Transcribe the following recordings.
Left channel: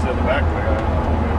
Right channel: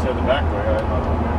said the back way. I thought, okay.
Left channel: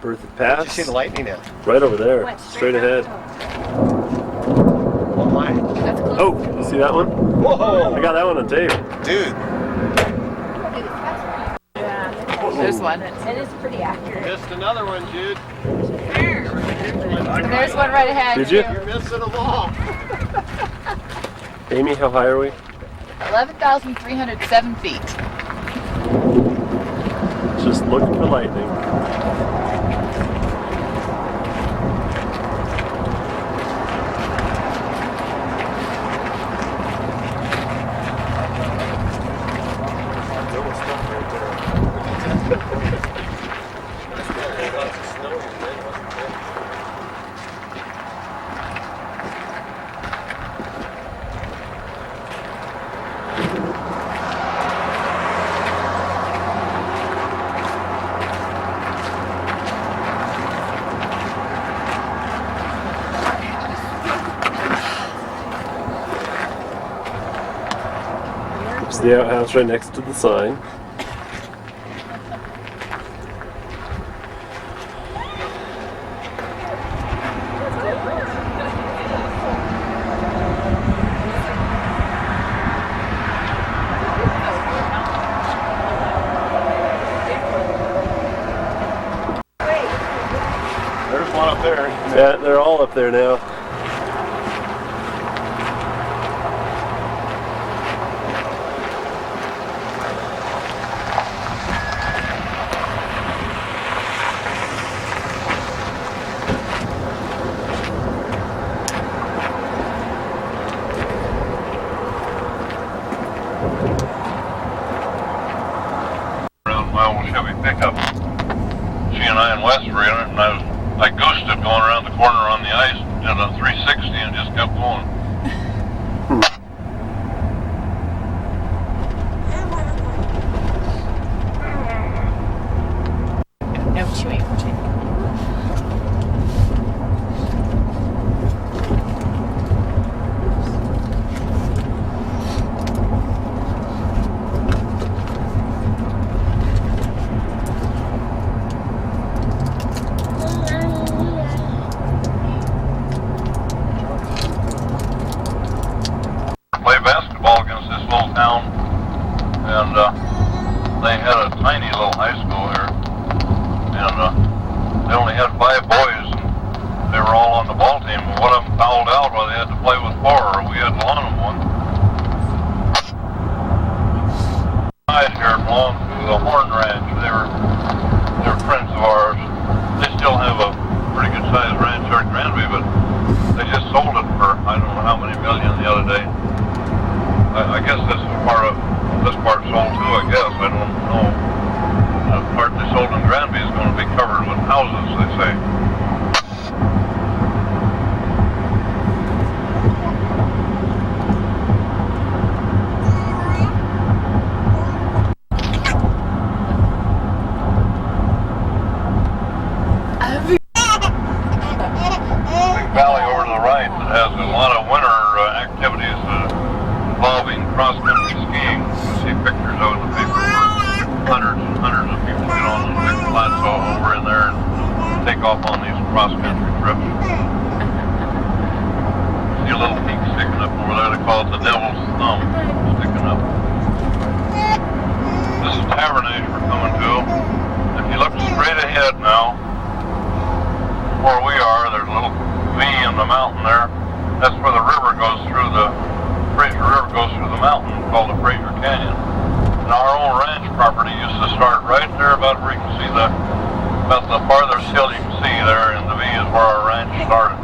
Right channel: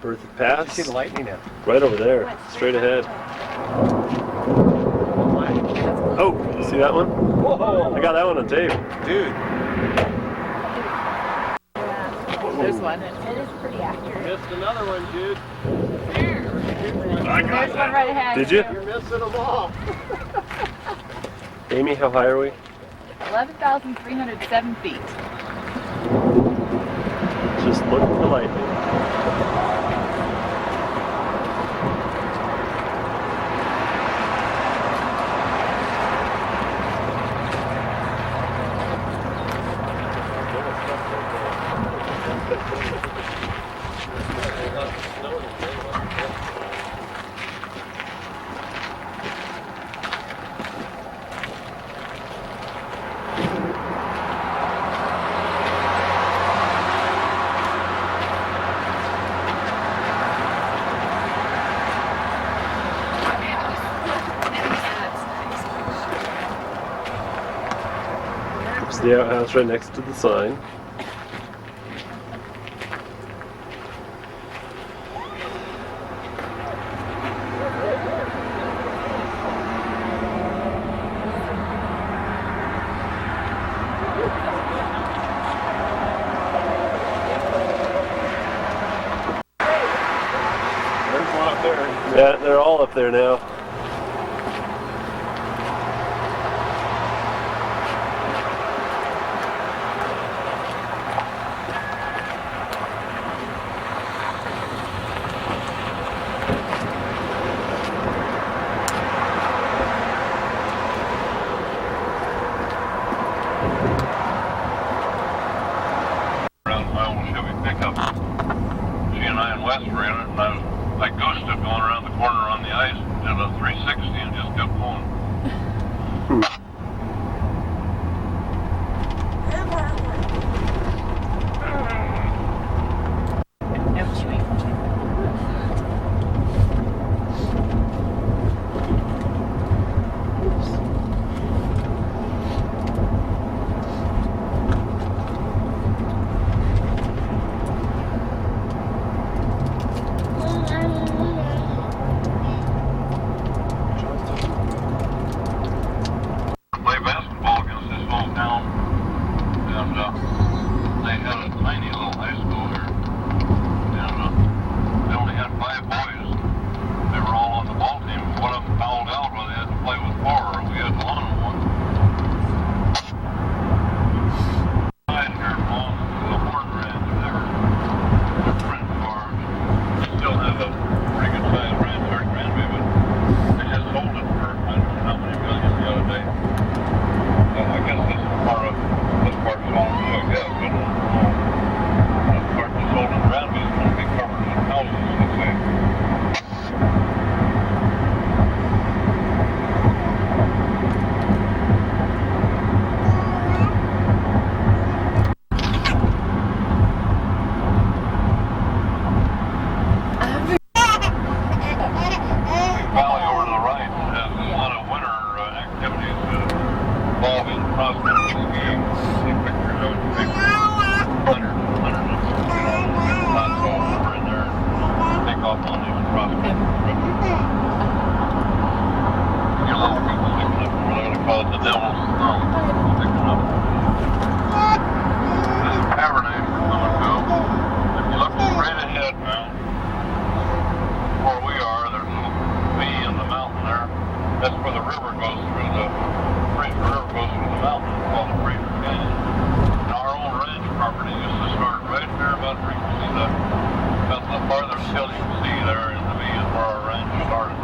Berthoud Pass. You see the lightning now? Right over there, straight ahead. Oh, see that one? Whoa! I got that one on tape. Dude. There's one. It is pretty accurate. Missed another one, dude. There's one right ahead. Did you? You're missing them all. Amy, how high are we? 11,307 feet. Just looking for lightning. It's the outhouse right next to the sign. There's one up there. Yeah, they're all up there now. Around my old Chevy pickup. She and I in West Marina, and I goosed it going around the corner on the ice, did a 360 and just kept going. No chewing. Play basketball against this little town, and they had a tiny little high school here, and they only had 5 boys. They were all on the ball team. One of them fouled out while they had to play with 4, or we had to loan them one. Guys here belonged to the Horn Ranch. They were friends of ours. They still have a pretty good sized ranch here in Granby, but they just sold it for I don't know how many million the other day. I guess this part sold too, I guess. I don't know. The part they sold in Granby is going to be covered with houses, they say. Big valley over to the right that has a lot of winter activities involving cross-country skiing. You see pictures of the paper. Hundreds of people get on the big plateau over in there and take off on these cross-country trips. See a little peak sticking up over there. They call it the Devil's Thumb. Sticking up. This is Tavernier coming to. If you look straight ahead now, where we are, there's a little V in the mountain there. That's where the river goes through the Fraser River goes through the mountain called the Fraser Canyon. Now our own ranch property used to start right there about where you can see about the farthest hill you can see there in the V is where our ranch started.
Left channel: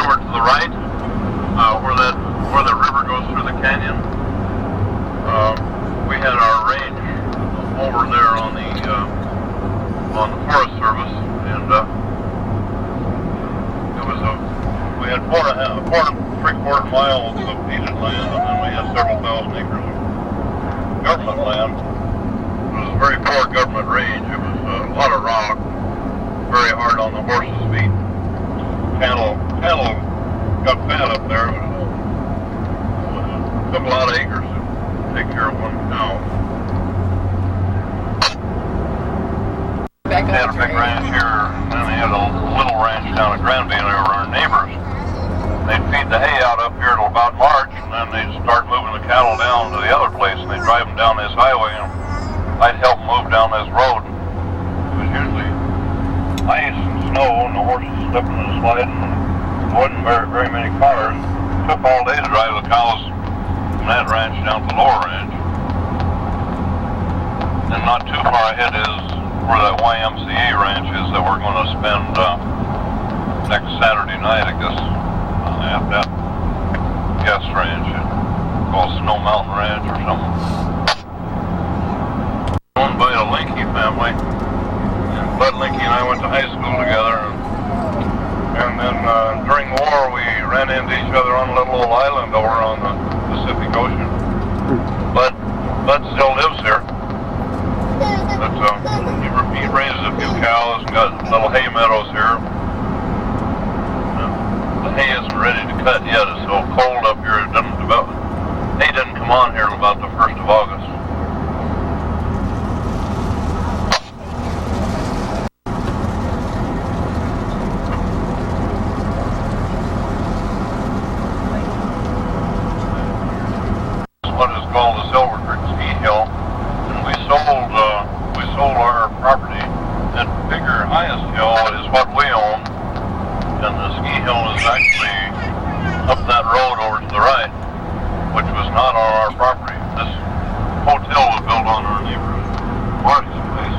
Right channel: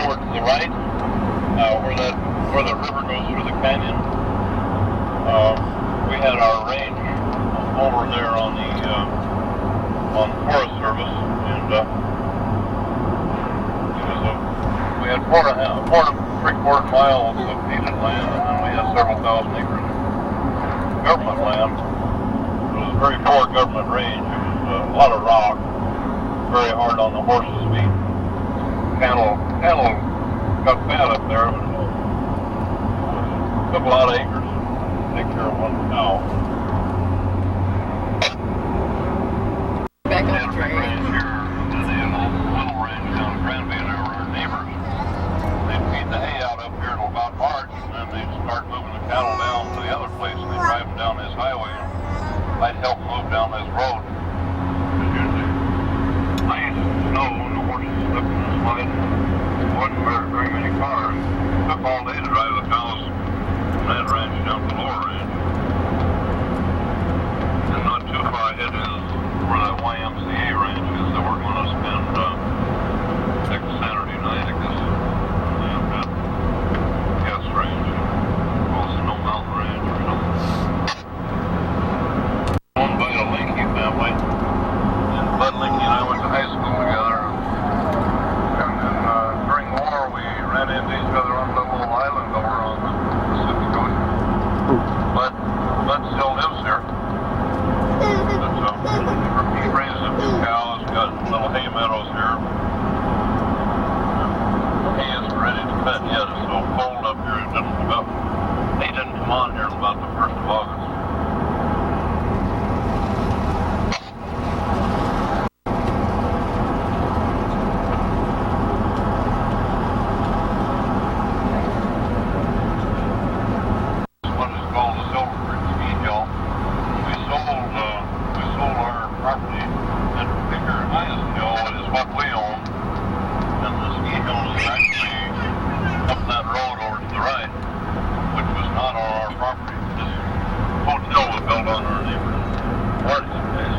Over to the right, where the river goes through the canyon, we had our range over there on the Forest Service, and we had 4.75 miles of peated land, and then we had several thousand acres of government land. It was a very poor government range. It was a lot of rock, very hard on the horses' feet. Cattle got fat up there. It took a lot of acres to take care of one cow. They had a big ranch here, and then they had a little ranch down at Granby, and they were our neighbors. They'd feed the hay out up here till about March, and then they'd start moving the cattle down to the other place, and they'd drive them down this highway, and I'd help move down this road. But usually ice, snow, and the horses slipping and sliding, and there wasn't very many cars. It took all day to drive the cows from that ranch down to the lower ranch. And not too far ahead is where that YMCA ranch is that we're going to spend next Saturday night, I guess, at that guest ranch called Snow Mountain Ranch or something. Owned by the Linky family. Bud Linky and I went to high school together, and then during the war we ran into each other on a little old island over on the Pacific Ocean. Bud still lives here. He raised a few cows and got little hay meadows here. The hay isn't ready to cut yet. It's so cold up here. Hay didn't come on here about the 1st of August. What is called the Silver Creek Ski Hill. We sold our property, and the bigger highest hill is what we own, and the ski hill is actually up that road over to the right, which was not on our property. This hotel was built on our neighbor Marty's place,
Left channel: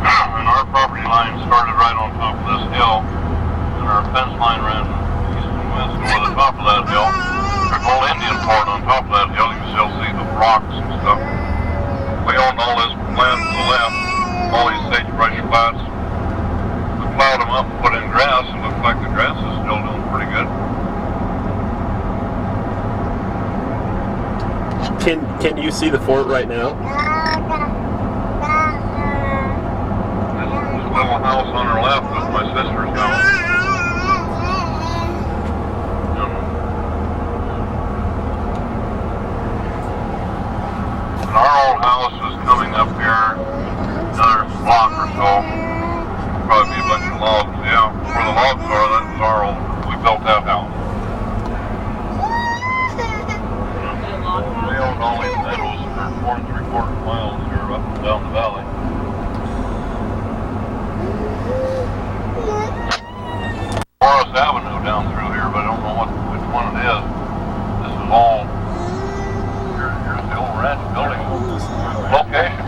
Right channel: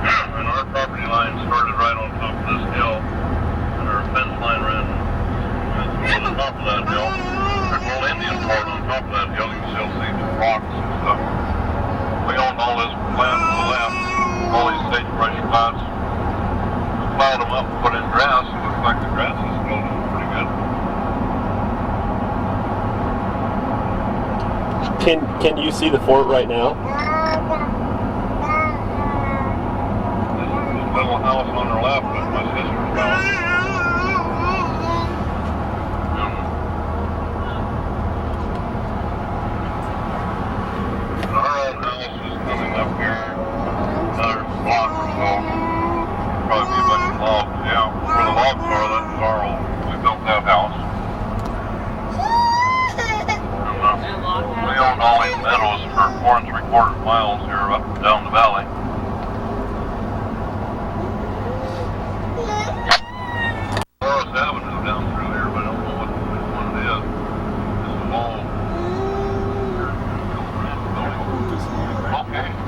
and our property line started right on top of this hill, and our fence line ran east and west over the top of that hill. There's a little Indian fort on top of that hill. You can still see the rocks and stuff. We owned all this land to the left, all these sagebrush plots. We plowed them up and put in grass. It looks like the grass is still doing pretty good. Can you see the fort right now? This little house on our left is my sister's house. Our old house is coming up here, another block or so. Probably be a bunch of logs, yeah. Where the logs are, that's our old. We built that house. And, we owned all these meadows for 4 3/4 miles here up and down the valley. Forest Avenue down through here, but I don't know which one it is. This is all. Here's the old ranch building location.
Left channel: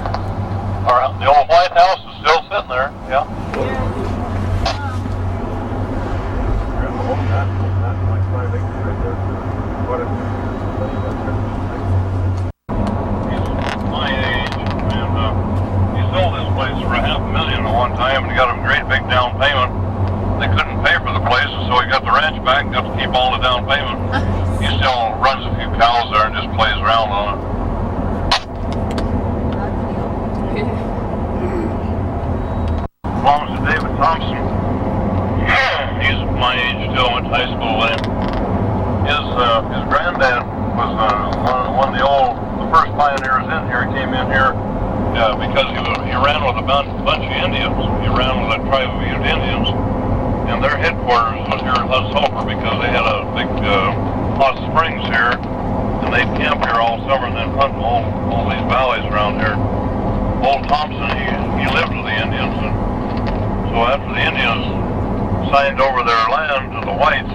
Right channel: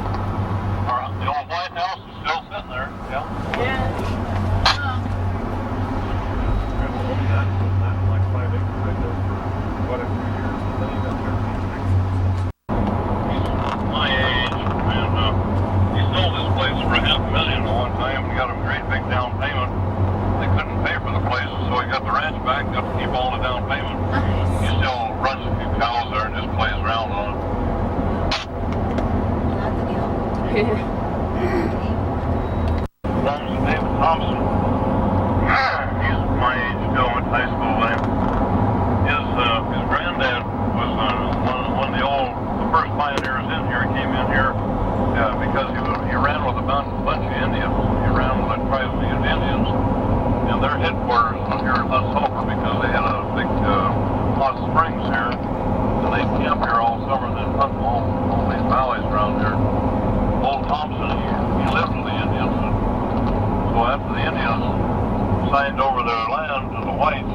The old White House is still sitting there, yeah. He's my age, and he sold this place for $500,000 at one time, and he got a great big down payment. They couldn't pay for the place, so he got the ranch back, got to keep all the down payment. He still runs a few cows there and just plays around on it. Belongs to David Thompson. my age still, went to high school with him. His granddad was one of the first pioneers in here. He came in here because he ran with a bunch of Indians. He ran with a tribe of Indians, and their headquarters was here in Hutt Sulphur because they had a big hot springs here, and they'd camp here all summer and then hunt all these valleys around here. Old Thompson, he lived with the Indians, and so after the Indians signed over their land to the whites,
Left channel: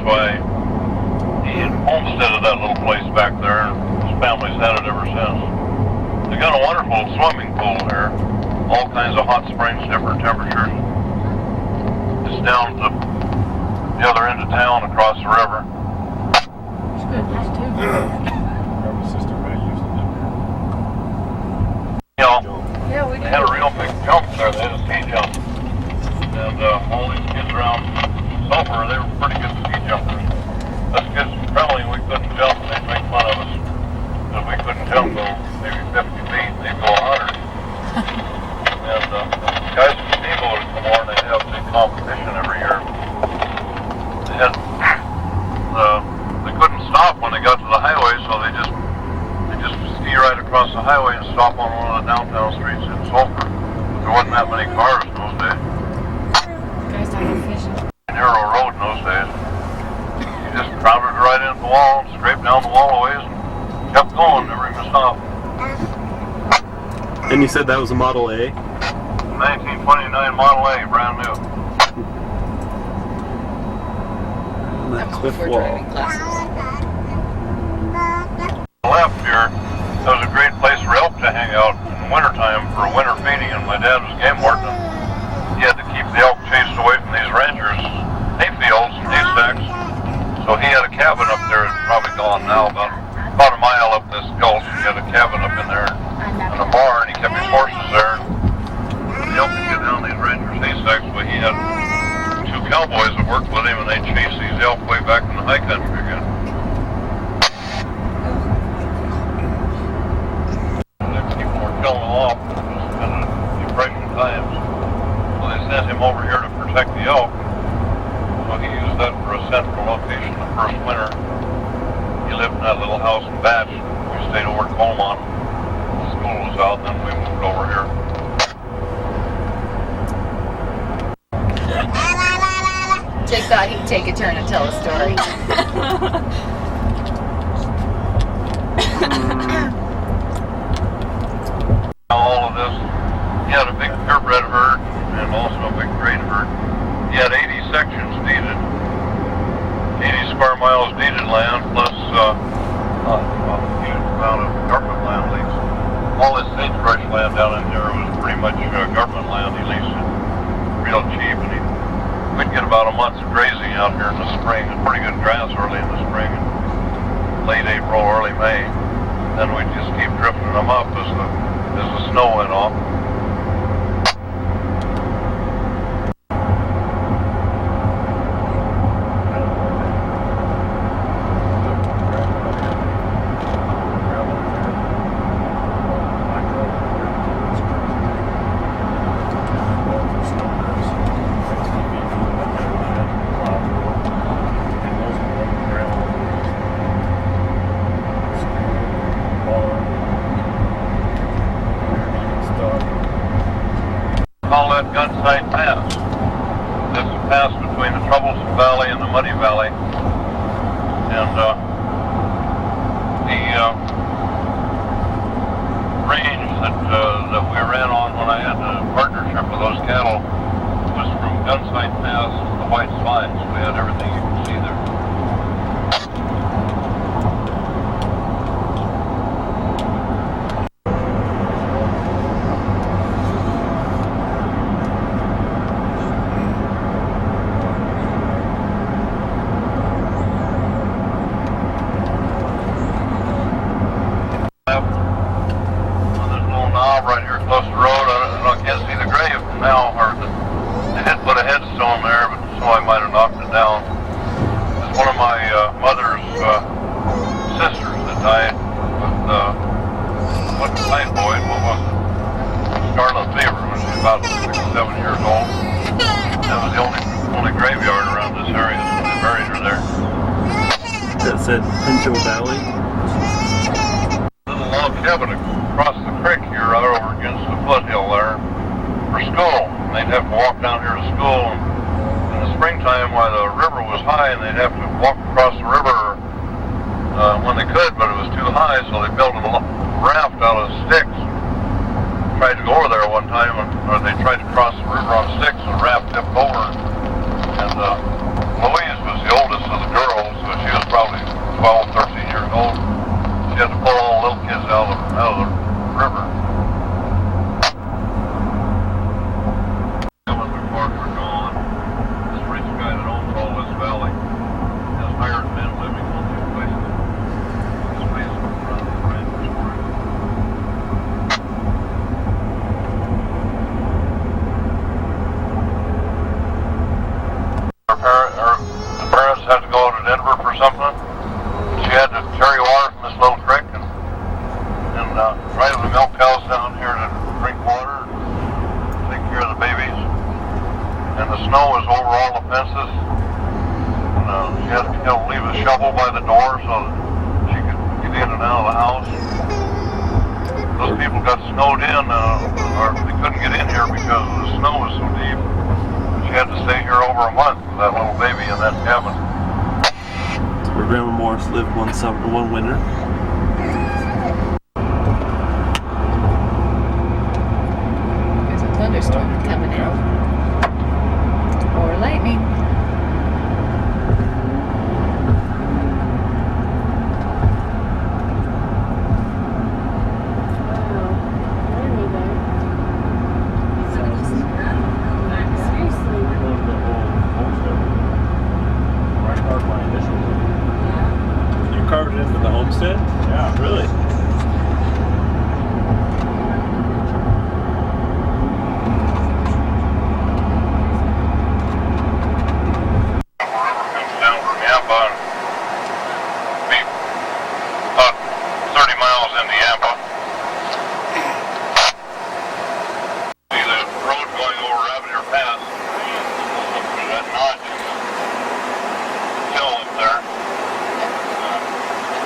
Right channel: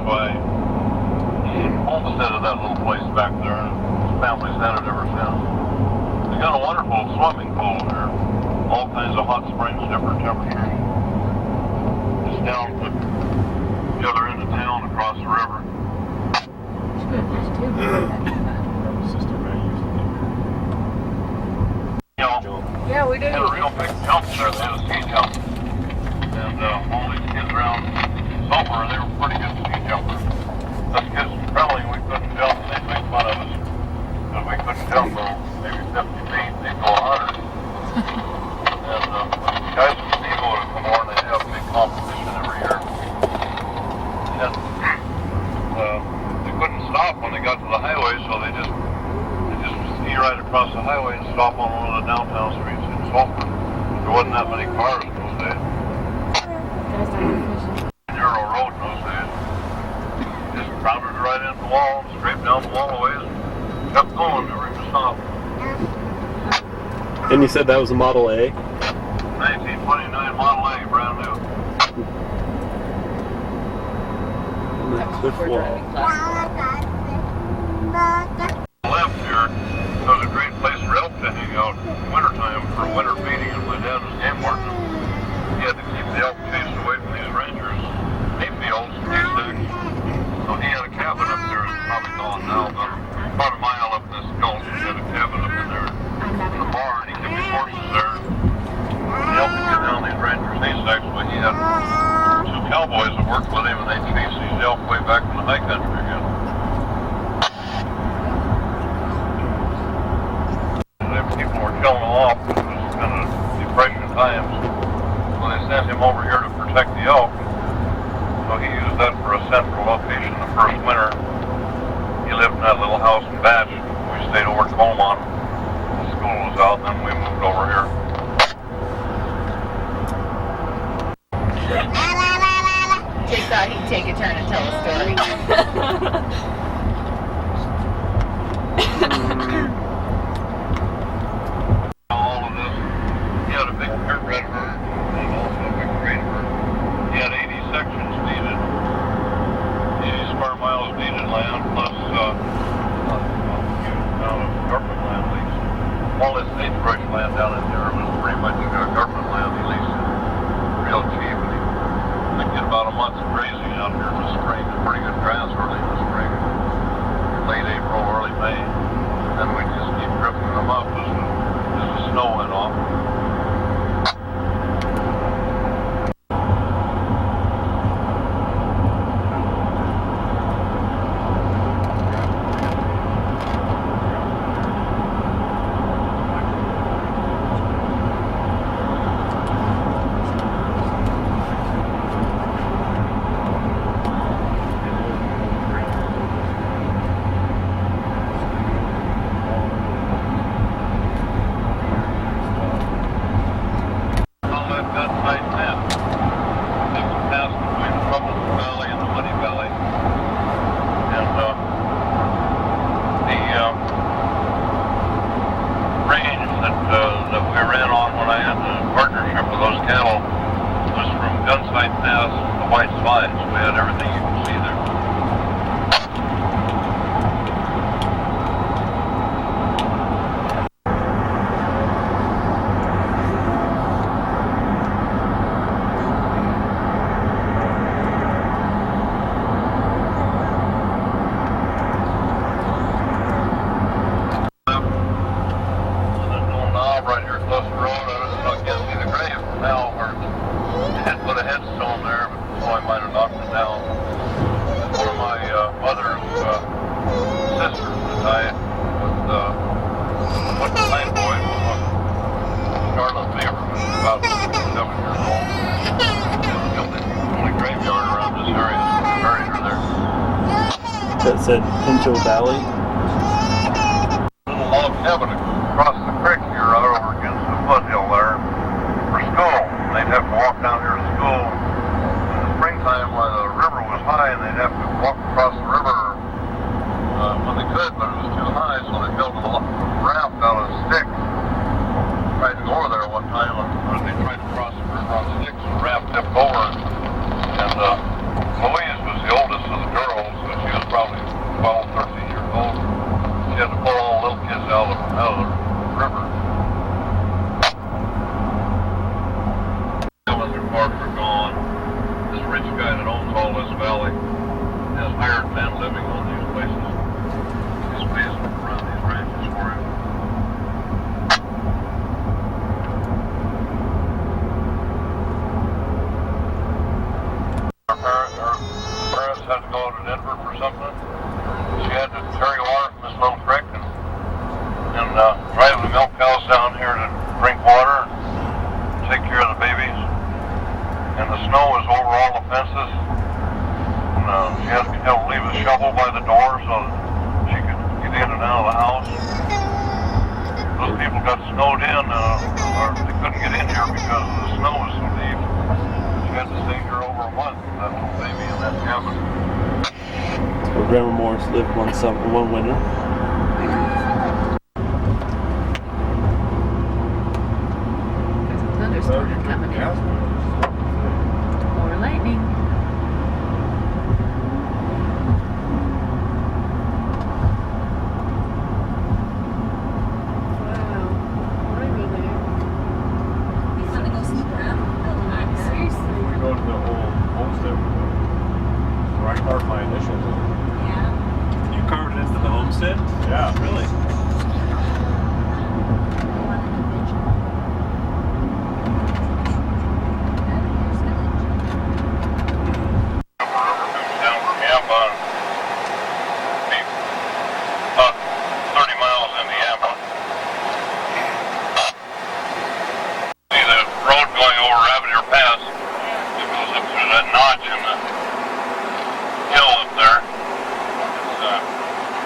he homesteaded that little place back there, and his family's had it ever since. They got a wonderful swimming pool here, all kinds of hot springs, different temperatures. It's down to the other end of town, across the river. It's good. There's two. My sister Ray used to live You know, Yeah, we they had a real big jump there. They had a ski jump. And all these kids around Sulphur, they were pretty good ski jumpers. Us kids, probably we couldn't jump, they'd make fun of us. Because we couldn't jump though, maybe 50 feet, they'd go 100. And guys from Eagle would come over and they'd have a big competition every year. They couldn't stop when they got to the highway, so they just ski right across the highway and stop on one of the downtown streets in Sulphur. There wasn't that many cars in those days. Guys don't go fishing. Narrow road in those days. You just crowded right into the wall, scraped down the wall a ways, and kept going, never even stopped. And you said that was a Model A? 1929 Model A, brand new. The cliff wall. Left here, that was a great place for elk to hang out in wintertime for winter feeding, and my dad was game warden. He had to keep the elk chased away from these ranchers' hay fields and hay stacks. So he had a cabin up there, it's probably gone now, about a mile up this gulch. He had a cabin up in there, in a barn. He kept his horses there. The elk would get down these ranchers' hay stacks, but he had two cowboys that worked with him, and they'd chase these elk way back in the high country again. People were killing them off. It was kind of depression times. So they sent him over here to protect the elk. So he used that for a central location the first winter. He lived in that little house in Batch. We stayed over at Colmont. The school was out, and then we moved over here. Jake thought he'd take a turn and tell a story. All of this. He had a big purebred herd and also a big grain herd. He had 80 sections deeded, 80 square miles deeded land, plus a huge amount of government land leased. All this sagebrush land down in there was pretty much government land. He leased it real cheap, and we'd get about a month's grazing out here in the spring. It's pretty good grass early in the spring, late April, early May. Then we'd just keep drifting them up as the snow went off. Call that Gunsight Pass. It's a pass between the Troublesome Valley and the Muddy Valley. And the range that we ran on when I had the partnership with those cattle was from Gunsight Pass to White Slides. We had everything you can see there. Right here close to the road. I can't see the grave from now, or they had put a headstone there, but so I might have knocked it down. It's one of my mother's sisters that died with typhoid, scarlet fever when she was about 6 or 7 years old. That was the only graveyard around this area. that said Pinto Valley. Little log cabin across the creek here, out over against the foothill there, for school. They'd have to walk down here to school in the springtime while the river was high, and they'd have to walk across the river when they could, but it was too high, so they built a raft out of sticks. Tried to go over there one time, or they tried to cross the river on sticks, and the raft tipped over, and Louise was the oldest of the girls, so she was probably 12, 13 years old. She had to pull all the little kids out of the river. When the park were gone, this rich guy that owns all this valley has hired men living on these places. He's pays them around his ranches for him. The parents had to go to Denver for something. She had to carry water from this little creek and drive the milk cows down here to drink water and take care of the babies. And the snow was over all the fences. And she had to leave a shovel by the door so that she could get in and out of the house. Those people got snowed in, or they couldn't get in here because the snow was so deep. She had to stay here over a month, that little baby in that cabin. Where Grandma Morris lived one winter. There's a thunderstorm coming in. Or lightning. We go to the whole homestead. Where I carved my initials. You carved it into the homestead? Yeah. Really? Comes down from Yampa and be about 30 miles into Yampa. See the road going over Rabbit Pass. It goes up to that notch in the hill up there.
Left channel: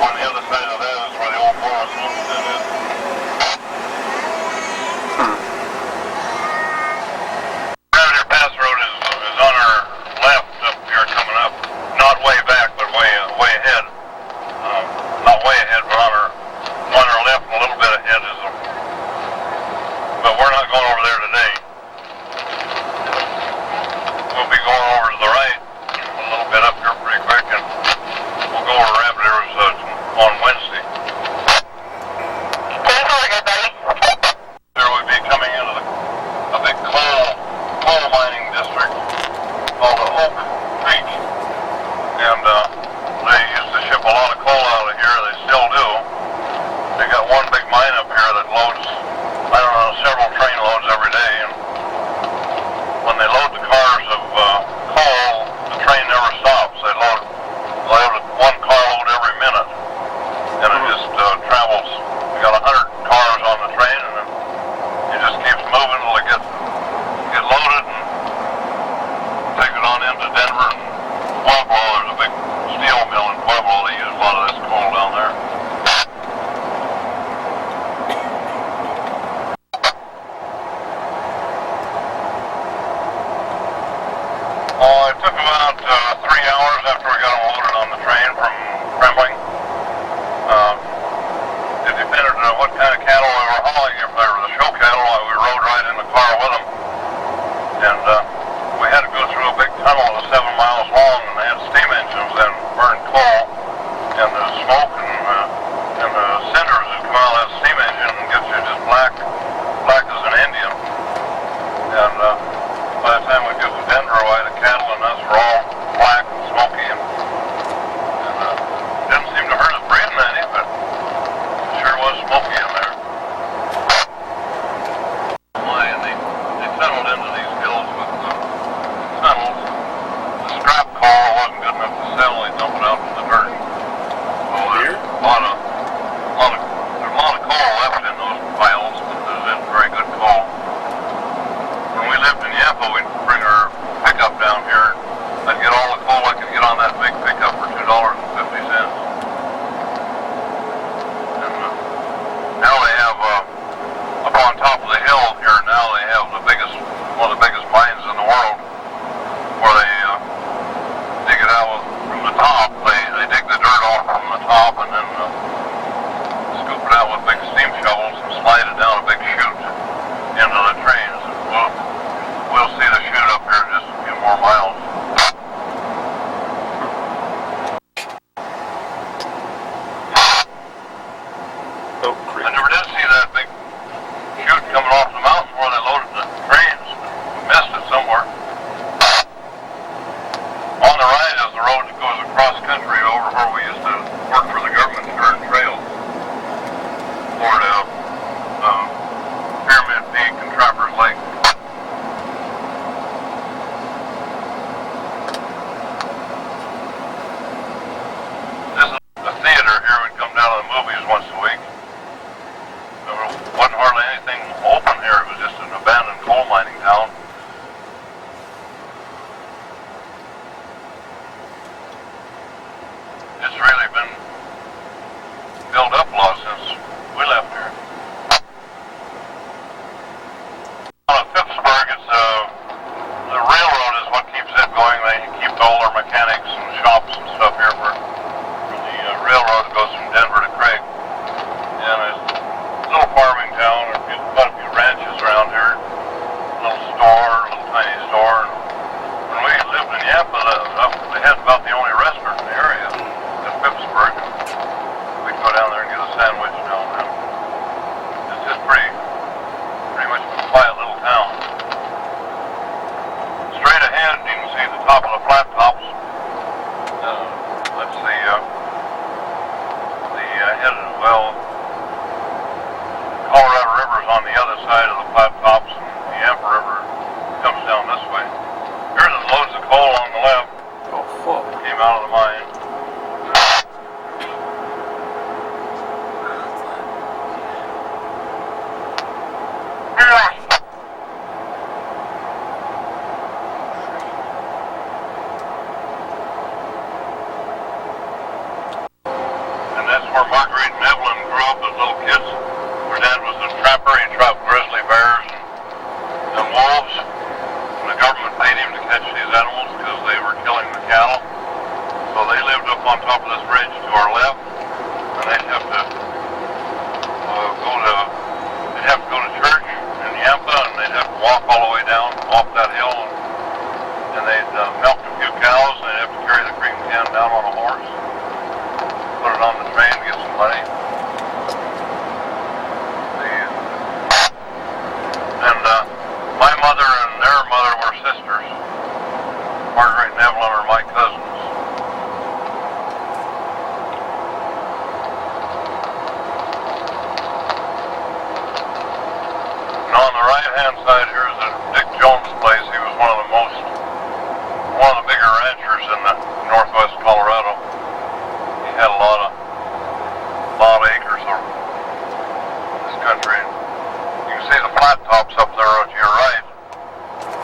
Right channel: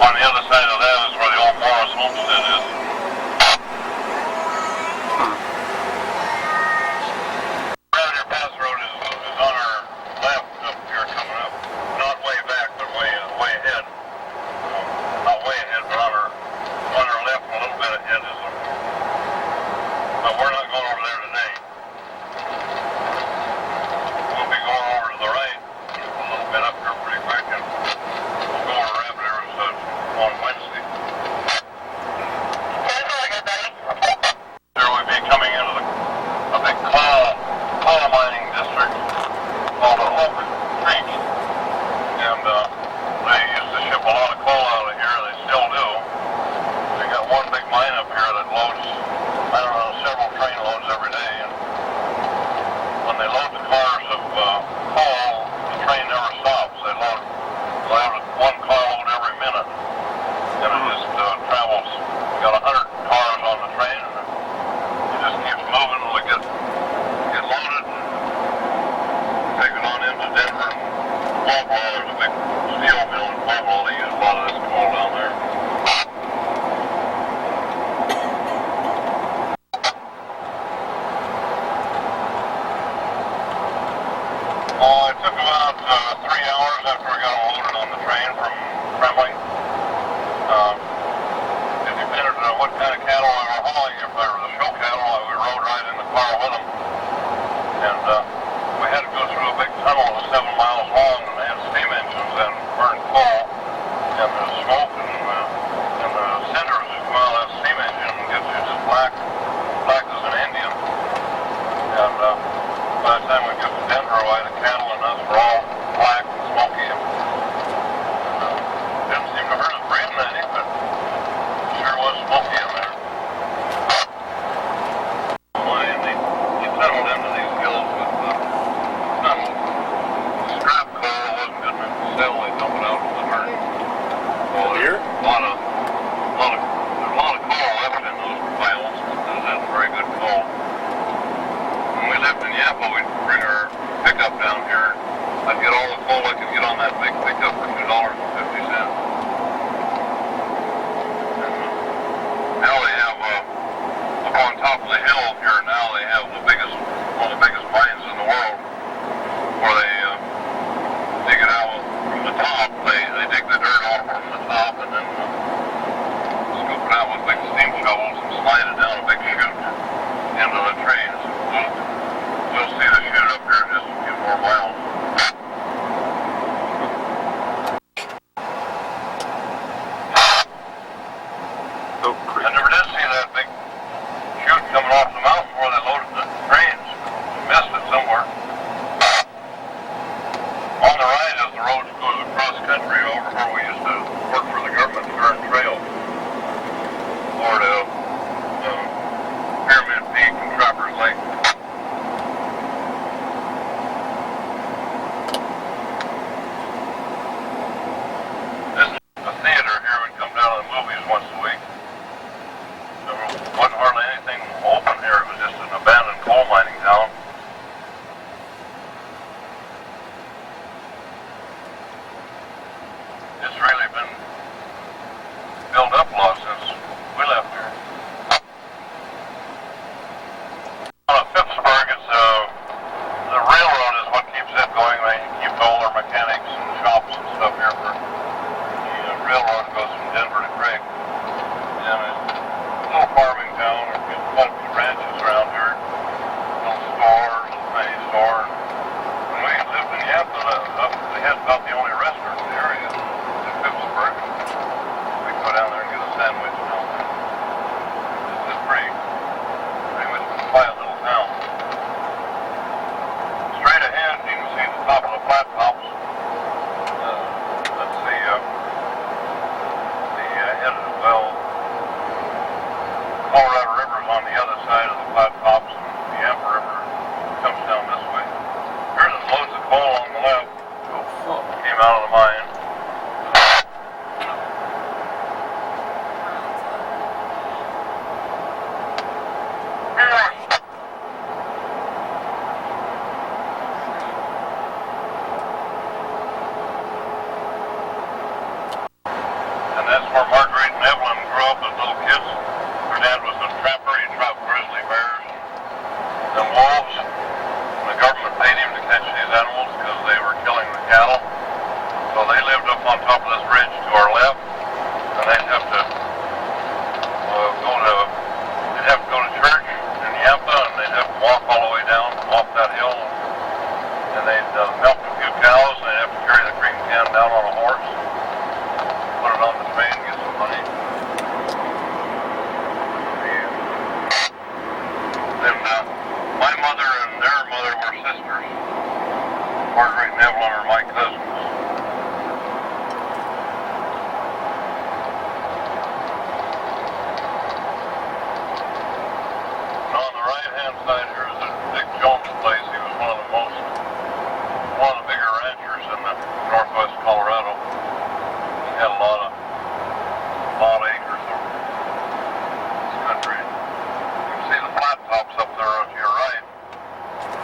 On the other side of that is where the old Morris homestead is. Rabbit Pass Road is on our left up here coming up. Not way back, but way ahead. Not way ahead, but on our left and a little bit ahead is but we're not going over there today. We'll be going over to the right a little bit up here pretty quick, and we'll go over Rabbit Arrows on Wednesday. Here we'll be coming into a big coal mining district called the Oak Creek, and they used to ship a lot of coal out of here. They still do. They got one big mine up here that loads, I don't know, several train loads every day, and when they load the cars of coal, the train never stops. They load one carload every minute, and it just travels. We got 100 cars on the train, and it just keeps moving until they get loaded and take it on into Denver. Pueblo, there's a big steel mill in Pueblo. They use a lot of this coal down there. Oh, it took about 3 hours after we got them loaded on the train from Kremling. It depended on what kind of cattle we were hauling. If they were the show cattle, we rode right in the car with them. And we had to go through a big tunnel that was 7 miles long, and they had steam engines and burned coal. And the smoke and the cinders that come out of that steam engine gets you just black as an Indian. And by the time we get to Denver, the cattle and us were all black and smoky, and didn't seem to hurt us breathing any, but it sure was smoky in there. And they tunneled into these hills with tunnels. The scrap coal wasn't good enough to settle. They dumped it out in the dirt. So there's a lot of coal left in those piles, but there's very good coal. When we lived in Yampa, we'd bring our pickup down here. I'd get all the coal I could get on that big pickup for $2.50. on top of the hill here now. They have one of the biggest mines in the world, where they dig it out from the top. They dig the dirt off from the top and then scoop it out with big steam shovels and slide it down a big chute into the trains. We'll see the chute up here in just a few more miles. Oh, crap. I never did see that big chute coming off the mountain where they loaded the trains. Missed it somewhere. On the right is the road that goes across country over where we used to work for the government to turn trail. Or to Pyramid Peak and Trappers Lake. This is a theater here. We'd come down to the movies once a week. There wasn't hardly anything open here. It was just an abandoned coal mining town. It's really been built up a lot since we left here. On Phippsburg, it's the railroad is what keeps it going. They keep all their mechanics and shops and stuff here for the railroad that goes from Denver to Craig. And it's a little farming town. There's quite a few ranches around here. Little store, little tiny store. And when we lived in Yampa, they had about the only restaurant in the area at Phippsburg. We'd go down there and get a sandwich down there. It's just pretty much a quiet little town. Straight ahead, you can see the top of the flat tops. That's the head of, well, Colorado River's on the other side of the flat tops, and the Yampa River comes down this way. Here's the loads of coal on the left. Oh, fuck. Came out of the mine. And that's where Marguerite and Evelyn grew up as little kids. Their dad was a trapper. He trapped grizzly bears and wolves. And the government paid him to catch these animals because they were killing the cattle. So they lived up on top of this ridge to our left. And they'd have to go to church in Yampa, and they'd have to walk all the way down off that hill. And they'd milk a few cows, and they'd have to carry the cream can down on a horse. Put it on the train, get some money. And my mother and their mother were sisters. Marguerite and Evelyn are my cousins. And on the right-hand side here is Dick Jones' place. He was one of the bigger ranchers in the northwest Colorado. He had a lot of acres of this country. You can see the flat tops up there to your right.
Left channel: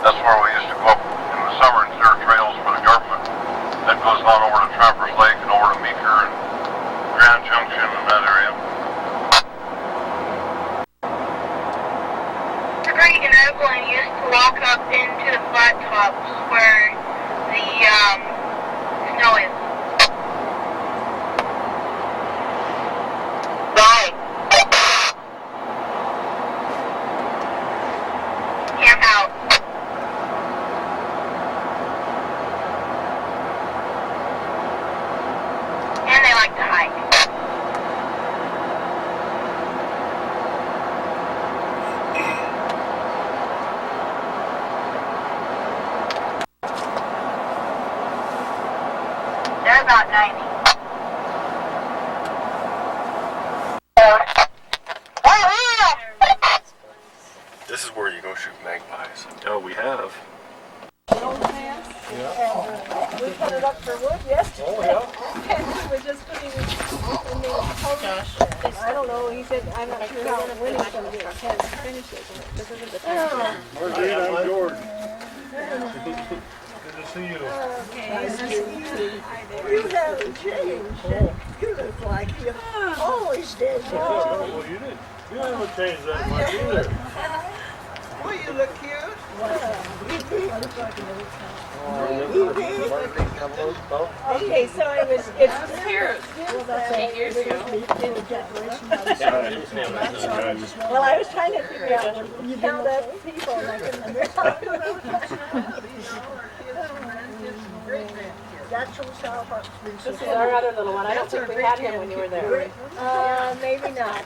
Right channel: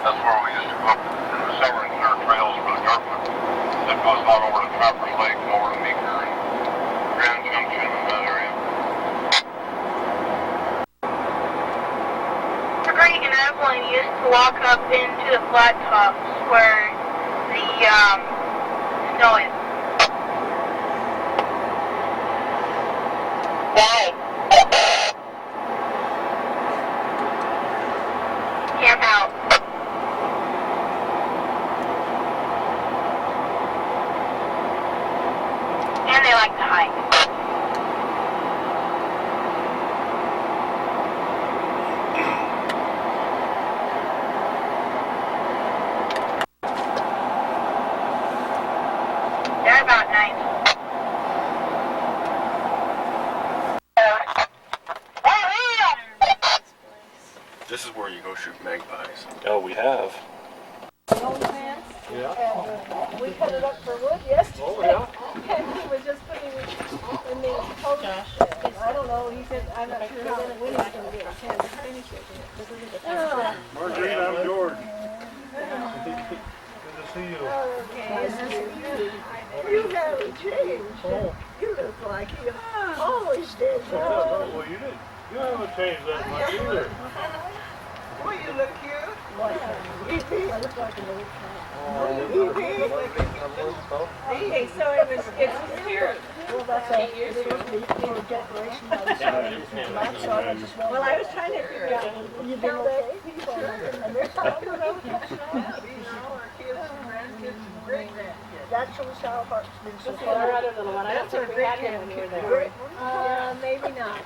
That's where we used to go up in the summer and clear trails for the government. That goes on over to Trappers Lake and over to Meeker and Grand Junction and that area. Marguerite and Evelyn used to walk up into the flat tops where the snow is. Why? Camp out. And they like to hike. They're about 90. This is where you go shoot magpies. Oh, we have. The old man, Yeah. and we cut it up for wood yesterday. Oh, yeah. And he was just putting it in the post. I don't know, he said, I'm not sure how, when he's gonna get it, can't finish it. This isn't the time. Marguerite, I'm George. Good to see you. Nice to meet you. You haven't changed. You look like you always did. Well, you did. You haven't changed that much either. Boy, you look cute. I look like a little cat. Oh, Okay, so it's here. Well, that's it. It's supposed to be for decoration. Well, I was trying to figure out, count up people, and they're talking about these are all our kids and grandkids and great-grandkids. that shows how hard it's been so Our far. other little one. I don't That's our think we had him when you were there. great-grandkid. Maybe not.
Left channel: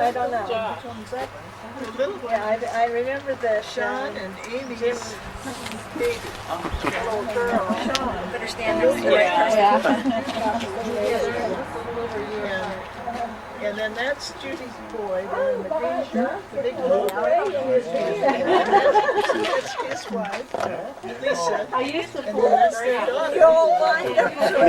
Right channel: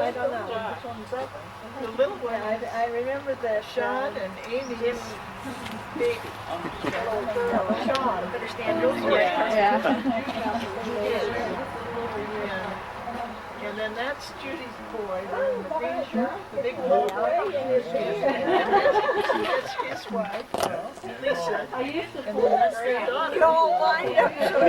I don't know. Which one's that? The little one, Yeah, I remember the Sean and Amy's baby. Sean. Better stand Those were Yeah. And then that's Judy's boy, there in the green shirt, the big one. And that's his wife, Lisa. I used to And then that's their daughter. You all lined up so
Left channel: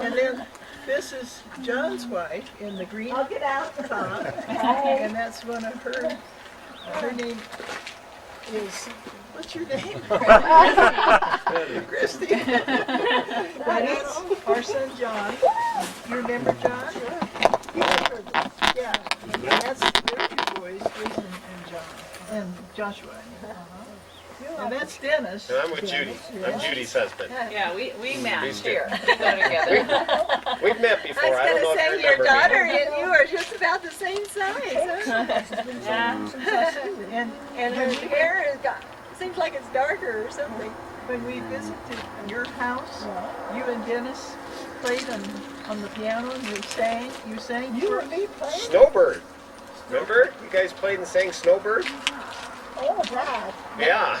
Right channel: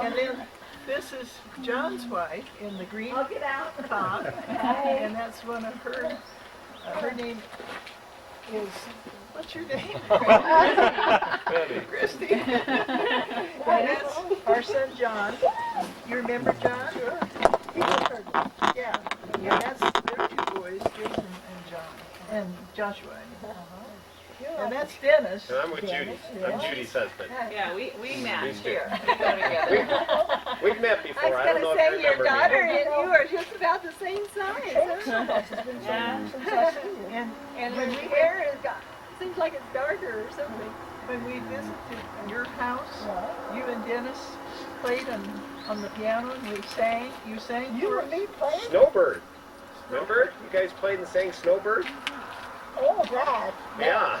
And then this is John's wife in the green I'll get out. top. And that's one of her, her name is, what's your name? Christy. And that's our son John. You remember John? Yeah. And that's their two boys, Jason and John. And Joshua, I mean. And that's Dennis. And I'm with Judy. I'm Judy's husband. Yeah, we match here. We We go together. We've met I before. was I don't know gonna if say you your remember daughter me. and you are just about the same size. And her hair has got, seems like it's darker or something. When we visited your house, you and Dennis played on the piano and we sang. You sang You for and me playing? Snowbird. Remember? You guys played and sang Snowbird? Oh, that. Yeah.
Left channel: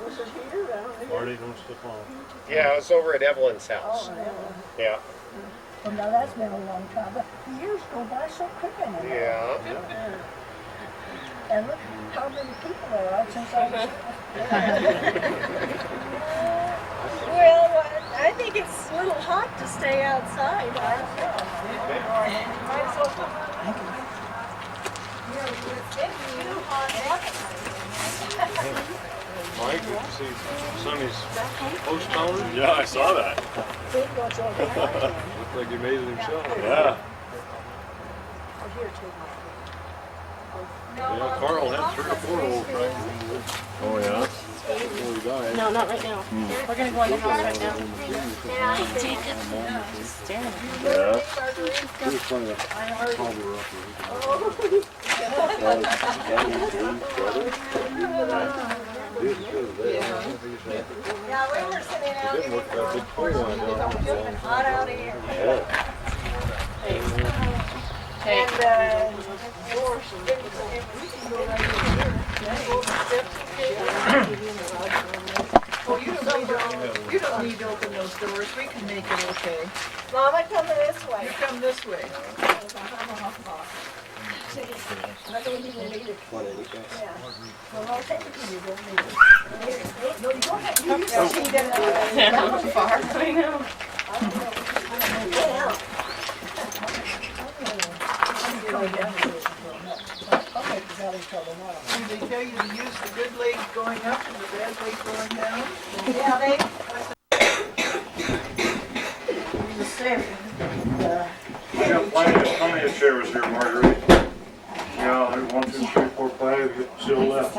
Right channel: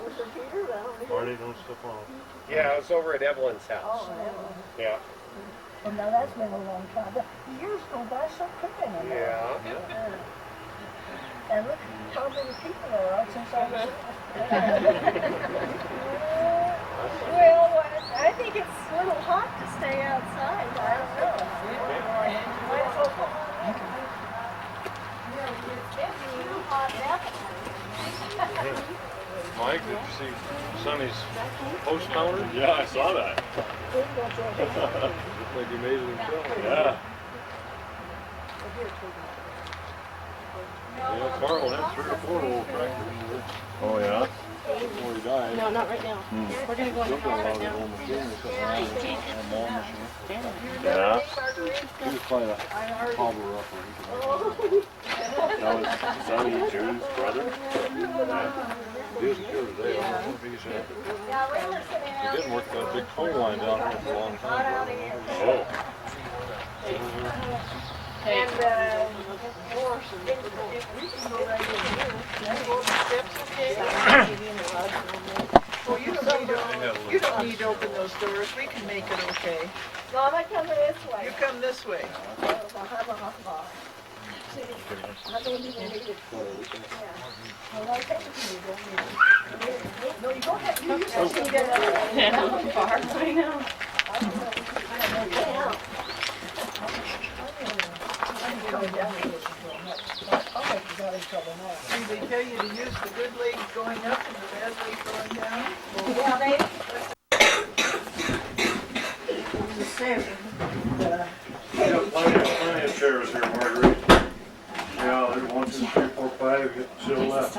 Was it here? Marty, don't slip on. Yeah, I was over at Evelyn's house. Yeah. Well, now that's been a long time, but the years go by so quick anymore. Yeah. And look how many people there are since I was. Well, I think it's a little hot to stay outside. I don't know. Might as well come on. It's been too hot, definitely. Mike, did you see Sonny's post counter? Yeah, I saw that. Looks like he made it himself. Yeah. Yeah, Carl had 3 or 4 old tractors here Oh yeah. before he died. No, not right now. We're gonna go in the Still got a house lot right of now. old machinery sitting around there. Yeah. We just find a hobble up where we Yeah, we were sitting out didn't work that big toy line down here for a long hot time. out here. Hey, And, we can go right in here. Can you go up the steps, okay? Oh, you don't need to open those doors. We can make it okay. Mama, come this You way. come this way. I don't even need it. Yeah. Well, I'll take it to you, don't need it. No, you don't have to. You used to see that. I know. See, they tell you to use the good leg going up and the bad leg going down. Yeah, they. We got plenty of chairs here, Marguerite. Yeah, there's 1, 2, 3, 4, 5, still left.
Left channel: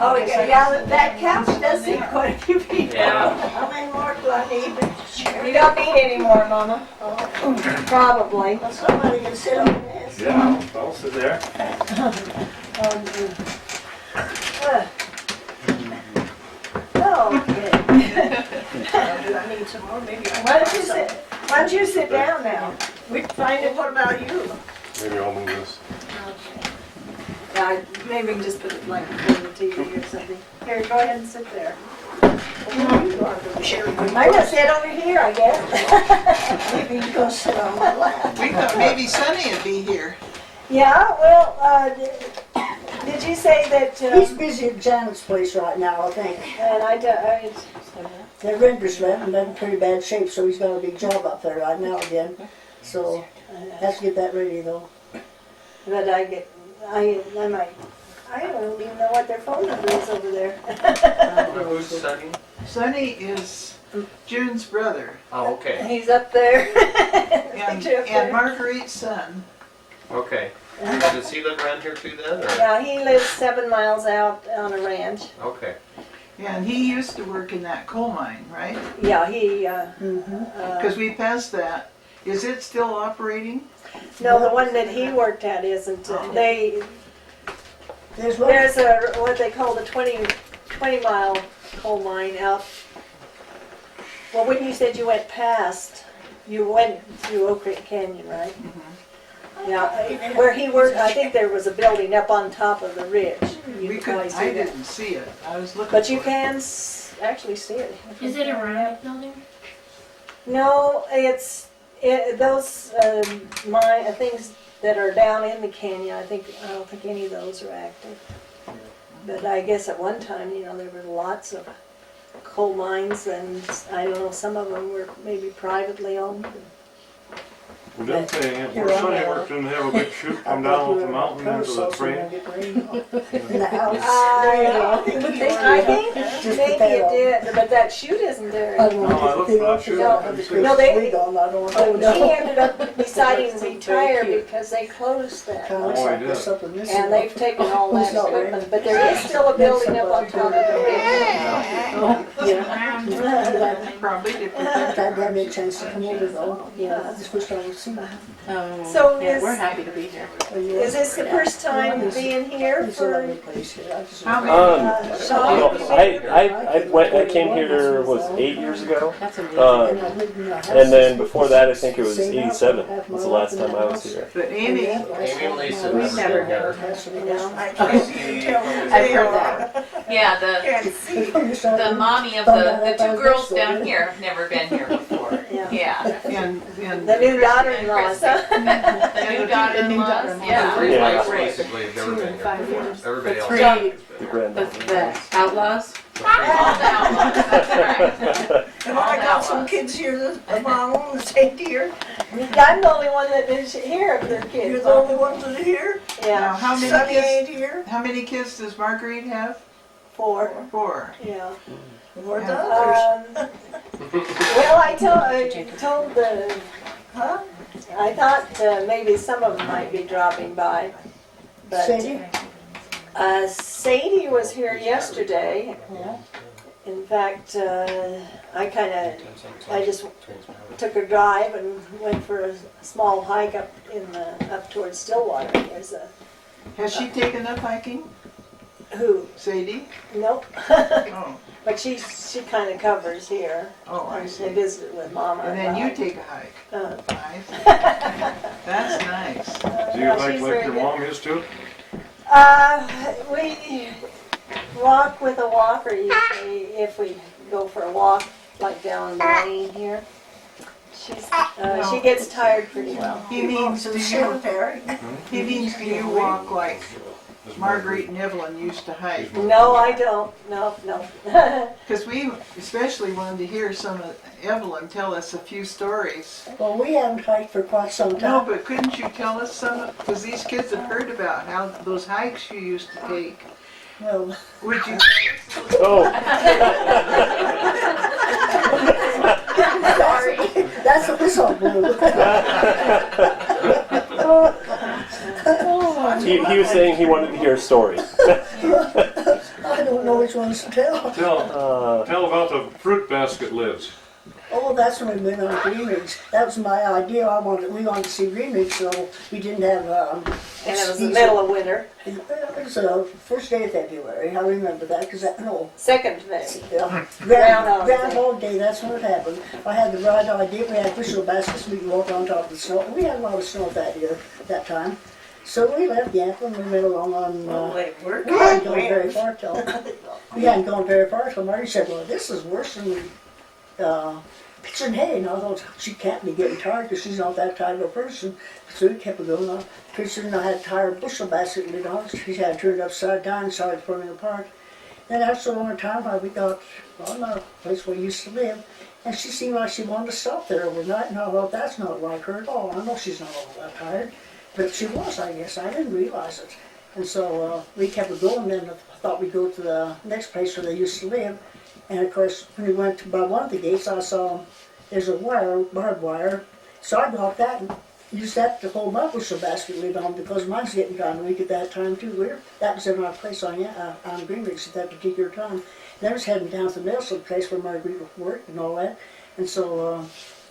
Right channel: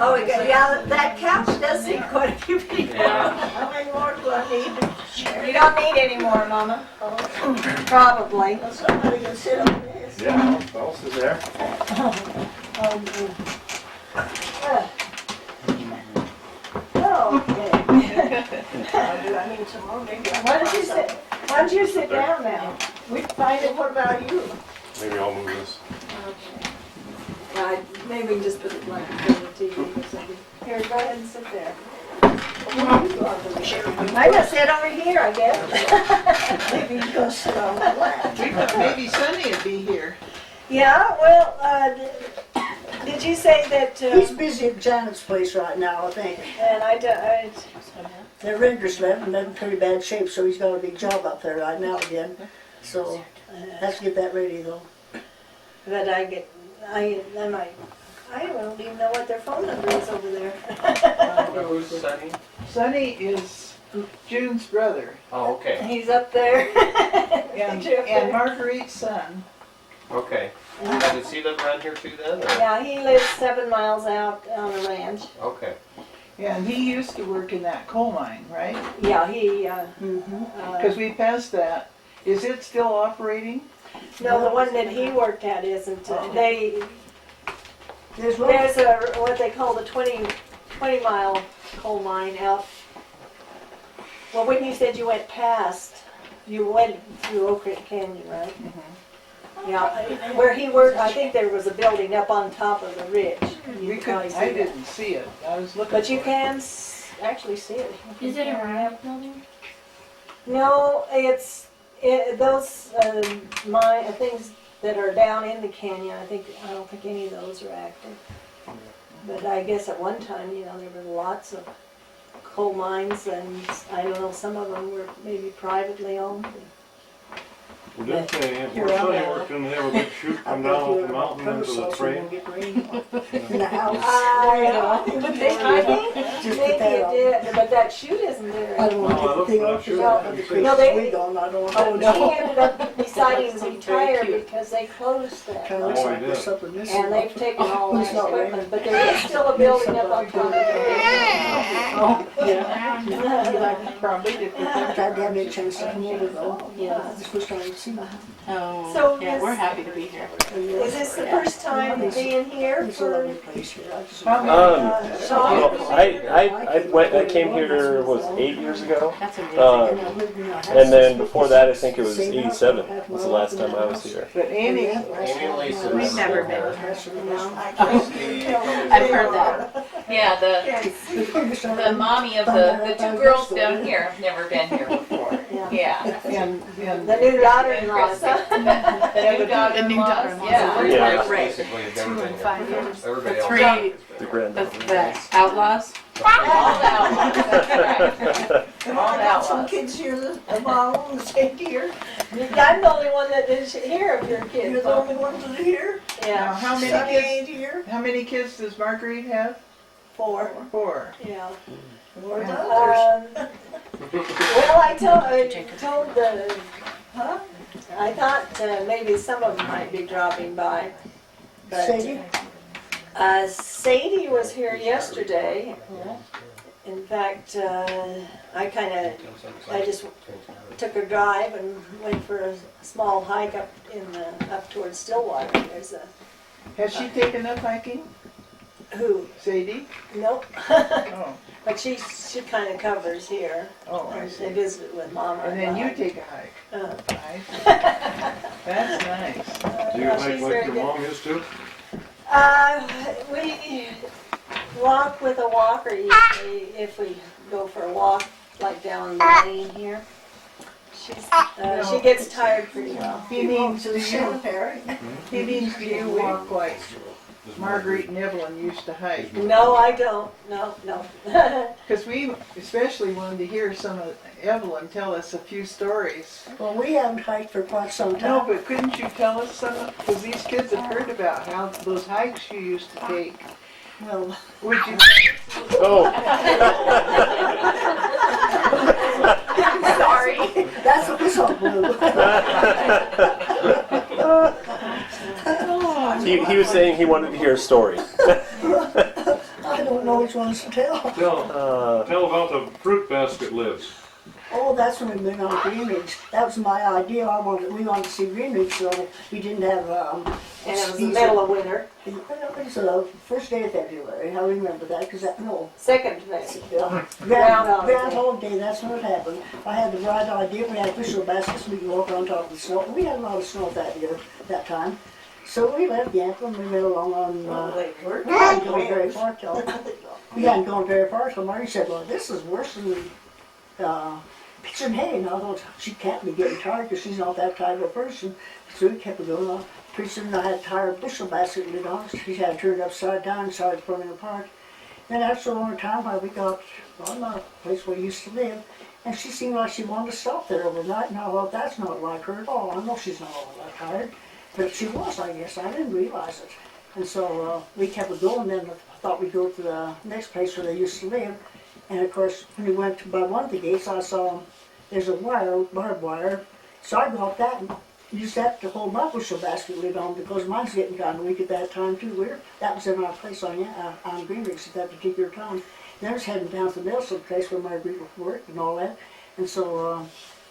Oh, yeah, that couch does seem quite a few people. Yeah. How many more do I need? You don't need any more, Mama. Probably. Well, somebody can sit on this. Yeah, I'll sit there. Okay. Do I need some more? Maybe. Why don't you sit down now? We find it. What about you? Maybe I'll move this. Maybe we can just put it like in the TV or something. Here, go ahead and sit there. I'm gonna sit over here, I guess. Maybe you're gonna sit on my lap. We thought maybe Sonny would be here. Yeah, well, did you say that? He's busy at Janet's place right now, I think. And Their render's left and they're in pretty bad shape, so he's got a big job up there right now again. So, has to get that ready though. but I don't even know what their phone number is over there. Who's Sonny? Sonny is June's brother. Oh, okay. He's up there. And, Picture up there. and Marguerite's son. Okay. Now, does he live around here too then? Or? Yeah, he lives 7 miles out on a ranch. Okay. Yeah, and he used to work in that coal mine, right? Yeah, he, Because we passed that. Is it still operating? no, the one that he worked at isn't. They, There's one. there's a, what they call the 20-mile coal mine out. Well, when you said you went past, you went through Oak Creek Canyon, right? Yeah, where he worked, I think there was a building up on top of the ridge. You We could probably could, see I that. didn't see it. I was looking. But you for can actually see it. Is it a round building? No, those things that are down in the canyon. I don't think any of those are active. But I guess at one time, there were lots of coal mines, and I don't know, some of them were maybe privately owned. Well, didn't they, You're my on son there. worked in, have a big chute come down off the mountain into the train. In the house. I think Just maybe put that it on. did, but that chute isn't there. I don't want No, to it think looks of not it. No, they- We gone, I don't want But to he know. ended up deciding to retire because they closed that. Kind of looks Oh, like he there's did. something missing. And they've taken all that It's not equipment, but there is still a building up on top of the ridge. Probably if we That gave me a chance to come over though. Yeah. This was trying to see. Oh, So yeah, is- we're happy to be here. Is this the first time being here It's a lovely for place here. I just. How Sean? I came here was 8 years ago, That's amazing. and then before that I think it was 87 was the last time I was here. But Amy, Amy and Lisa We've was never here. I've heard that. Yeah, the mommy of the two girls down here have never been here before. Yeah. Yeah. and The new daughter-in-laws, huh? The new daughter-in-laws, yeah. Yeah. Basically, have never been here 5 before. years. Everybody The else. three, The granddaughter. the outlaws. Have I got some kids here of my own that ain't here? I'm the only one that is here of your kids. You're the only ones that are here? now, Yeah, how many Sonny kids? ain't here? How many kids does Marguerite have? 4. 4. Yeah. Where the others? Well, I told the, I thought maybe some of them might be dropping by, but Sadie? Sadie was here yesterday. In fact, I just took a drive and went for a small hike up towards Stillwater. There's a, Has she taken up hiking? who? Sadie? Nope. Oh, But she kind of covers here. oh, I I see. visited with Mama. And then you about- take a hike. Uh, That's nice. Do you yeah, hike she's like very your good. mom used to? We walk with a walker usually if we go for a walk, like down the lane here. She gets tired pretty well. He means, To the cemetery. he means do you walk like Marguerite and Evelyn used to hike? No, I don't. No. Because we especially wanted to hear some of Evelyn tell us a few stories. Well, we haven't hiked for quite some No, time. but couldn't you tell us some? Because these kids have heard about how those hikes you used to take. Well, Would you? Oh, sorry. That's a whistle blew. he was saying he wanted to hear a story. I don't know which ones to tell. Tell about the fruit basket lids. Oh, that's when we went on Green Ridge. That was my idea. We wanted to see Green Ridge, so we didn't have. And it was the middle of winter. It was the first day of February. I remember that because Second day. Groundhog Day. That's when it happened. I had the right idea. We had bushel baskets. We could walk on top of the snow. We had a lot of snow that time. So we left Yampa and we went along on. We hadn't gone very far till Marty said, "Well, this is worse than pitching hay." And I thought she can't be getting tired because she's not that type of a person. So we kept going on. Pretty soon I had to tie her bushel basket lid on. She had it turned upside down and started falling apart. Then after a long time, we got on our place where we used to live, and she seemed like she wanted to stop there overnight. And I thought, that's not like her at all. I know she's not all that tired, but she was, I guess. I didn't realize it. And so we kept it going. Then I thought we'd go to the next place where they used to live. And of course, when we went by one of the gates, I saw there's a wire, barbed wire. So I got that and used that to hold my bushel basket lid on because mine's getting kind of weak at that time too. That was in our place on Green Ridge at that particular time. Then I was heading down to the Nelson place where Marguerite worked and all that. And so,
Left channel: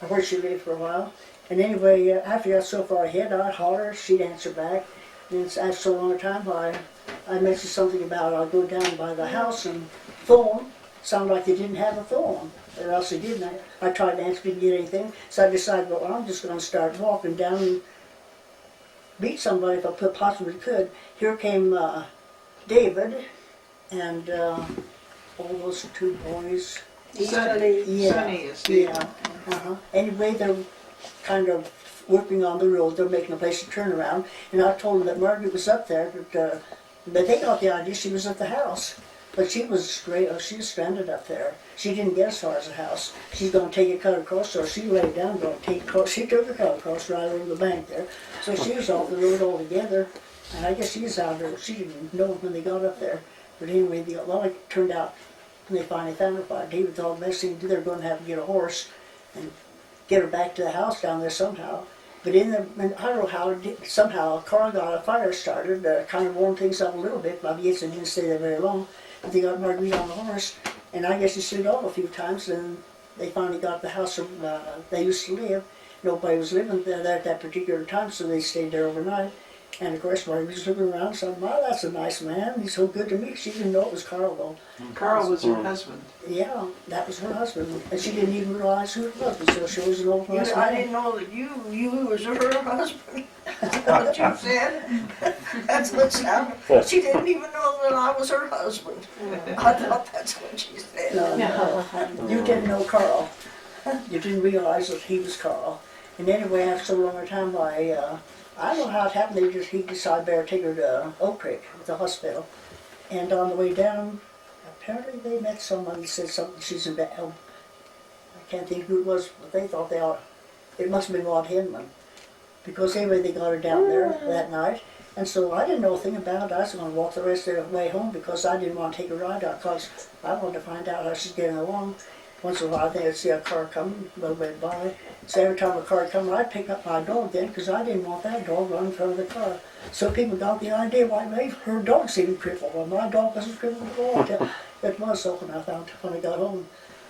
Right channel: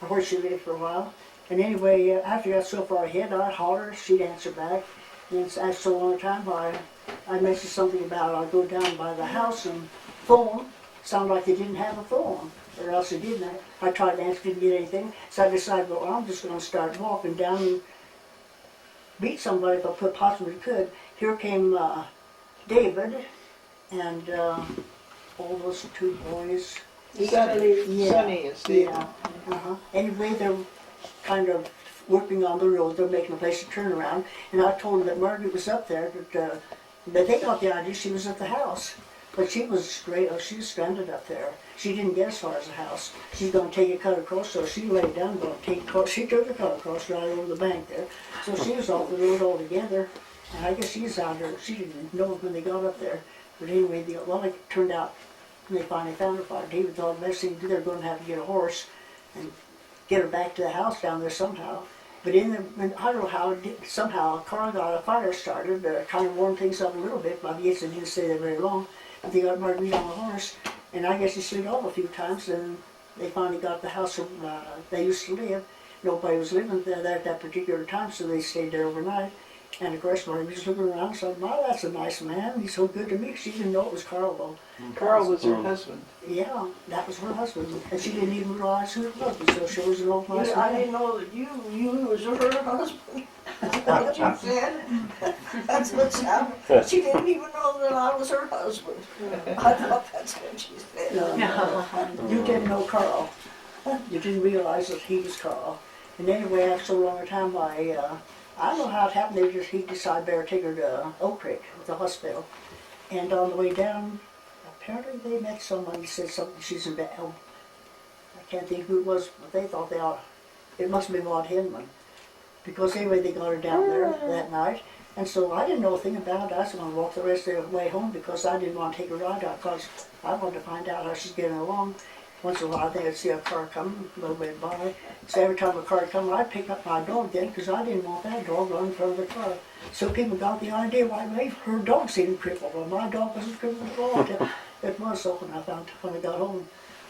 where she lived for a while. And anyway, after I got so far ahead, I'd holler, she'd answer back. Then after so long a time, I mentioned something about I'd go down by the house and phone. Sounded like they didn't have a phone, or else they didn't. I tried to answer, didn't get anything. So I decided, well, I'm just going to start walking down and beat somebody if I possibly could. Here came David and all those two boys. Sonny, Yeah, Sonny is David. yeah. Anyway, they're kind of working on the road. They're making a place to turn around. And I told them that Margaret was up there, but they got the idea she was at the house. But she was stranded up there. She didn't get as far as the house. She's going to take a cut across, so she laid down, going to take a cut. She took the cut across right over the bank there. So she was off the road altogether. And I guess she was out there. She didn't know when they got up there. But anyway, it turned out when they finally found her, David thought the best thing to do, they're going to have to get a horse and get her back to the house down there somehow. But I don't know how, somehow a car got a fire started, kind of warmed things up a little bit, but I guess they didn't stay there very long. But they got Marguerite on the horse, and I guess he slid off a few times, and they finally got the house where they used to live. Nobody was living there at that particular time, so they stayed there overnight. And of course, Marguerite was looking around and said, "My, that's a nice man. He's so good to me." She didn't know it was Carl, though. Carl was her husband. Yeah, that was her husband, and she didn't even realize who it was until she was an old nice I man. didn't know that you was her husband. What you said? That's what sounded. She didn't even know that I was her husband. I thought that's what she said. No, you didn't know Carl. You didn't realize that he was Carl. And anyway, after so long a time, I don't know how it happened. He decided better take her to Oak Creek, the hospital. And on the way down, apparently they met someone who said something. She's in bed. Oh, I can't think who it was, but they thought it must have been Maud Hinman. Because anyway, they got her down there that night. And so I didn't know a thing about it. I was going to walk the rest of the way home because I didn't want to take a ride out because I wanted to find out how she's getting along. Once in a while, I think I'd see a car come a little bit by. So every time a car come, I'd pick up my dog then because I didn't want that dog running in front of the car. So people got the idea, why maybe her dog seemed crippled. Well, my dog wasn't crippled at all. It was so when I got home.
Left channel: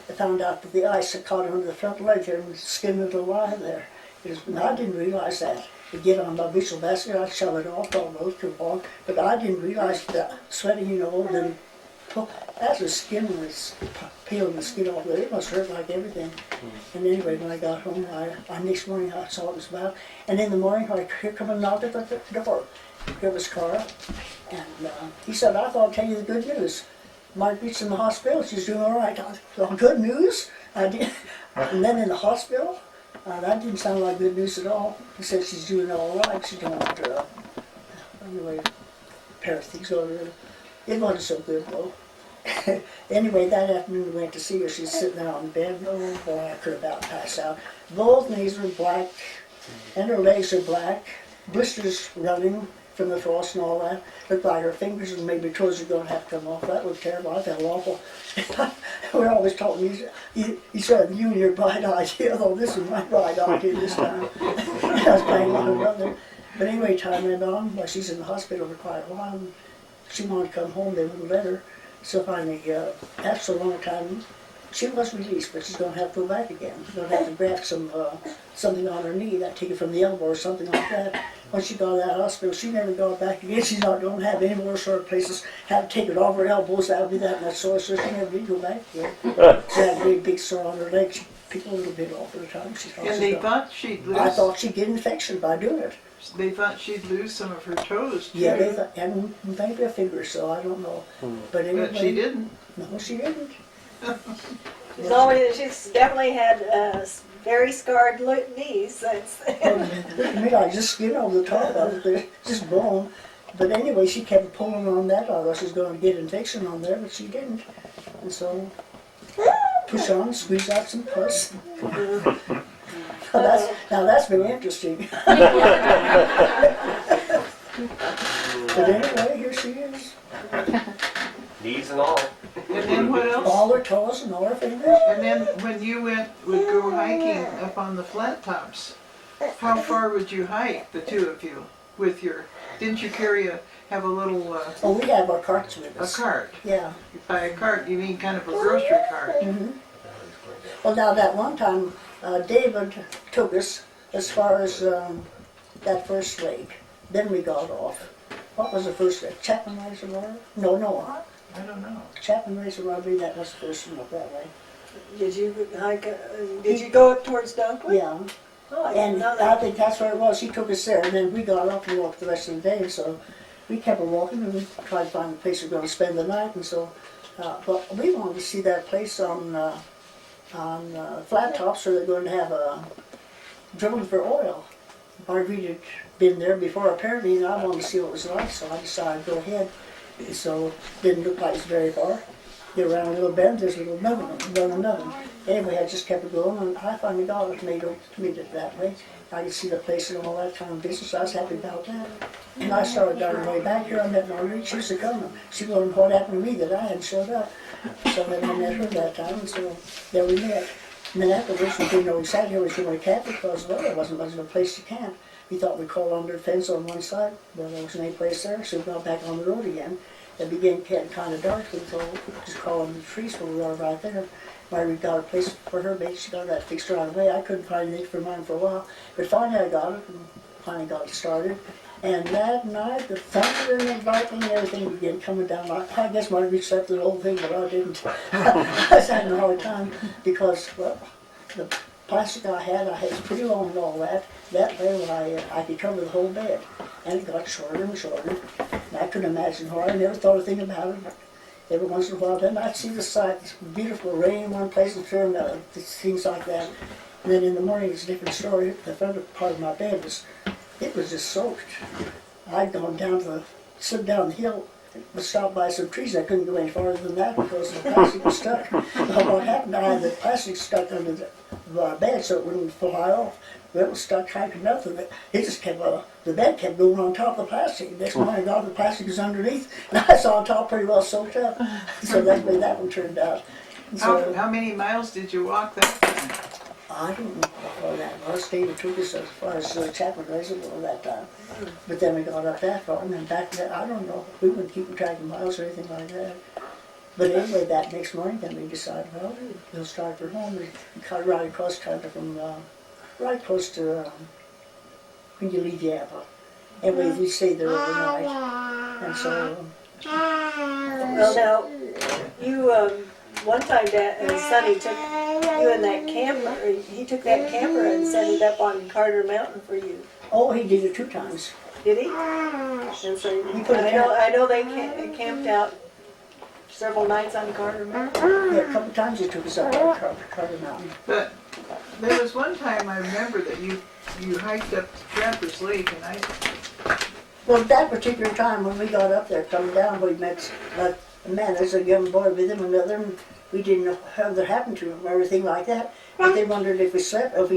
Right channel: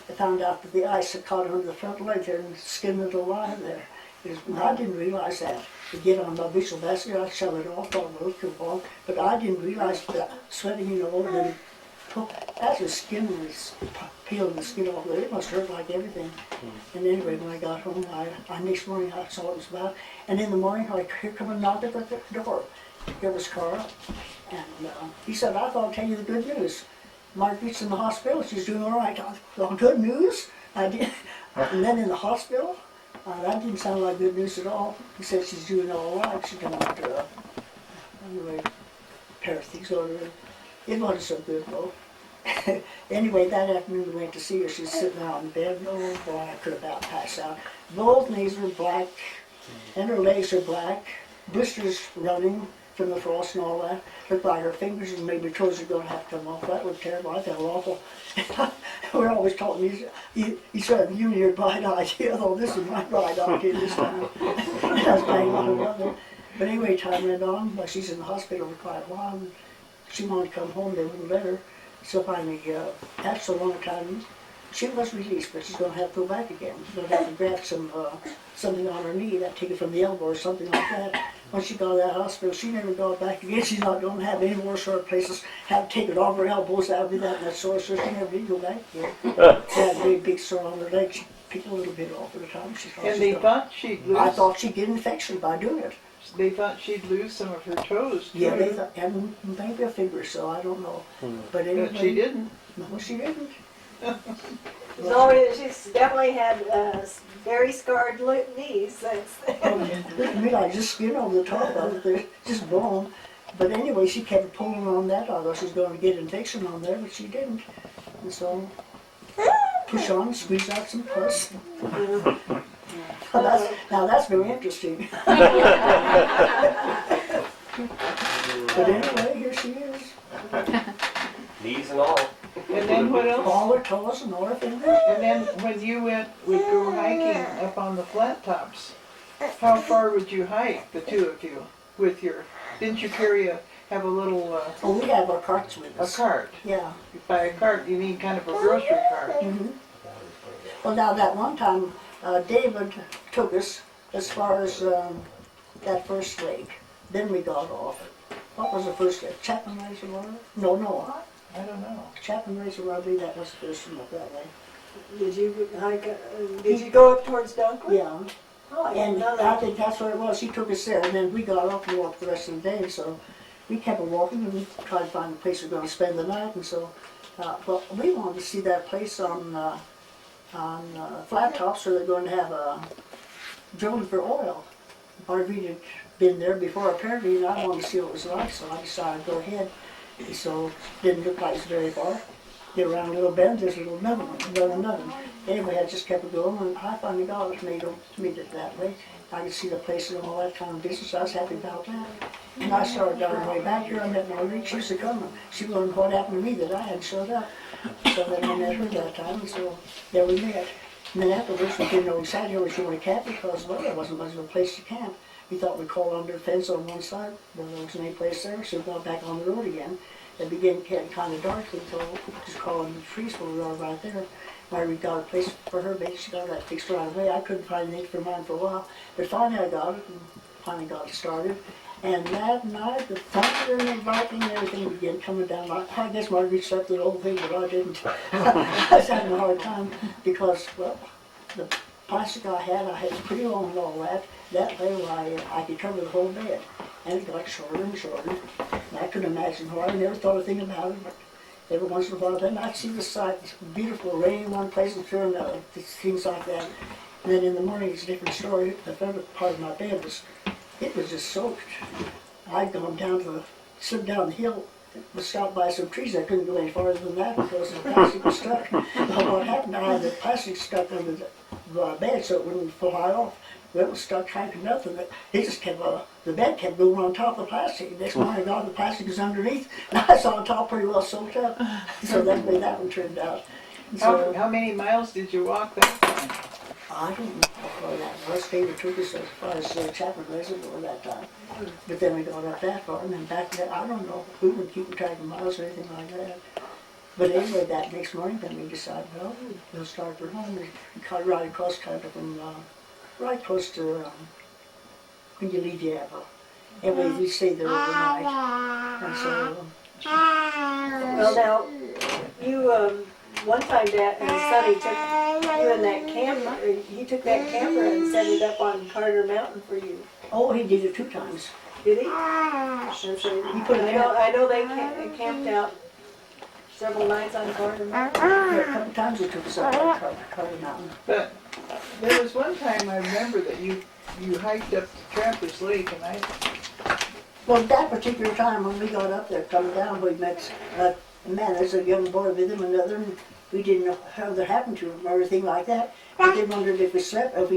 I found out that the ice had caught her under the front leg there and skinned it alive there. I didn't realize that. To get on my bushel basket, I'd shove it off almost too long. But I didn't realize that sweating, then as the skin was peeling the skin off there, it must hurt like everything. And anyway, when I got home, next morning I saw what it was about. And in the morning, I hear come a knock at the door. Here was Carl. And he said, "I thought I'd tell you the good news. Marguerite's in the hospital. She's doing all right." I thought, good news? I did. And then in the hospital? That didn't sound like good news at all. He said she's doing all right. She don't, anyway, pair of things over there. It wasn't so good though. Anyway, that afternoon we went to see her. She's sitting there on the bed. Oh boy, I could about pass out. Both knees were black, and her legs are black. Blisters running from the frost and all that. Looked like her fingers and maybe toes are going to have to come off. That looked terrible. I felt awful. We're always talking. He said, "You and your bright idea." Though this is my bright idea this time. I was playing on her brother. But anyway, time went on. Well, she's in the hospital for quite a while. And she wanted to come home. They wouldn't let her. So finally, after so long a time, she was released, but she's going to have to go back again. She's going to have to graft something on her knee, that take it from the elbow or something like that. When she got out of that hospital, she never got back again. She's not going to have any more sore places. Have to take it off her elbows. That would be that much sore, so she never did go back again. She had a big, big sore on her leg. She picked a little bit off at a time. And they thought she'd lose. I thought she'd get infection by doing it. They thought she'd lose some of her toes, too. Yeah, they thought, and maybe a finger, so I don't know. But anyway, But she didn't. No, she didn't. She's definitely had very scarred knees. I mean, I just skin over the top of it, there's just bone. But anyway, she kept pulling on that, although she's going to get infection on there, but she didn't. And so, push on, squeeze out some pus. Now that's very interesting. But anyway, here she is. Knees and all. And then what else? All their toes and all their fingers. And then when you would go hiking up on the flat tops, how far would you hike, the two of you, with your, didn't you have a little, Oh, we have our carts with a us. cart? Yeah. By a cart, you mean kind of a grocery cart? Mm-hmm. Well, now that one time, David took us as far as that first lake. Then we got off. What was the first lake? Chapman Reservoir? No. I don't know. Chapman Reservoir, I believe that was the first one up that way. Did you hike, did you go up towards Dunkley? Yeah. Oh, I didn't And know I that. think that's where it was. He took us there, and then we got off and walked the rest of the day. So we kept on walking and tried to find a place we were going to spend the night. And so, but we wanted to see that place on Flat Tops where they're going to have drilling for oil. Marguerite had been there before apparently, and I wanted to see what it was like, so I decided to go ahead. And so didn't look like it's very far. Get around a little bend, there's a little another. Anyway, I just kept it going, and I finally got it made it that way. I could see the place and all that kind of business. I was happy about that. And I started on the way back here. I met Marguerite. She was coming. She wondered what happened to me that I hadn't showed up. So then I met her that time, and so there we met. And then afterwards, we didn't know exactly where we were going to camp because, well, there wasn't much of a place to camp. We thought we'd call under a fence on one side. Well, there wasn't any place there, so we got back on the road again. It began getting kind of dark, so we thought, just call under the trees where we are right there. Marguerite got a place for her base. She got that fixed right away. I couldn't find anything for mine for a while, but finally I got it, and finally got it started. And that night, the thunder and the lightning and everything began coming down. I guess Marguerite slept through the whole thing, but I didn't. I was having a hard time because, well, the plastic I had was pretty long and all that. That way I could cover the whole bed. And it got shorter and shorter. And I couldn't imagine why. I never thought a thing about it, but every once in a while, then I'd see the sights, beautiful rain in one place and through another, things like that. And then in the morning, it's a different story. The front part of my bed was just soaked. I'd gone down slid down the hill, was stopped by some trees. I couldn't go any farther than that because the plastic was stuck. Well, what happened, I had the plastic stuck under the bed so it wouldn't fly off. Well, it was stuck tight to nothing. It just kept, the bed kept going on top of the plastic. The next morning I got the plastic was underneath, and I saw on top pretty well soaked up. So that's the way that one turned out. So, How many miles did you walk that time? I don't know how far that was. David took us as far as Chapman Reservoir that time. But then we got up that far and then back there. I don't know. We weren't keeping track of miles or anything like that. But anyway, that next morning, then we decided, well, we'll start for home. We cut right across kind of from, right close to when you leave Yapa. Anyway, we stayed there overnight. And so, Well, now, you, one time Dad and Sonny took you in that camper, he took that camper and set it up on Carter Mountain for you. oh, he did it 2 times. Did he? And so, He put a camp- I know they camped out several nights on Carter Mountain. Yeah, a couple times he took us up on Carter Mountain. But there was one time I remember that you hiked up to Trappers Lake, and Well, that particular time when we got up there, coming down, we met a man, there's a young boy with him, another, and we didn't know how that happened to him or anything like that. But they wondered if we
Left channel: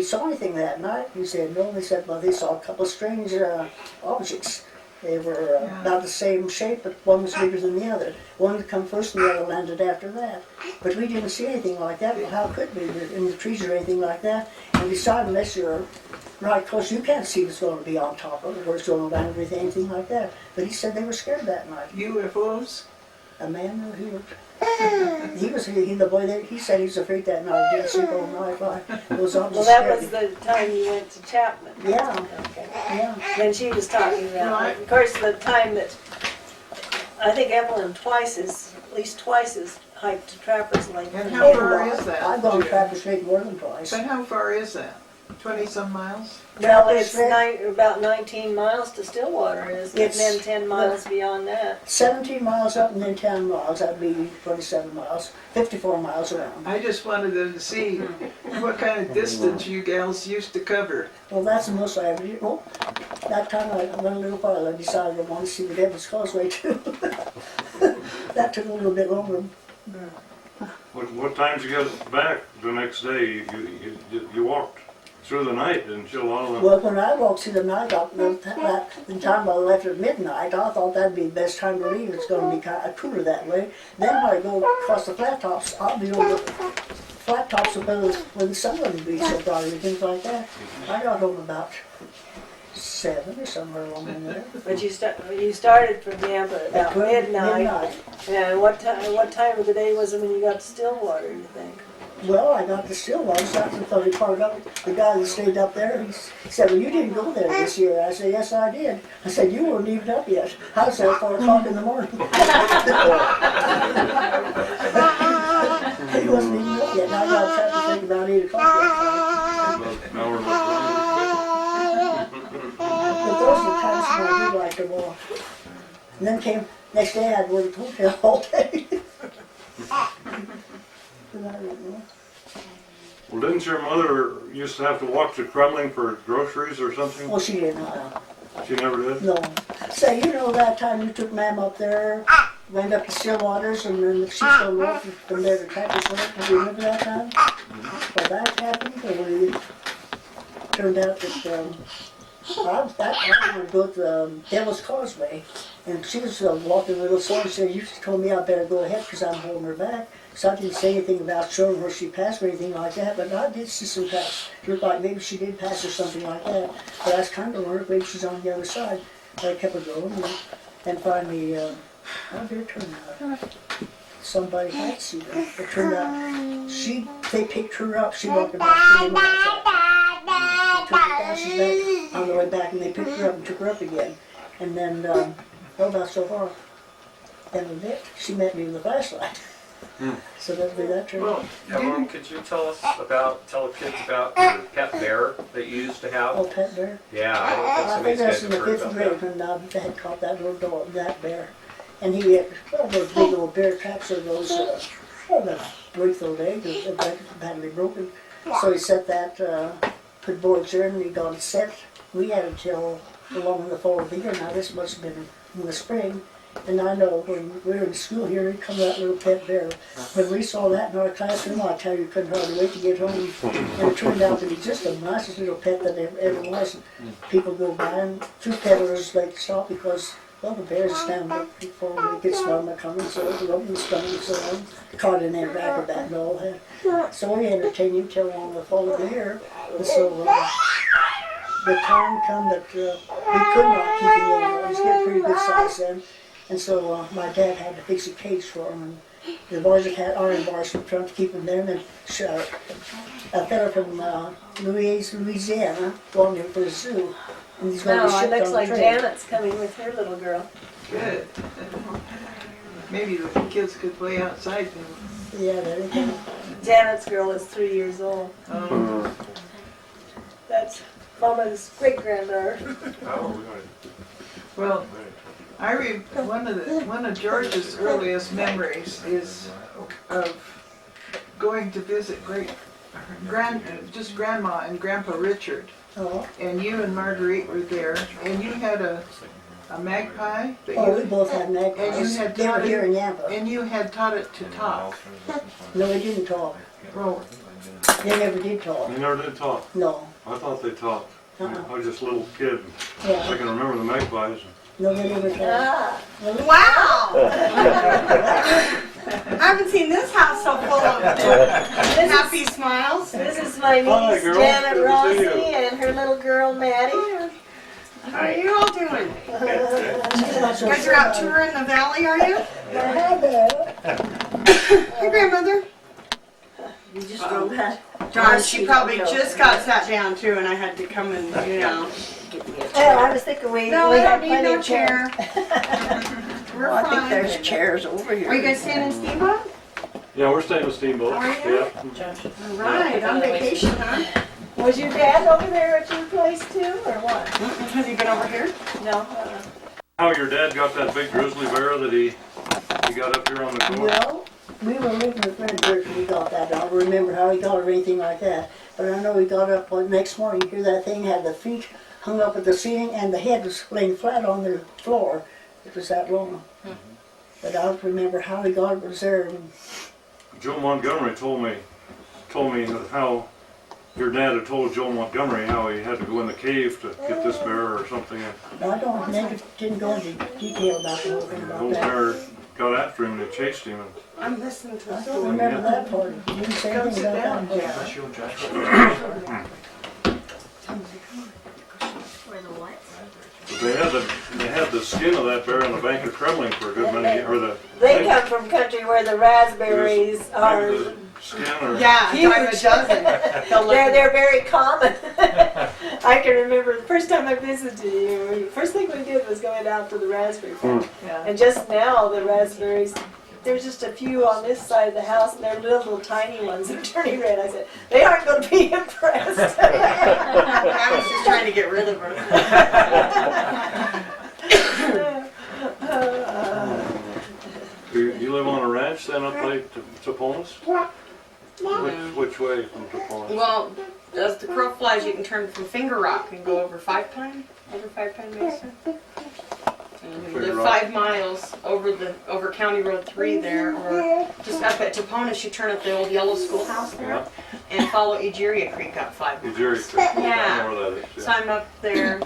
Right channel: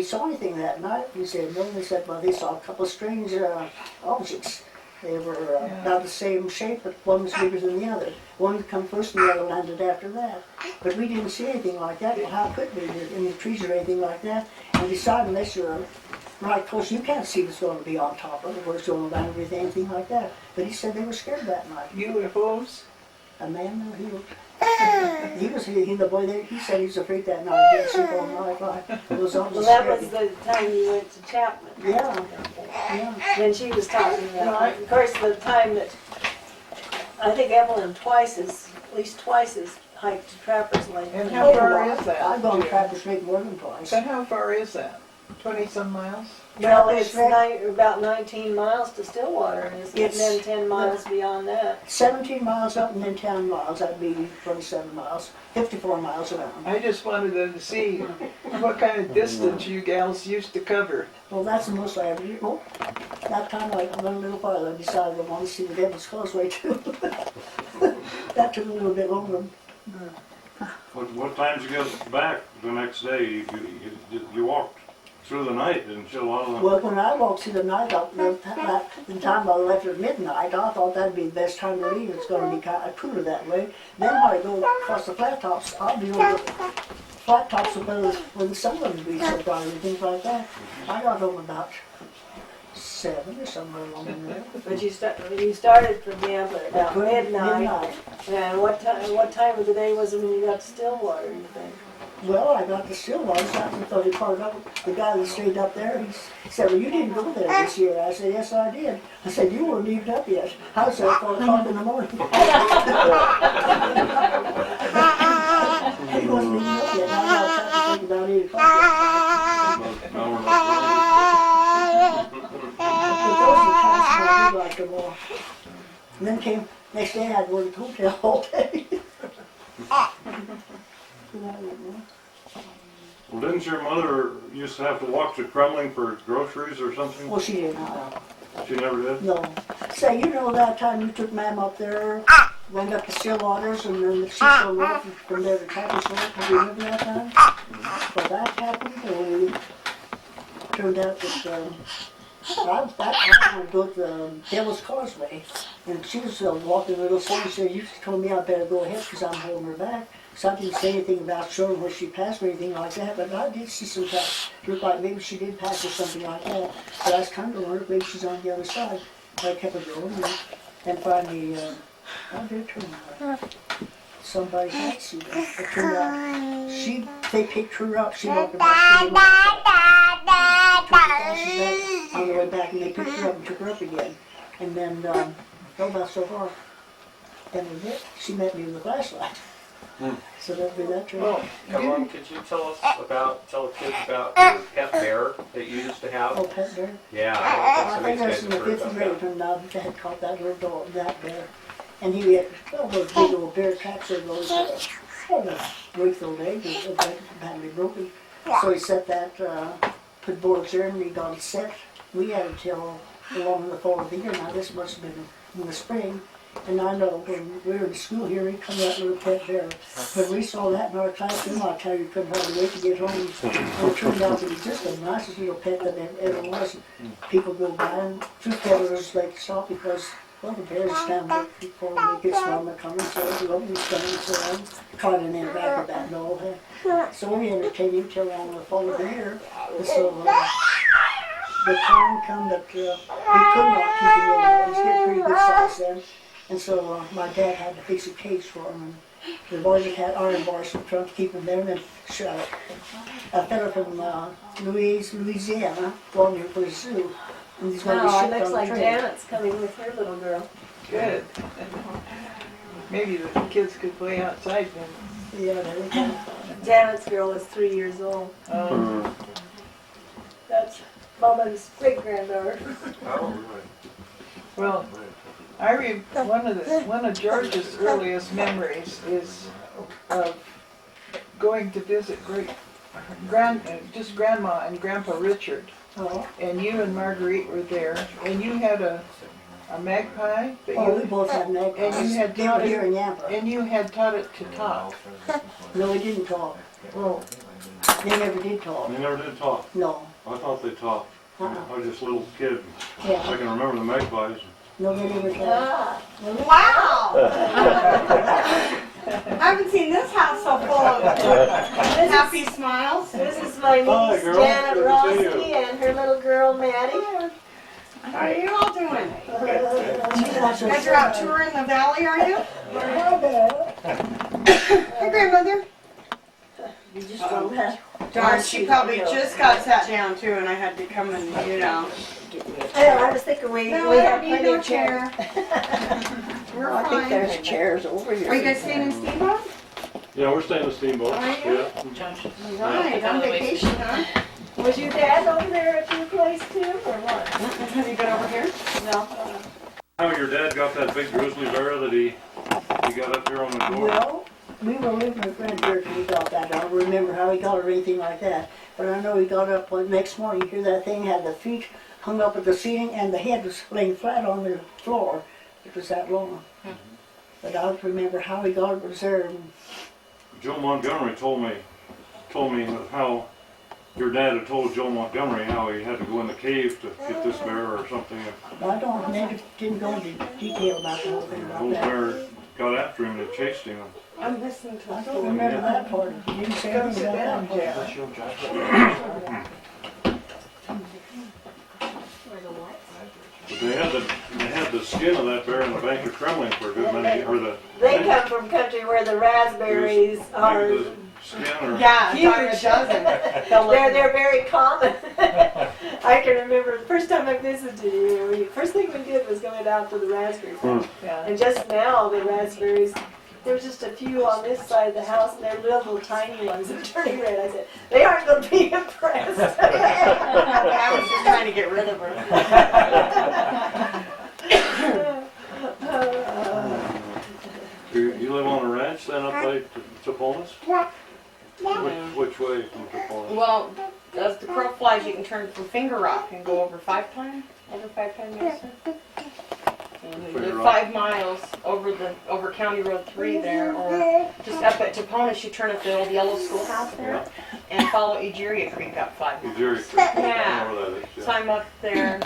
saw anything that night. We said no. They said, well, they saw a couple of strange objects. They were about the same shape, but one was bigger than the other. One would come first and the other landed after that. But we didn't see anything like that. Well, how could we? We're in the trees or anything like that. And besides, unless you're right close, you can't see what's going to be on top of it, where it's going to land with anything like that. But he said they were scared that night. UFOs? A man, the boy there, he said he was afraid that night. He didn't sleep all night. It was Well, almost that scary. was the time you went to Chapman. Yeah, Okay. yeah. Then she was talking No, about, of course, the time that, I think Evelyn at least twice has hiked to Trappers Lake. And how far is that? I've gone to Trappers Lake more than twice. But how far is that? 20-some miles? Well, Trappers it's Lake, about 19 miles to Stillwater, and it's Yes. then 10 miles beyond that. 17 miles up and then 10 miles. That'd be 27 miles, 54 miles around. I just wanted them to see what kind of distance you gals used to cover. Well, that's the most I ever did. Well, that time I went a little farther. I decided I wanted to see the Devil's Causeway too. That took a little bit longer. What time did you get back the next day? You walked through the night, didn't you? A lot of them. Well, when I walked through the night, the time I left at midnight, I thought that'd be the best time to leave. It's going to be kind of cooler that way. Then when I go across the flat tops, I'll be on the flat tops when the sun wouldn't be so bright and things like that. I got home about 7 or somewhere along in there. But you started from Yampa about midnight. And what time of the day was it when you got to Stillwater, you think? Well, I got to Stillwater, so I thought he parked up. The guy that stayed up there, he said, well, you didn't go there this year. I said, yes, I did. I said, you weren't even up yet. I was there at 4 o'clock in the morning. He wasn't even up yet, and I got traffic thing about 8 o'clock that But those are the times when I do like to walk. And then next day I'd work at the hotel all day. But I didn't know. Well, didn't your mother used to have to walk to Kremling for groceries or something? Well, she didn't. She never did? No. Say, you know that time you took Ma'am up there, went up to Stillwaters, and then she's going to walk from there to Tracker's Lake? Do you remember that time? Well, that happened, or it turned out that I was back on the Devil's Causeway, and she was walking a little slow, and she said, you told me I better go ahead because I'm holding her back. So I didn't say anything about showing where she passed or anything like that, but I did see some pass. It looked like maybe she did pass or something like that. But I was kind of wondering maybe she's on the other side. But I kept her going, and finally, how did it turn out? Somebody had seen her. It turned out they picked her up. She walked about 30 miles. Took her passes back on the way back, and they picked her up and took her up again. And then, about so far. Then a bit, she met me with a flashlight. So that'd be that turn. Well, Mom, could you tell the kids about your pet bear that you used to have? Oh, pet bear? Yeah, I think that's in the 5th grade when they had caught that little dog, that bear. And he had those big old bear traps or those, break those legs, badly broken. So he set that, put boards there and he got it set. We had it till along in the fall of the year. Now this must have been in the spring. And I know when we were in school here, he'd come that little pet bear. When we saw that in our classroom, I tell you, couldn't hardly wait to get home. And it turned out to be just the nicest little pet that there ever was. People go by and fruit peddlers like to stop because, well, the bears stand up before they get smell them coming, so the open's coming, so on. Caught in their back of that and all that. So we entertained him till along the fall of the year. And so the time come that we could not keep him anymore. He's getting pretty good size then. And so my dad had to fix a cage for him. And the boys that had iron bars were trying to keep him there. And then a fellow from Louisiana wanted him for a zoo. And he's going to be shipped on the train. Looks like Janet's coming with her little girl. Good. Maybe the kids could play outside then. Yeah, there they go. Janet's girl is 3 years old. That's Mama's great-granddaughter. Well, one of George's earliest memories is of going to visit just Grandma and Grandpa Richard. Oh. And you and Marguerite were there, and you had a magpie. Oh, we both had magpies. They were here in Yampa. And you had taught it to talk. No, it didn't talk. Well, they never did talk. They never did talk? No. I thought they talked. I was just a little kid. Yeah. I can remember the magpies. No, they never talked. Wow! I haven't seen this house so full of happy smiles. This is my niece, Janet Rossi, and her little girl, Maddie. How are you all doing? You guys are out touring the valley, are you? Hey, grandmother. You just wrote that. Darn, she probably just got sat down too, and I had to come and, Oh, I was thinking we have plenty of chairs. We're I think fine. there's chairs over here. Are you guys staying in Steamboat? Yeah, we're staying with Steamboat. Are you? Yeah. Right, on vacation, huh? Was your dad over there at your place too, or what? Has he been over here? No. How your dad got that big grizzly bear that he got up here on the floor? Well, we were living with Frederick when we got that. I don't remember how he got it or anything like that. But I know he got up the next morning, you hear that thing had the feet hung up at the ceiling and the head was laying flat on the floor. It was that long. But I don't remember how he got it. It was there. Joe Montgomery told me how Your dad had told Joe Montgomery how he had to go in the cave to get this bear or something. I don't, never didn't go into detail about the whole thing The about old that. bear got after him and chased him. I'm listening to I us. don't remember that part. You didn't say anything about that part. But they had the skin of that bear in the Bank of Kremlin for a good many, or the. They come from country where the raspberries are Maybe the skin or. Yeah, huge. a dozen. They're very common. I can remember the first time I visited you. First thing we did was going out to the raspberry farm. Yeah. And just now the raspberries, there's just a few on this side of the house, and they're little tiny ones that are turning red. I said, they aren't going to be impressed. I was just trying to get rid of her. You live on a ranch then up by Toponis? Which way from Toponis? Well, as the crow flies, you can turn from Finger Rock and go over Five Pine Mesa. And you live 5 miles over County Road 3 there, or just up at Toponis, you turn up the old yellow schoolhouse there, and follow Egeria Creek up 5 miles. Egeria Creek. Yeah. I know where that is. So I'm up there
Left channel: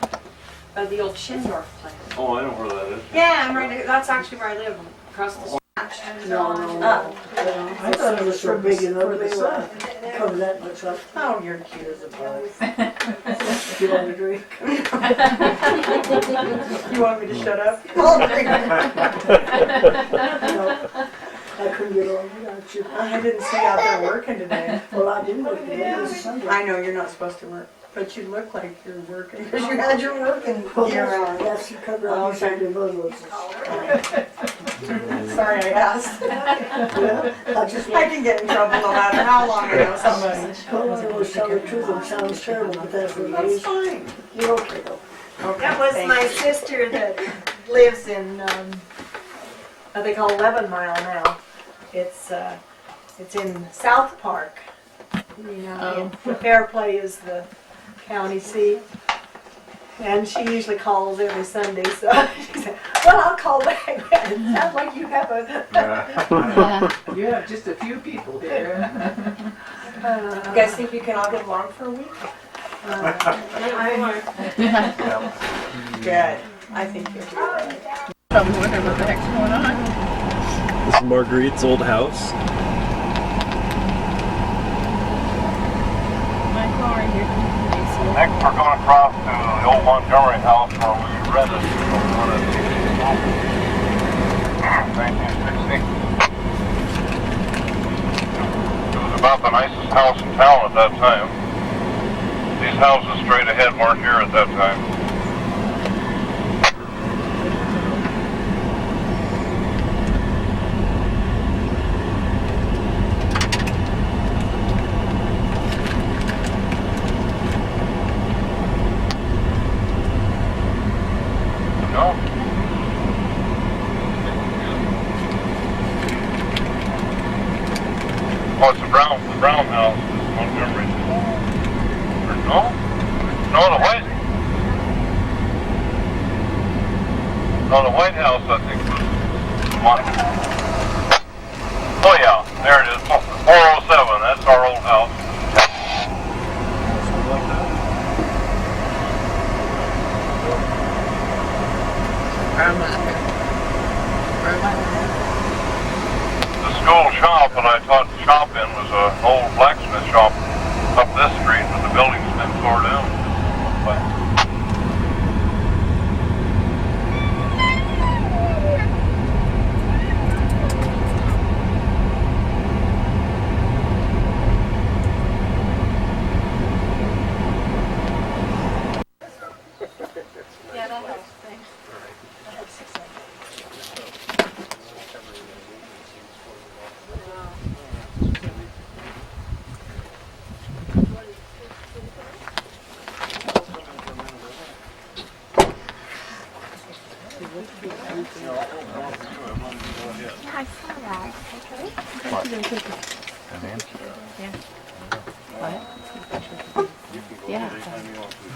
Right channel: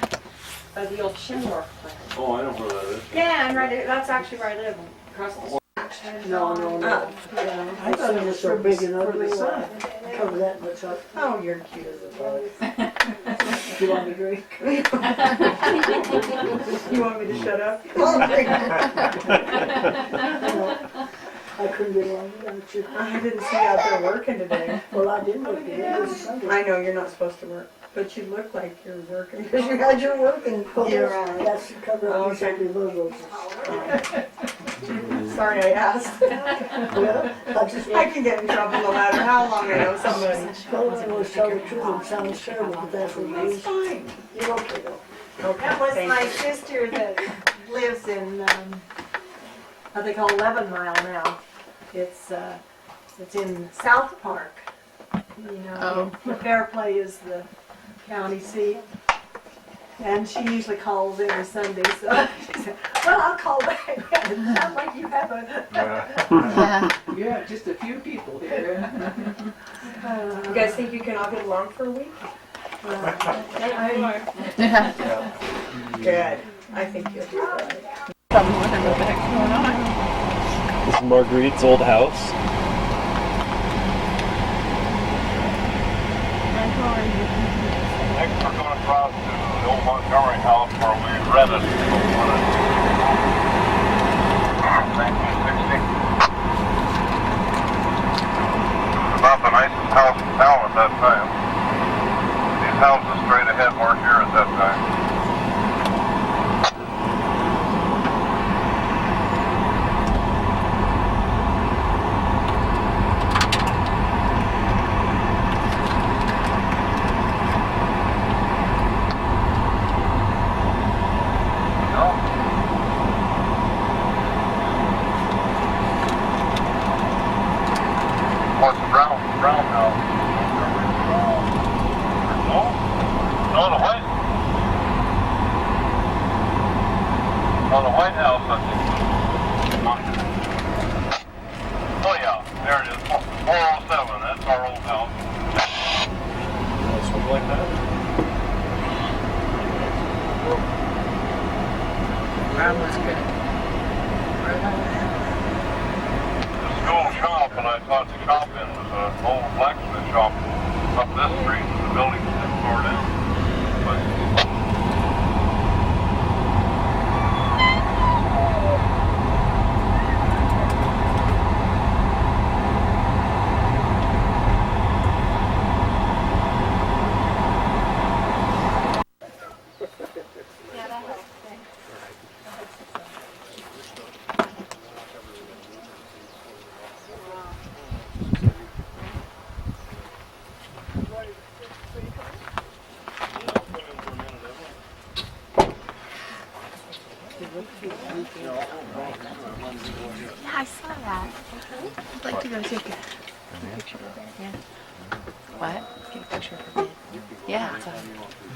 by the old Schindorf plant. Oh, I know where that is. Yeah, I'm right. That's actually where I live, across the street. No. I thought it was so big and ugly. Cover that much up. Oh, you're cute as a bug. You want a drink? You want me to shut up? No, I couldn't get along without you. I didn't see you out there working today. Well, I didn't work today. It was Sunday. I know you're not supposed to work, but you look like you're working because you had your working gear on. That's to cover up your Sunday boogers. Sorry I asked. Well, I can get in trouble no matter how long I know somebody. Well, I always tell the truth. It sounds terrible, but that's what it That's is. fine. You're okay though. That was my sister that lives in, what they call 11 Mile now. It's in South Park. You know, and Fairplay is the county seat. And she usually calls every Sunday, so she said, well, I'll call back. It sounds like you have a... You have just a few people here. You guys think you can all get along for a week? Good. I think you'll do that. I'm wondering what the heck's going on. This is Marguerite's old house. Next, we're going across to the old Montgomery house where we rented the one in 1960. It was about the nicest house in town at that time. These houses straight ahead weren't here at that time. Oh, it's a brown house. Montgomery. No? No, the white. Oh, the White House, I think. Oh, yeah, there it is. 407, that's our old house. Something like that. The school shop that I taught to shop in was an old blacksmith shop up this street, but the building's been torn down. I saw that. Yeah.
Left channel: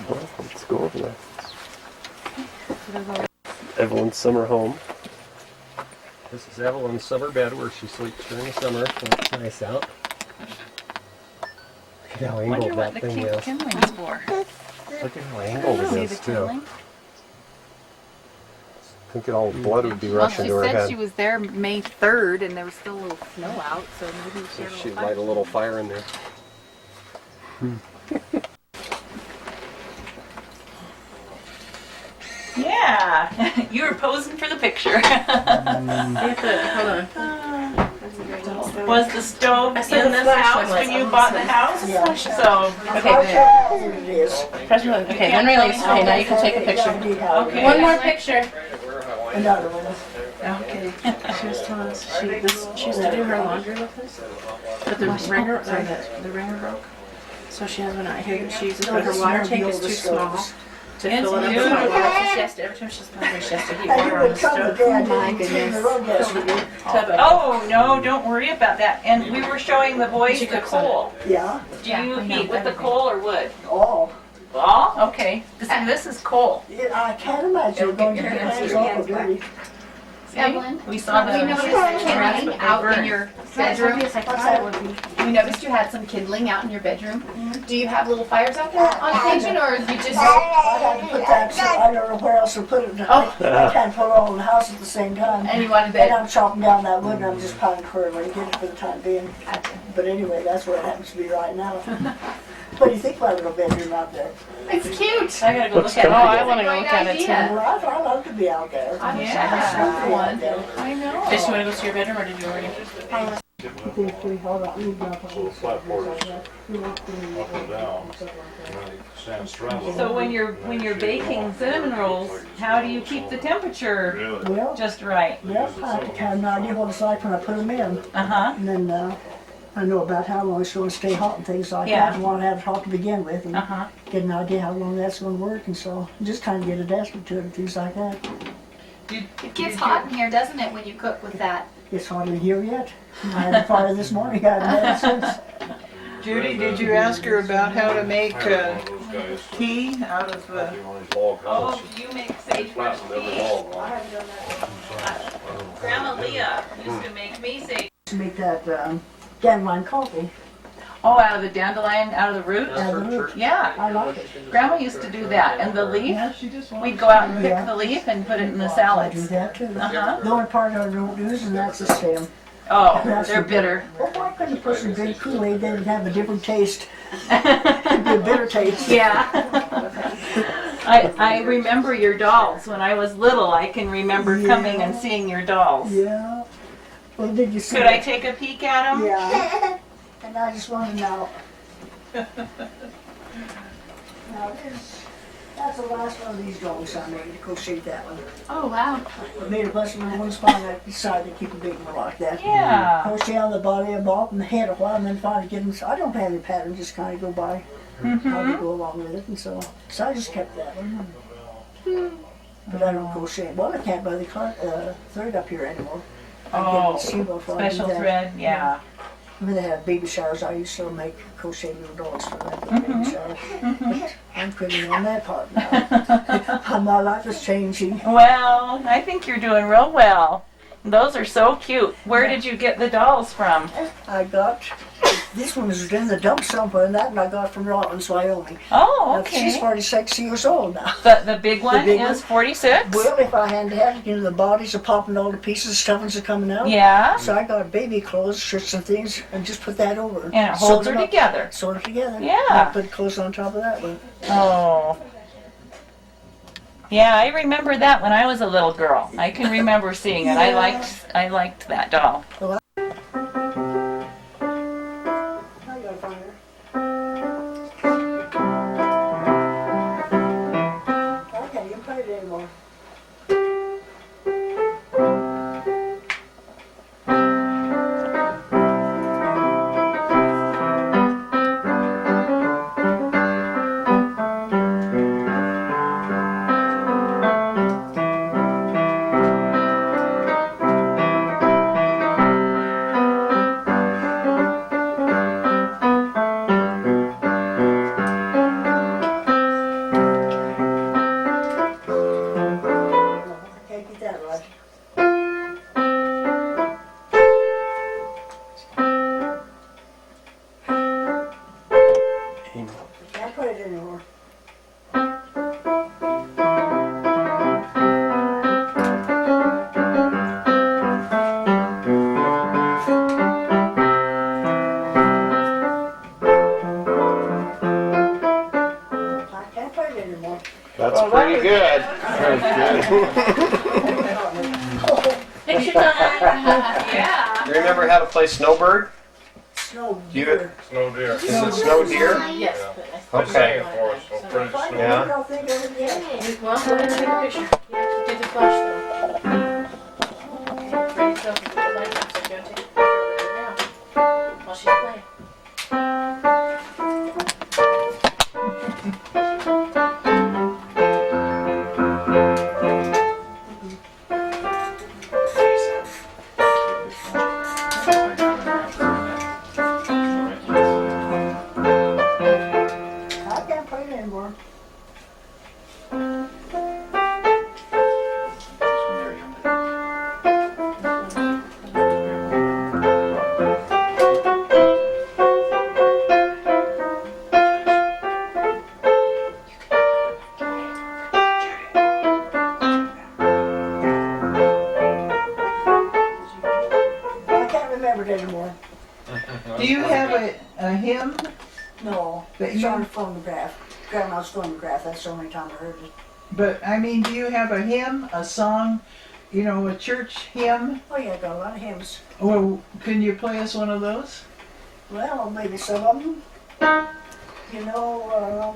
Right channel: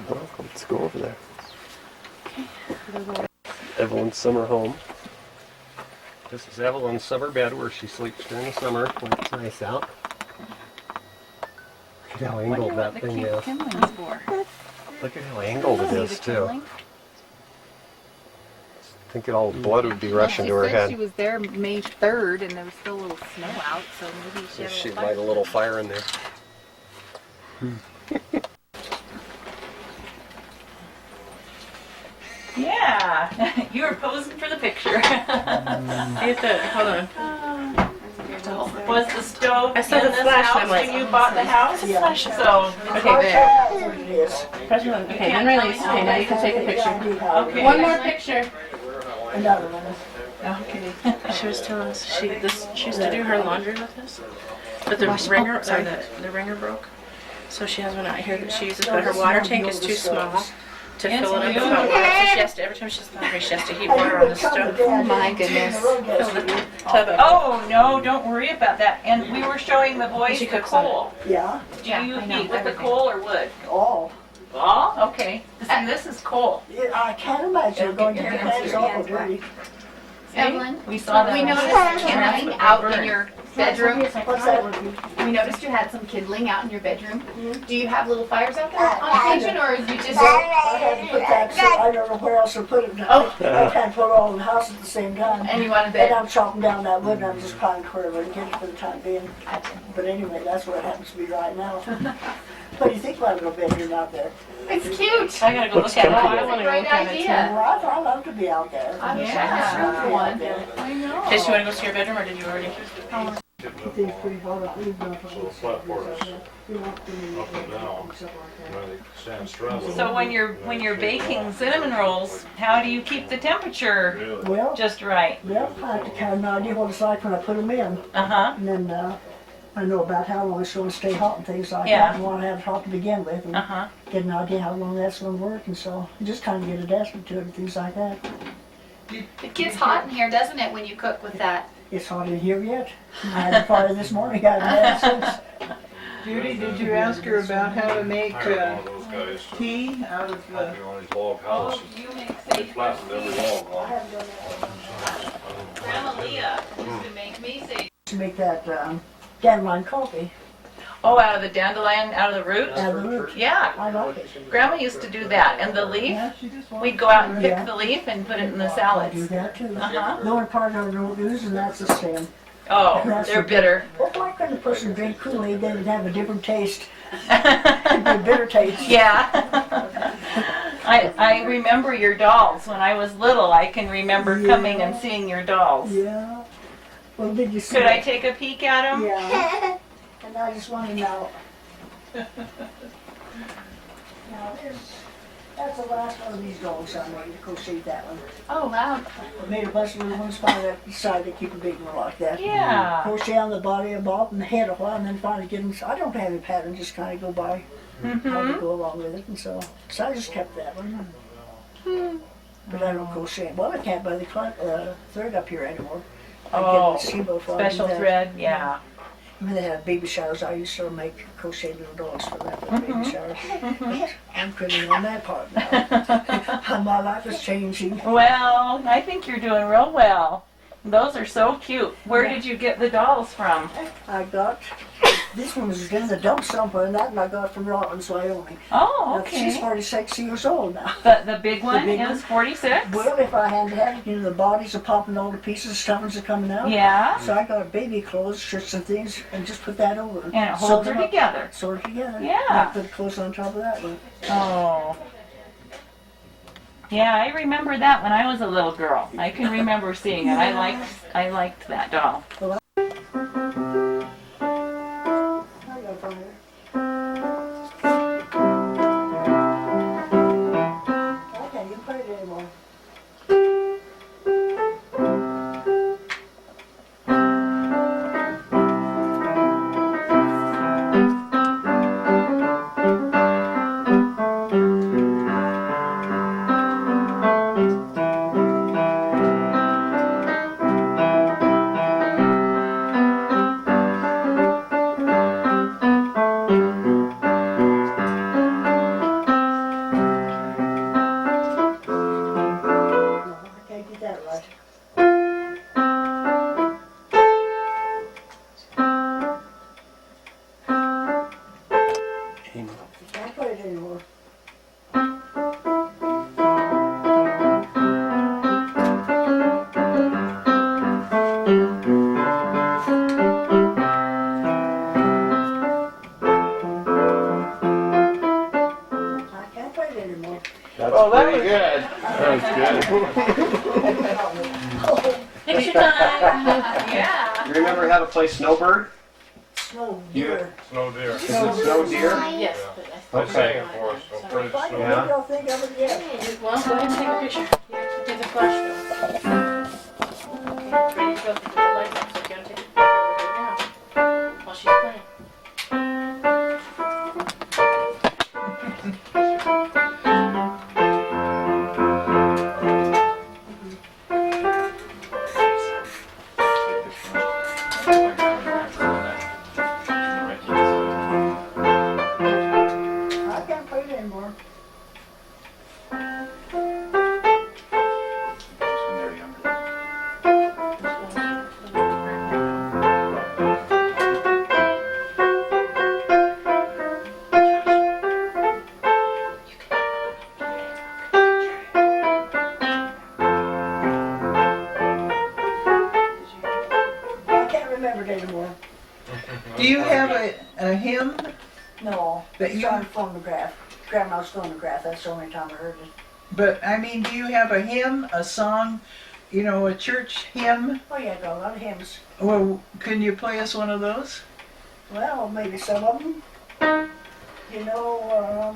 Well, let's go over there. Everyone's summer home. This is Evelyn's summer bed where she sleeps during the summer when it's nice out. Look at how angled that thing is. kindling's for. Look at how angled it See is the too. kindling? Thinking all the blood would be rushing She to her said head. she was there May 3rd and there was still a little snow out, so maybe she had a She'd little light a fire. little fire in there. Yeah, you were posing for the picture. You have to, hold on. Was the stove I in saw the this flash, house I'm like, when you oh, bought the this house? Yeah. So, Okay, there. There it is. Press release. Okay, then release. Okay, now you can take a picture. Okay. One more picture. Another one. Okay. She was telling us she used to do her laundry with us, but the ringer broke. So she has one out here that she uses, but her water tank is too small to fill it up with hot water. So she has to, every time she's hungry, she has to heat water on the stove. Oh my goodness. Tub of- oh no, don't worry about that. And we were showing the boys She the cooks on it. coal. Yeah, Do you heat with the coal or wood? all. All? Okay. See, this is coal. Yeah, I can't imagine It'll going get to your your hands hands awful dirty. See? We saw the We noticed kindling out in your bedroom. What's that? We noticed you had some kindling out in your bedroom. Do you have little fires out there on occasion, or you just? I had to put that, so I don't know where else to put it. Oh. I can't put it all in the house at the same time. And you wanted And bed? I'm chopping down that wood and I'm just piling wherever I can get it for the time being. But anyway, that's what it happens to be right now. What do you think about a little bedroom out there? It's cute. I gotta go Looks look at it. comfortable. I want to Great look at it too. idea. Well, I love to be out there. I wish I Yeah. had one. I know. Did she want to go to your bedroom or did you already? So when you're baking cinnamon rolls, how do you keep the temperature Well, just right? well, I have to have an idea what it's like when I put them in. Uh-huh. And then I know about how long it's going to stay hot and things like Yeah. that. And want to have it hot to begin with and Uh-huh. get an idea how long that's going to work. And so just kind of get adjusted to it and things like that. It gets hot in here, doesn't it, when you cook with that? It's hot in here yet. I had a fire this morning. I haven't had it since. Judy, did you ask her about how to make tea out of Oh, do you make sagebrush tea? Grandma Leah used to make me sage. To make that dandelion coffee Oh, out of the dandelion, out of the root? out of the root. Yeah. I like it. Grandma used to do that. And the leaf, we'd go out and pick the leaf and put it in the I do salads. that too. Uh-huh. The only part I don't use and that's the stem. Oh, they're bitter. Well, why couldn't a person drink Kool-Aid? Then it'd have a different taste. It'd be a bitter taste. Yeah. I remember your dolls. When I was little, I can remember coming and seeing your dolls. Yeah. Well, did you see? Could I take a peek at them? Yeah. And I just want to know. Now that's the last one of these dolls I made. Crochet that one. Oh, wow. I made a bunch of little ones. Finally, I decided to keep a big one like that. Yeah. Crochet on the body of Bob and the head a while, and then finally get them. I don't have any pattern. Just kind of go by. How to go along with it, and so I just kept that one. But I don't crochet. Well, I can't buy the thread up here anymore. I Oh, get it before I do special that. thread, yeah. When they have baby showers, I used to make crochet little dolls for them for the baby showers. But I'm quitting on that part now. My life is changing. Well, I think you're doing real well. Those are so cute. Where did you get the dolls from? I got this one was in the dump somewhere, and that one I got from Rollins, Wyoming. Oh, Now, she's okay. 46 years old now. The big one big is one? 46? Well, if I hadn't had it, you know, the bodies are popping, all the pieces, stuffings are coming out. Yeah. So I got baby clothes, shirts and things, and just put that over. And it holds Sewed her them up, together. Sewed her together. Yeah. And I put clothes on top of that one. Oh. Yeah, I remember that when I was a little girl. I can remember seeing it. I liked that doll. I gotta find her. I can't even put it anymore. Picture time. Yeah. Remember how to play Snowbird? Snow You- deer. Snow deer. Is it Snow Deer? Yes. They Okay. sang it for us, so pretty If I snow. Yeah. don't think of it yet. Well, go ahead and take a picture. You have to do the flash though. Okay, ready to go. Put the lights up. So if you want to take a picture of her now, while she's playing. I can't play it anymore. I can't remember it anymore. Do you have a hymn? No, But it's you- on phonograph. Grandma's phonograph, that's the only time I heard it. But I mean, do you have a hymn, a song, you know, a church hymn? Oh yeah, I got a lot of hymns. Well, can you play us one of those? Well, maybe some of them. You know,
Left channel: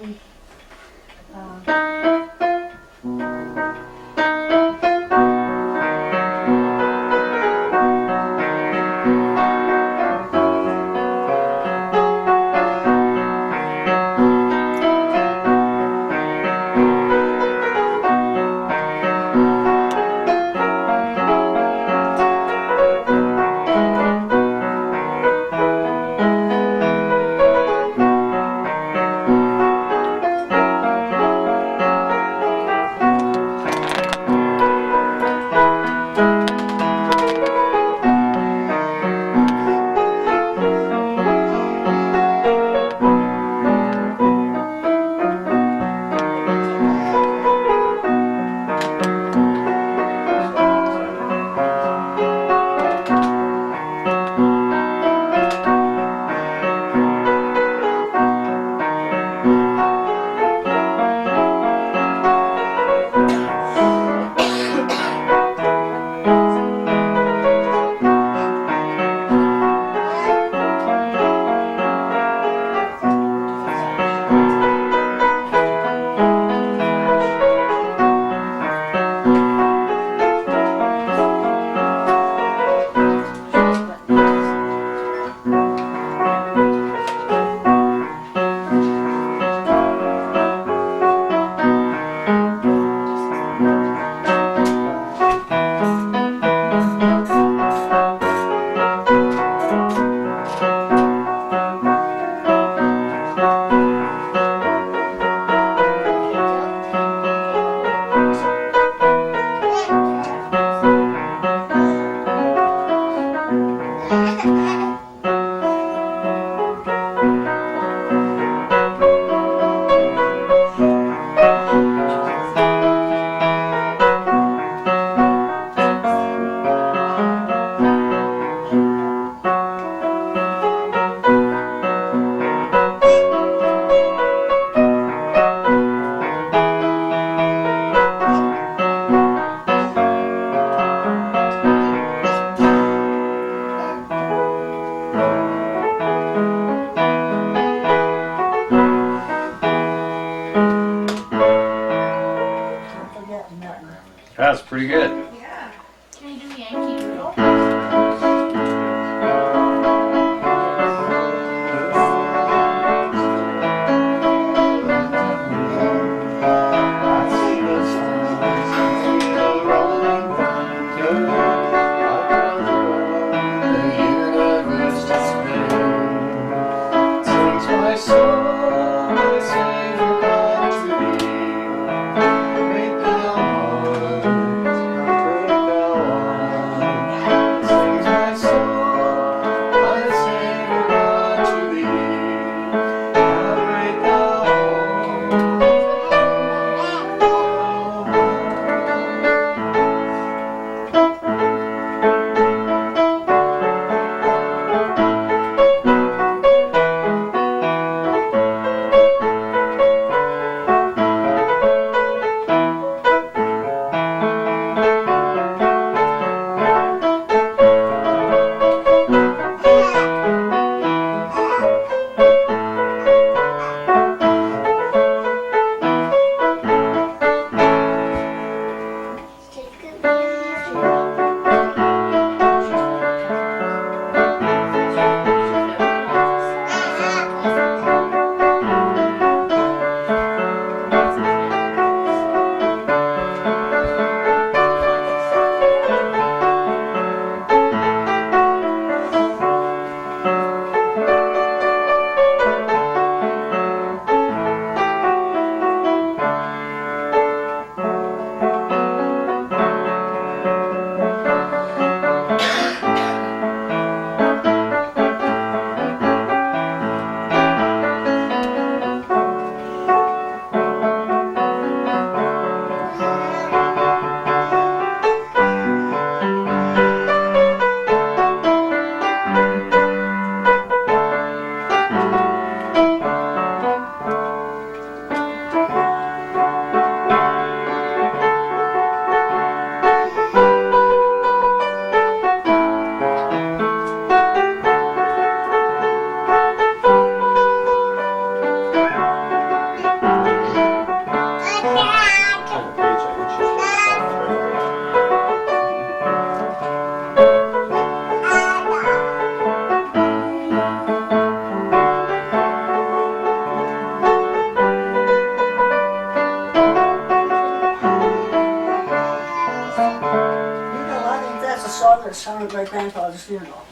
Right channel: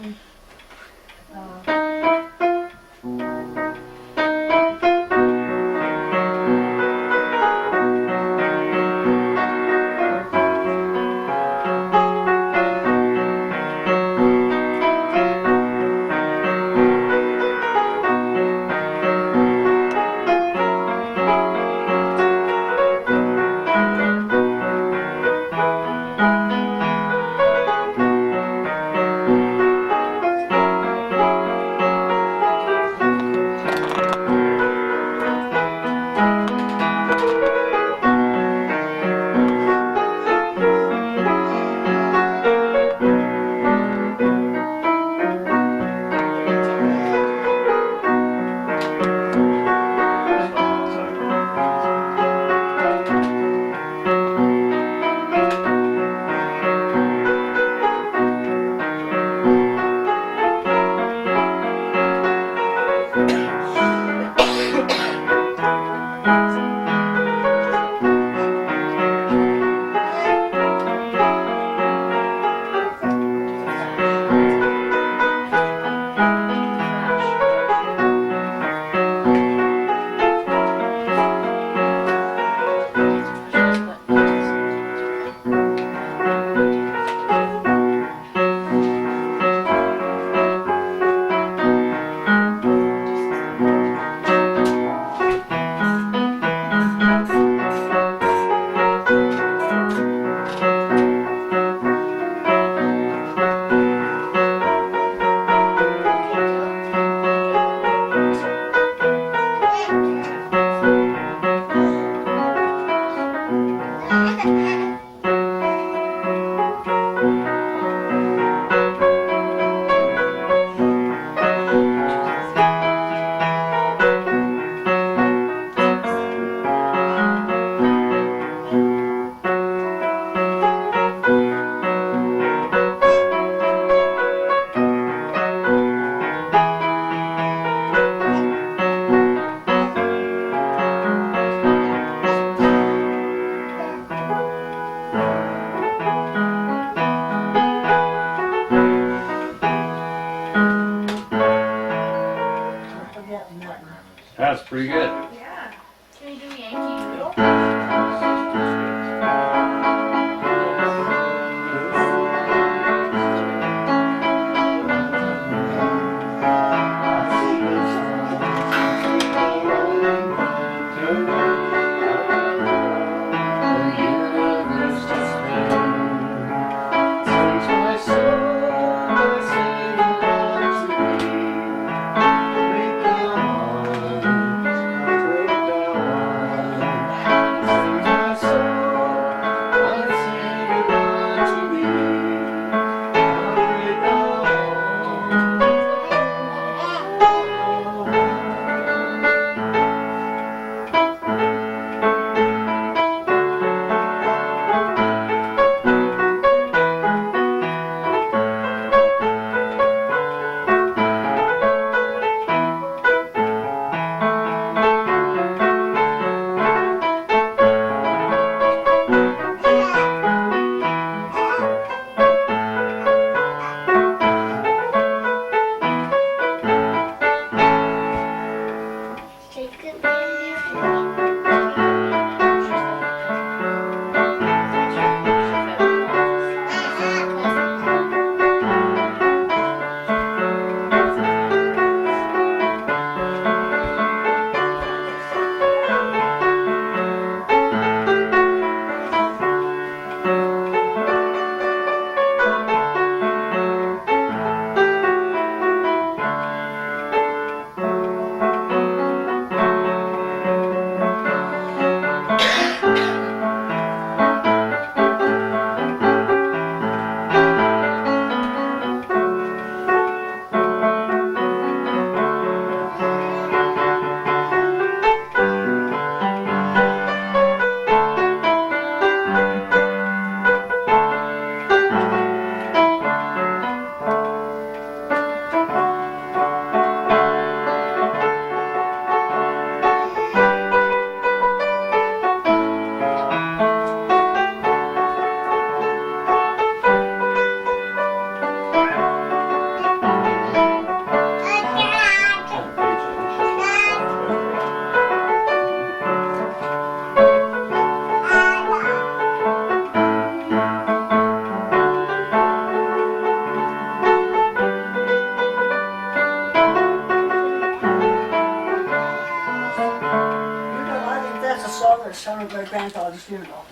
funeral.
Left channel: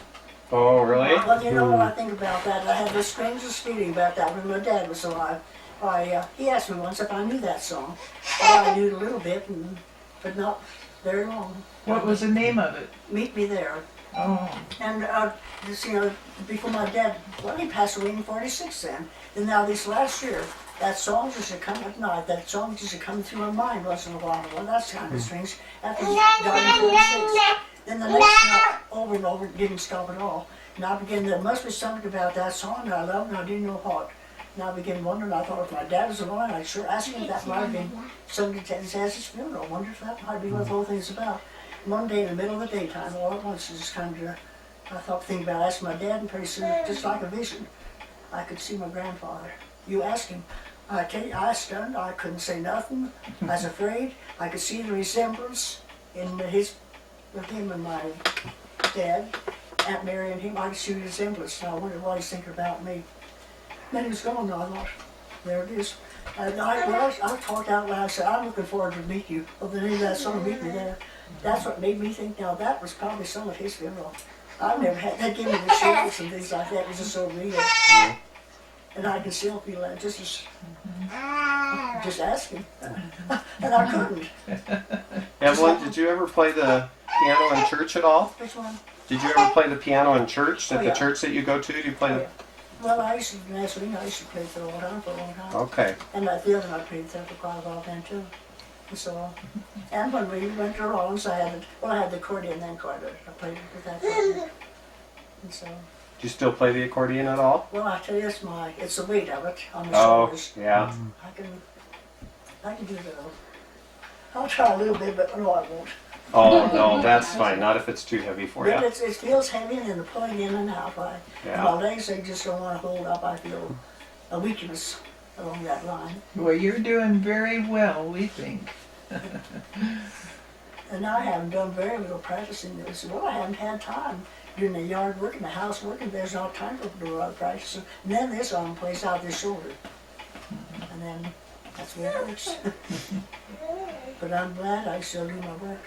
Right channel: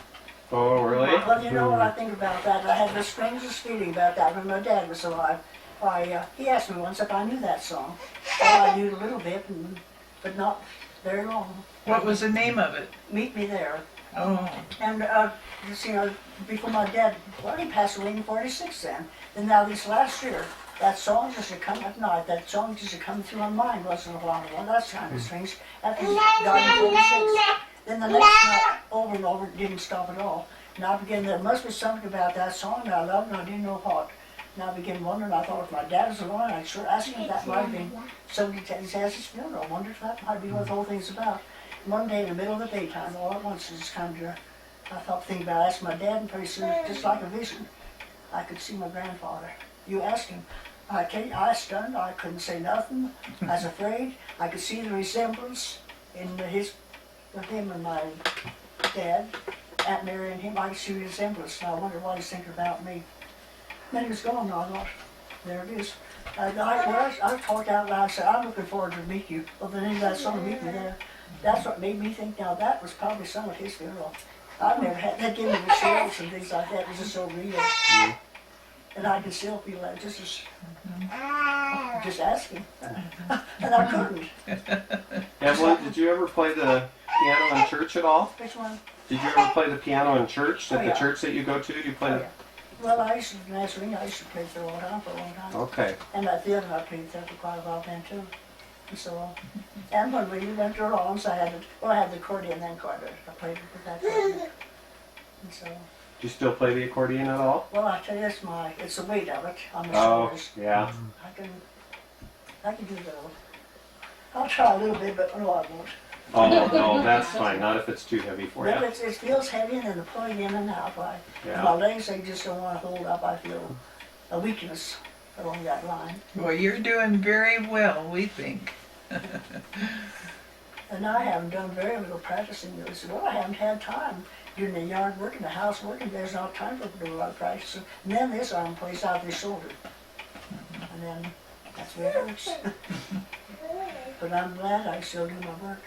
Oh, really? Well, you know what I think about that? I had the strangest feeling about that when my dad was alive. He asked me once if I knew that song. Well, I knew it a little bit, but not very long. What was the name of it? Meet Me There. Oh. And just, you know, before my dad, well, he passed away in 46 then. And now this last year, that song just come at night. That song just come through my mind once in a while. Well, that's kind of strange. After he died in 46. Then the next night, over and over, it didn't stop at all. And I began, there must be something about that song that I loved, and I didn't know what. And I began wondering, I thought if my dad was alive, I'd sure ask him if that might have been something to his funeral. I wonder if that might be what the whole thing's about. One day in the middle of the daytime, all at once, it just kind of, I thought, thinking about asking my dad, and pretty soon, just like a vision, I could see my grandfather. You ask him. I tell you, I was stunned. I couldn't say nothing. I was afraid. I could see the resemblance in with him and my dad, Aunt Mary and him. I could see the resemblance. Now I wonder what he's thinking about me. Then he was gone. Now I thought, there it is. I talked out loud. I said, I'm looking forward to meet you. Well, the name of that song, Meet Me There. That's what made me think. Now that was probably some of his funeral. I've never had that. Give me the chills and things like that. It was just so real. And I can still feel that just asking. And I couldn't. Evelyn, did you ever play the piano in church at all? Which one? Did you ever play the piano in church? At Oh, yeah. the church that you go to? Do you play? Oh, yeah. Well, I used to, last week, I used to play for a long time. Okay. And at the other, I played there for quite a while then too. And so, and when we went to Rollins, I had the accordion then quite a bit. I played with that quite a bit. And so, Do you still play the accordion at all? well, I tell you, it's the weight of it on the Oh, shoulders. yeah. I can do that. I'll try a little bit, but no, I won't. Oh, no, that's fine. Not if it's too heavy for you. But it feels heavy, and then the pulling in and out. Yeah. My legs, they just don't want to hold up. I feel a weakness along that line. Well, you're doing very well, we think. And I haven't done very little practicing. They said, well, I haven't had time. Doing the yard work and the house working, there's not time for to do a lot of practicing. And then this arm plays out this shoulder. And then that's where it hurts. But I'm glad I still do my work.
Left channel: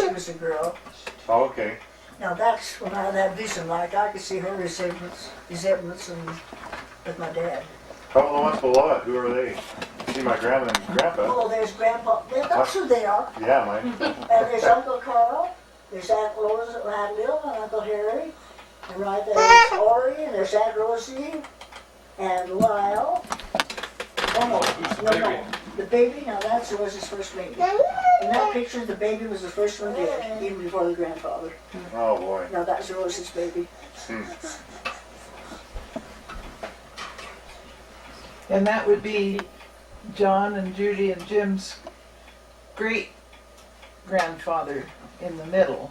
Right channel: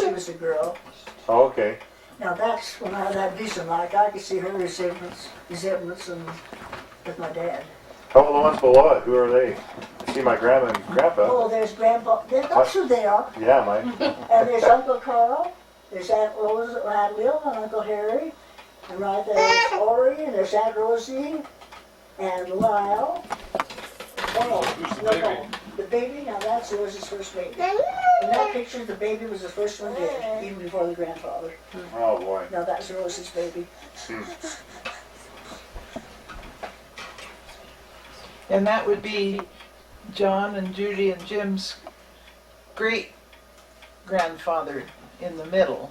She was a girl. Oh, okay. Now that's when I had that vision, like I could see her resemblance and with my dad. How about the ones below it? Who are they? I see my grandma and grandpa. Oh, there's Grandpa. That's who they are. Yeah, mine. And there's Uncle Carl. There's Aunt Rose, Aunt Lil, and Uncle Harry. And right there's Ori, and there's Aunt Rosie, and Lyle. Oh, no. The baby, now that's Rose's first baby. In that picture, the baby was the first one dead, even before the grandfather. Oh, boy. Now that's Rose's baby. And that would be John and Judy and Jim's great-grandfather in the middle.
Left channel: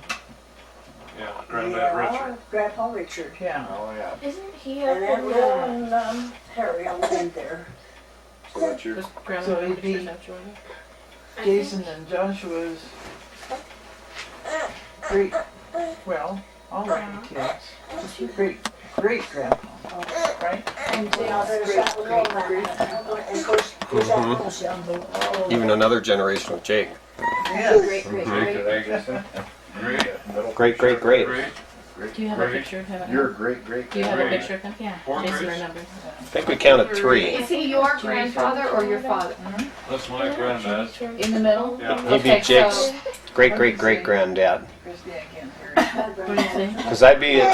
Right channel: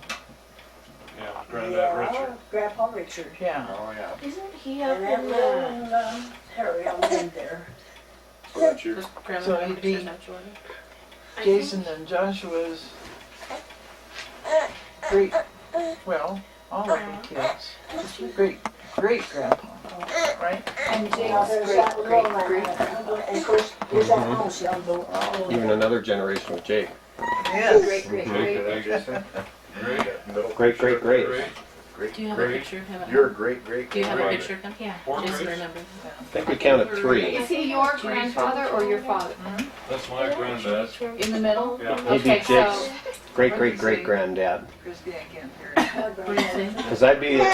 Yeah, Granddad Richard. Yeah, Grandpa Richard. Yeah. Oh, yeah. Isn't he And up Aunt in Lil and Harry on the end there. So that's your... So he'd be Jason and Joshua's great, well, all of the kids. Great-grandpa, right? And there's that little man. And of course, there's that little young boy. Even another generation of Jake. Yes. Great. Great. Do you have a picture of him? You're great. Do you have a picture of him? Yeah. Four Jason grades? remembers. I think we counted 3. Is he your grandfather or your father? That's my granddad. In the middle? Yeah. He'd be Okay, Jake's so great-great-great-granddad. What do you say? Because I'd be his,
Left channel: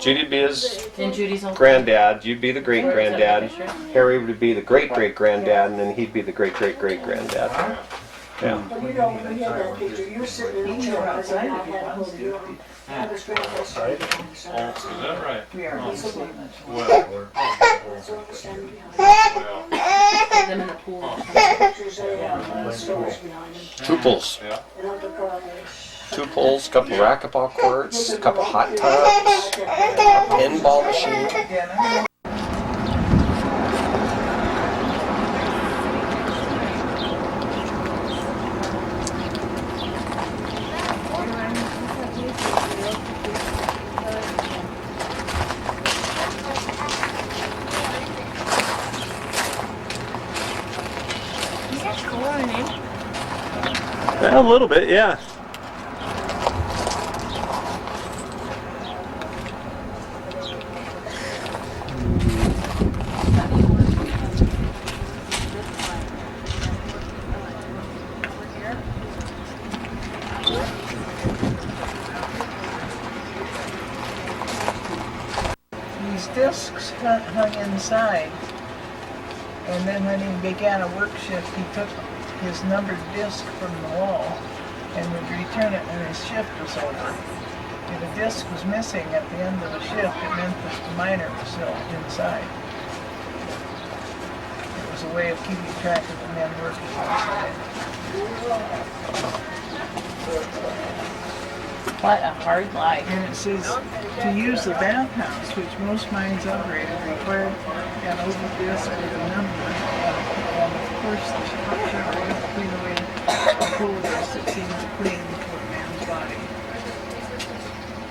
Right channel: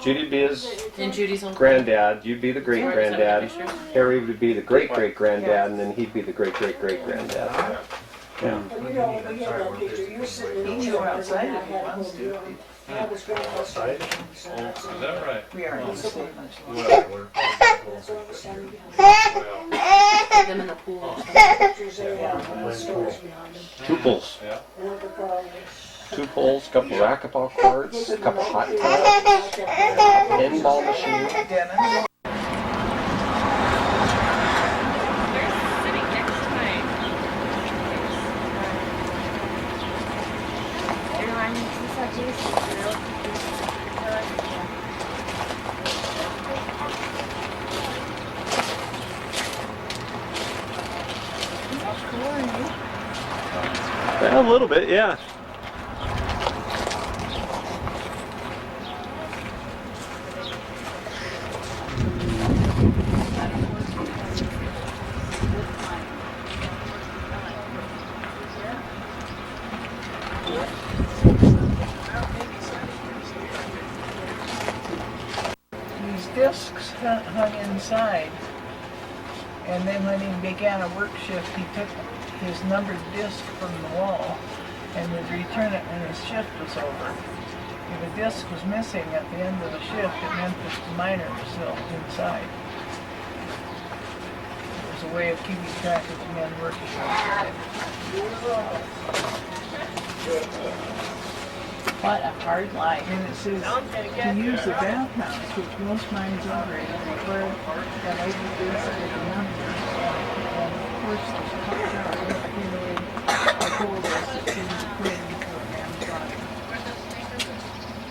Judy'd be his And Judy's uncle. granddad, you'd be the great-granddad, Harry would be the great-great-granddad, and then he'd be the great-great-great-granddad. Yeah. Well, you know, when we had that picture, you were sitting in the chair, and I had a hold of you. I was grandpa standing behind, so that's Is that right? We are in the same much. Well, that's what was standing behind. Them in the pool. Pictures of stories behind him. 2 pulls. yeah. And Uncle Carl. 2 pulls, a couple racquetball courts, a couple hot tubs, pinball machine. A little bit, yeah. discs hung inside. And then when he began a work shift, he took his numbered disc from the wall and would return it when his shift was over. If a disc was missing at the end of a shift, it meant that the miner was still inside. It was a way of keeping track of the men working inside. What a hard life. And it says to use the bathhouse, which most mines operated, required an open disc with a number. And of course, the hot shower don't clean away the coal dust that seems to cling to a man's body.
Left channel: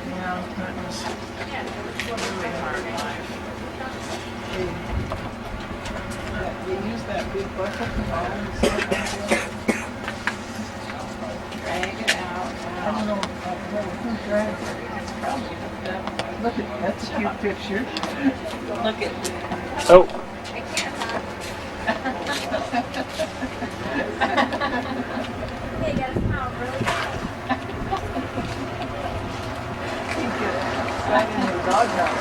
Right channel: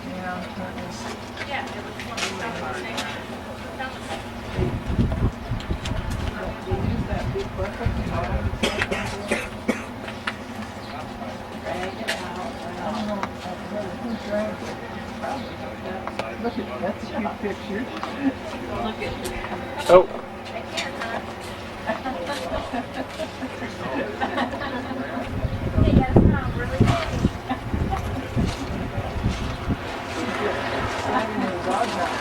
Yeah, that was a really hard life. They use that big bucket to haul the stuff out. Drag it out. I don't know who dragged it. Probably look at that's a cute picture. Look at Oh. Hey, yeah, it's not really good. Slanging the dog out.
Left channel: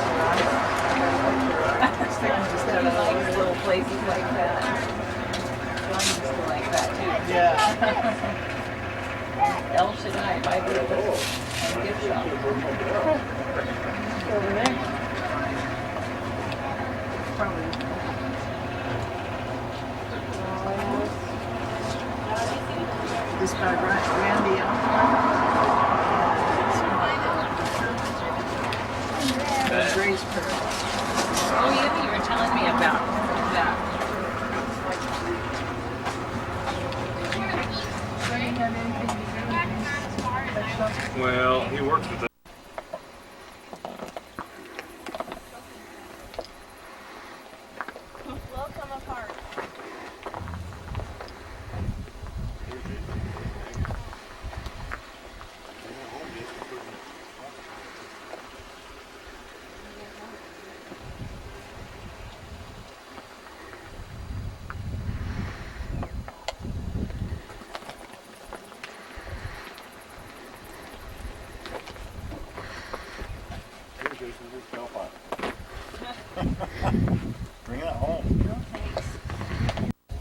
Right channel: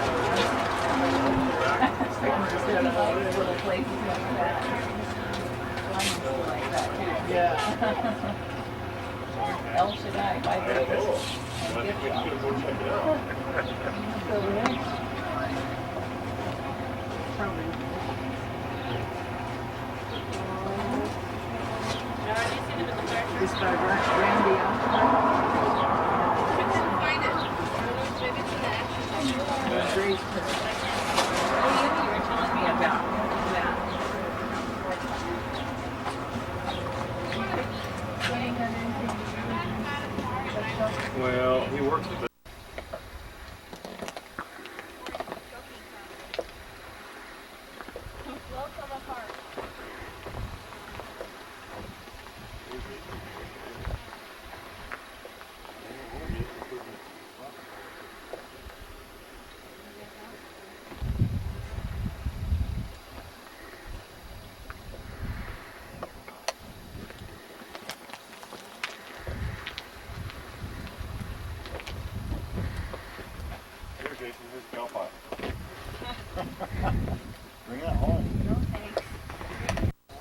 little places like that. Like that too. Yeah. El Shaddai, Bible gift shop. Over there. This by Randy Grace Perk. Oh, you were telling me about that. Well, he works with it. Welcome apart. Here, Jason, here's the bell pipe. Bring it home. No thanks.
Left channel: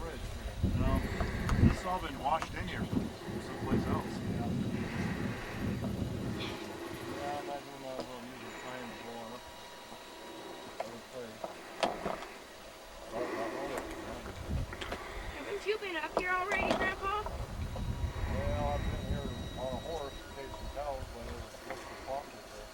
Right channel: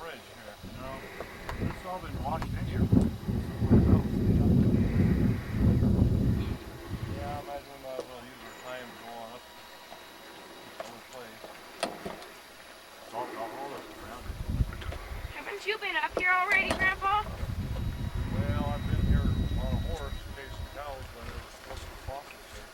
Ridge here. No, this has all been washed in here from someplace else. Yeah. Yeah, I imagine we might as well use our time to go on up other place. Oh, not really. Haven't you been up here already, Grandpa? Well, I've been here on a horse chasing cows when there was supposed to be fossils here.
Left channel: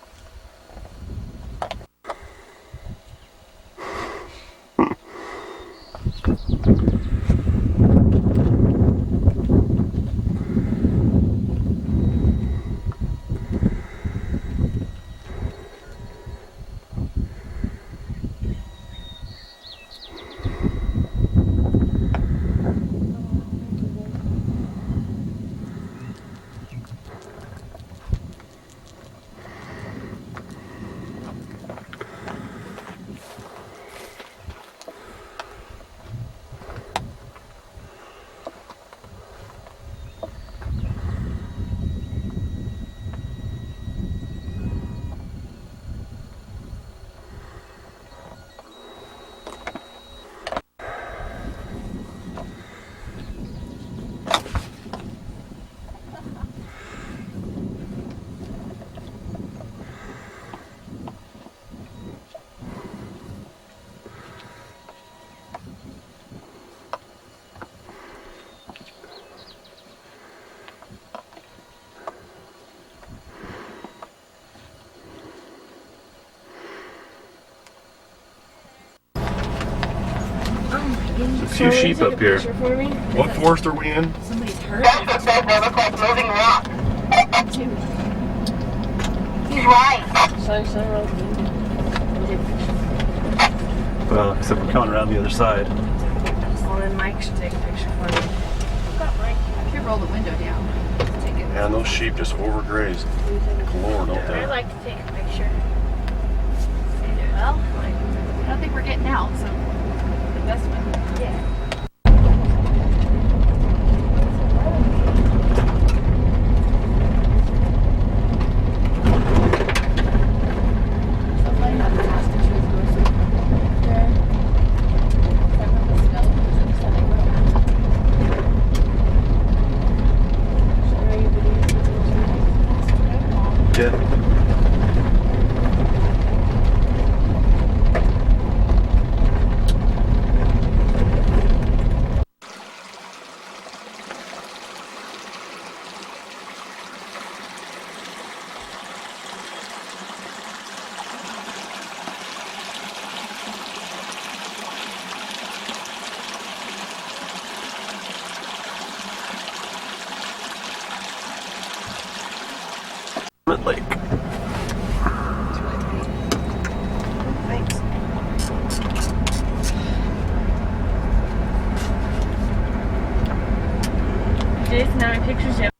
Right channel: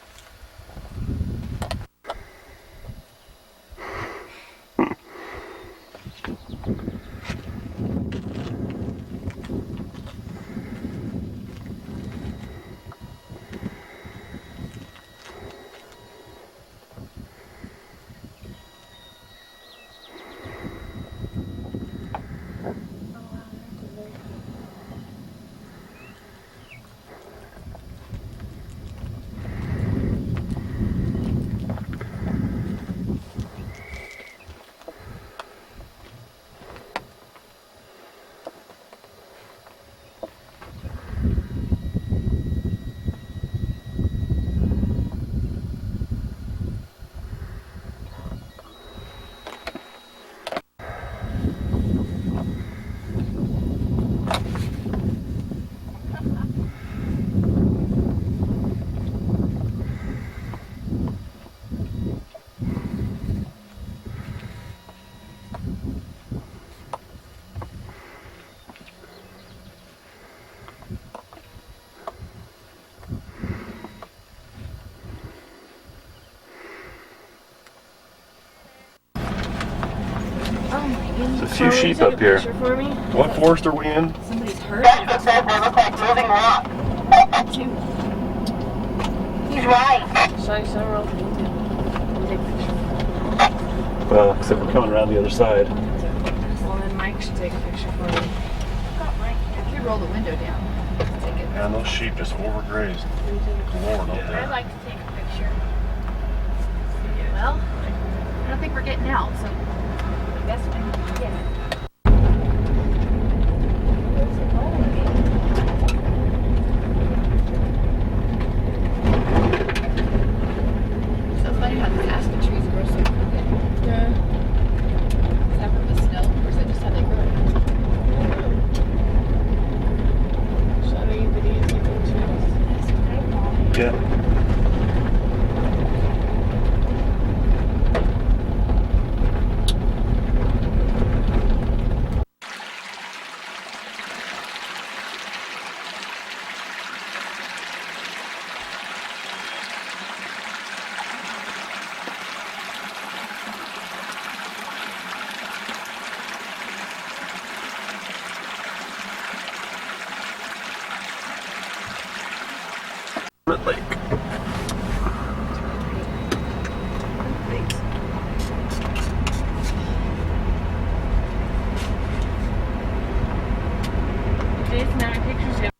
There's a few sheep up here. What forest are we in? Somebody's hurt. They look like moving rocks. He's right. Except we're coming around the other side. Well, then Mike should take a picture for me. If you roll the window down, take it. And those sheep just overgrazed. Galore, don't I'd they? like to take a picture. Well, I don't think we're getting out, so that's fine. yeah. So funny not to pass the trees. Lake. Jason, how many pictures do you have?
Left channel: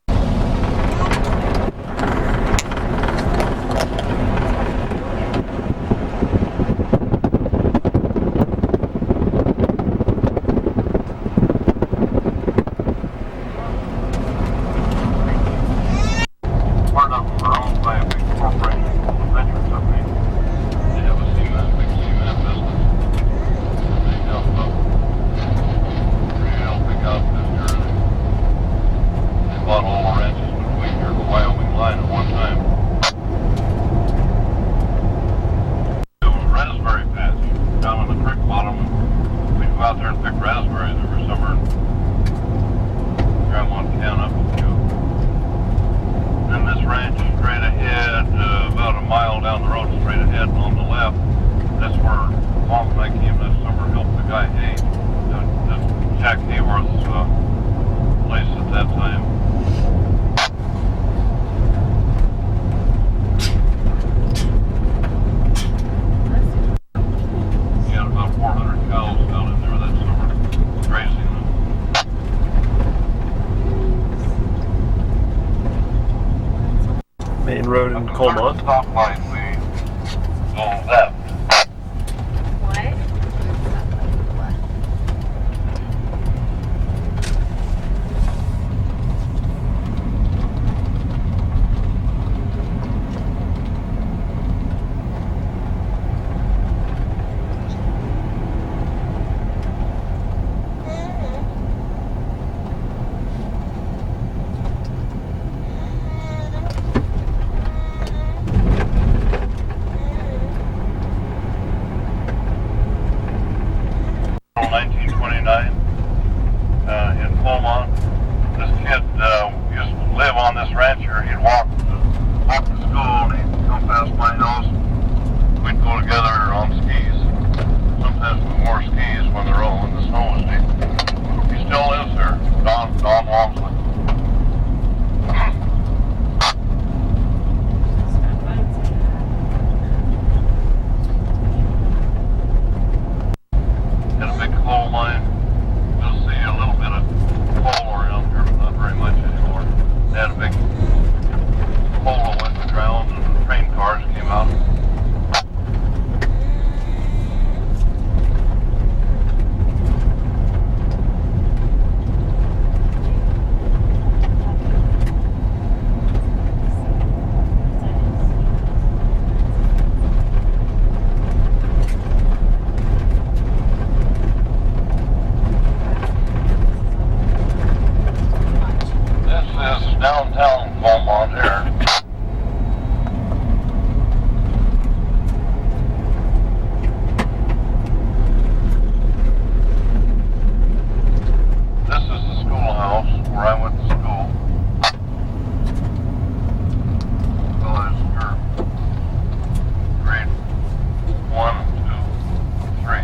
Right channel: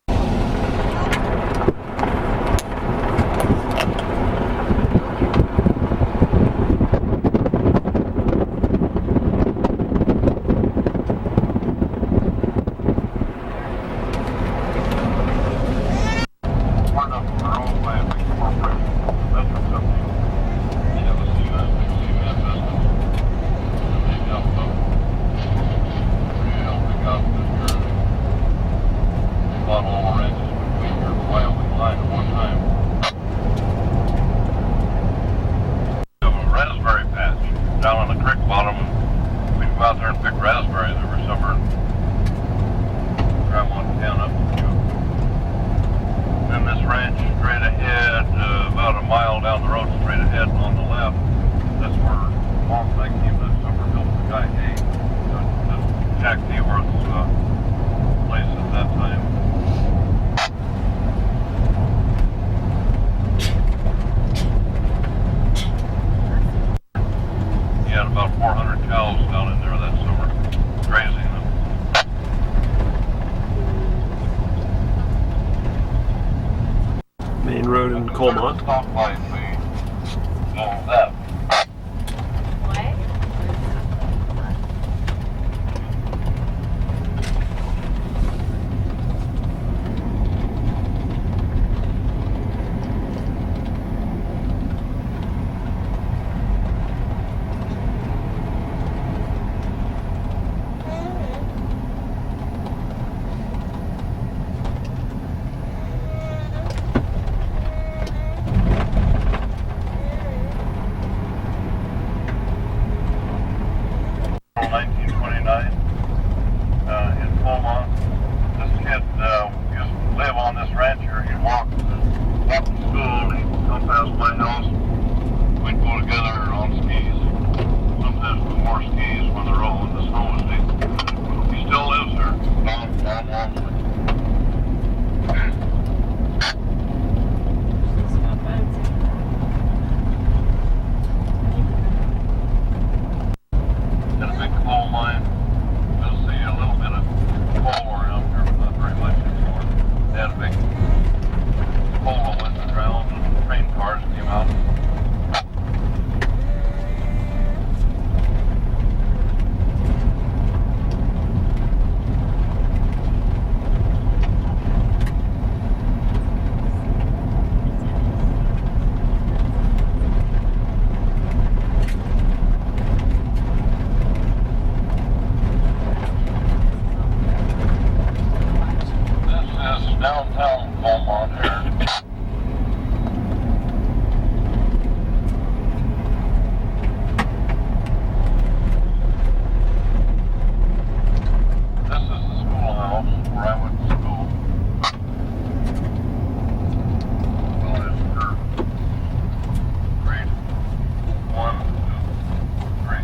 Part of our own by a big corporation, a veterans company. They have a big cement business. And they have a real big outfit here. They bought all the ranches between here and the Wyoming line at one time. We have a raspberry patch down on the creek bottom. We'd go out there and pick raspberries every summer and grab one can up a few. And this ranch straight ahead, about a mile down the road straight ahead and on the left, that's where Mom and I came this summer to help the guy hay. That's Jack Hayworth's place at that time. He had about 400 cows down in there that summer, grazing them. Main road in Colmont. Stoplight, we go left. In Beaumont. This kid used to live on this ranch here. He'd walk to school, he'd come past my house. We'd go together on skis. Sometimes we wore skis when the snow was deep. He still lives here, Don Walmsley. Got a big coal mine. We'll see a little bit of coal around here, but not very much anymore. They had a big hole in the ground and train cars came out. This is downtown Beaumont here. This is the schoolhouse where I went to school. So it's for grade 1, 2, 3.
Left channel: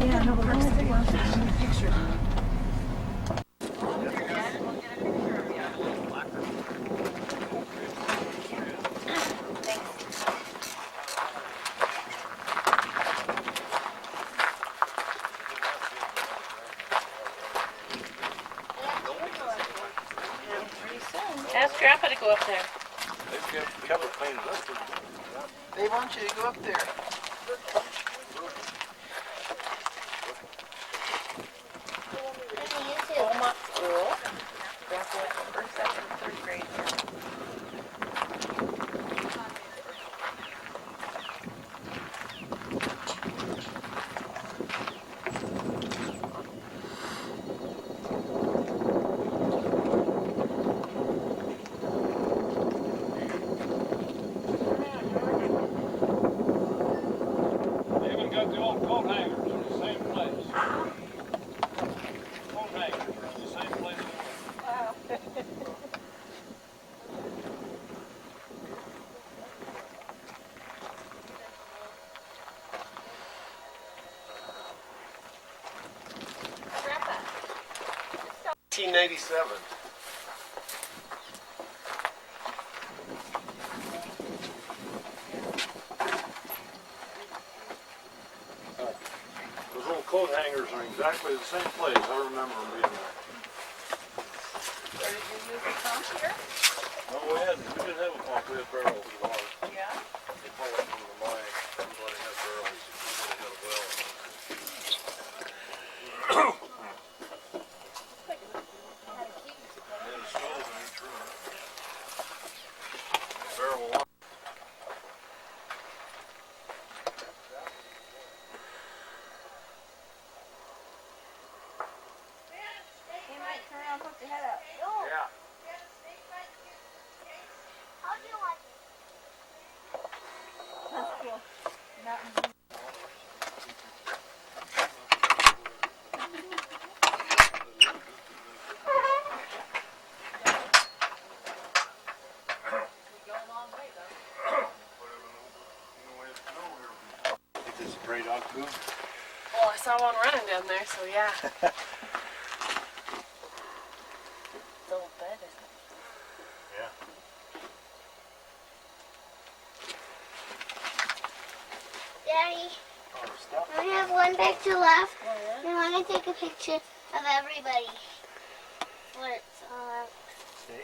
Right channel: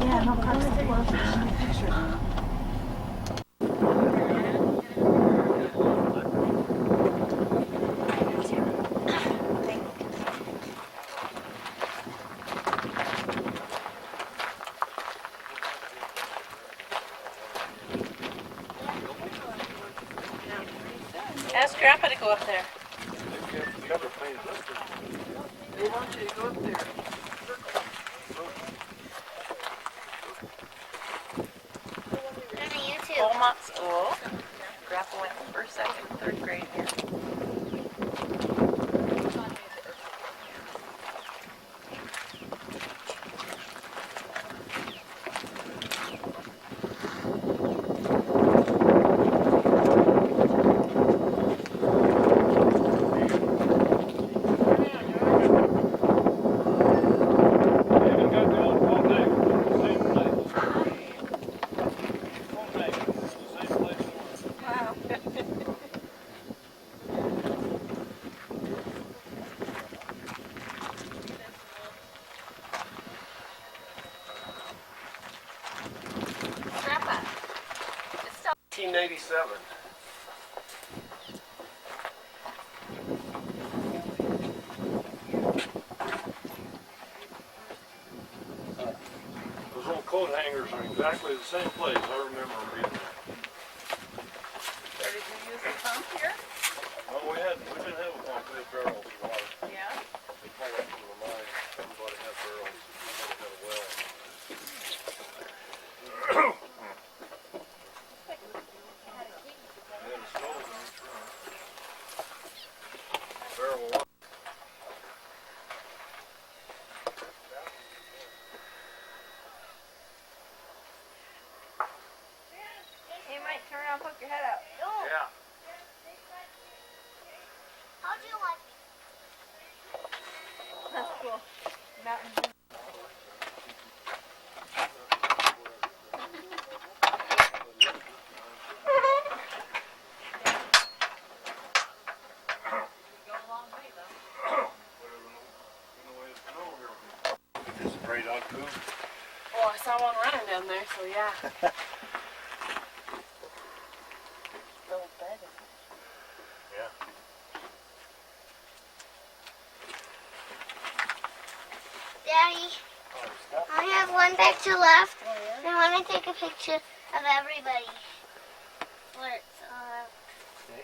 Yeah, no, Parks and Rec. Picture. Ask Grandpa to go up there. They want you to go up there. Beaumont School. Grandpa went from first, second, third grade. 1997. Those old coat hangers are exactly the same place. I remember them being there. Did you use a pump here? No, we didn't have a pump. We had barrels of water. Yeah. They pulled up from the mine. Everybody had barrels. Everybody had a well. They had a stove in each room. Barrel of water. You might turn around and poke your head out. Yeah. How'd you like it? That's cool. Mountain view. This is Prairie Dog Poo. Well, I saw one running down there, so yeah. Little bed, isn't it? Yeah. Daddy, Oh, stop. I have one picture left. And I want to take a picture of everybody. Where it's See?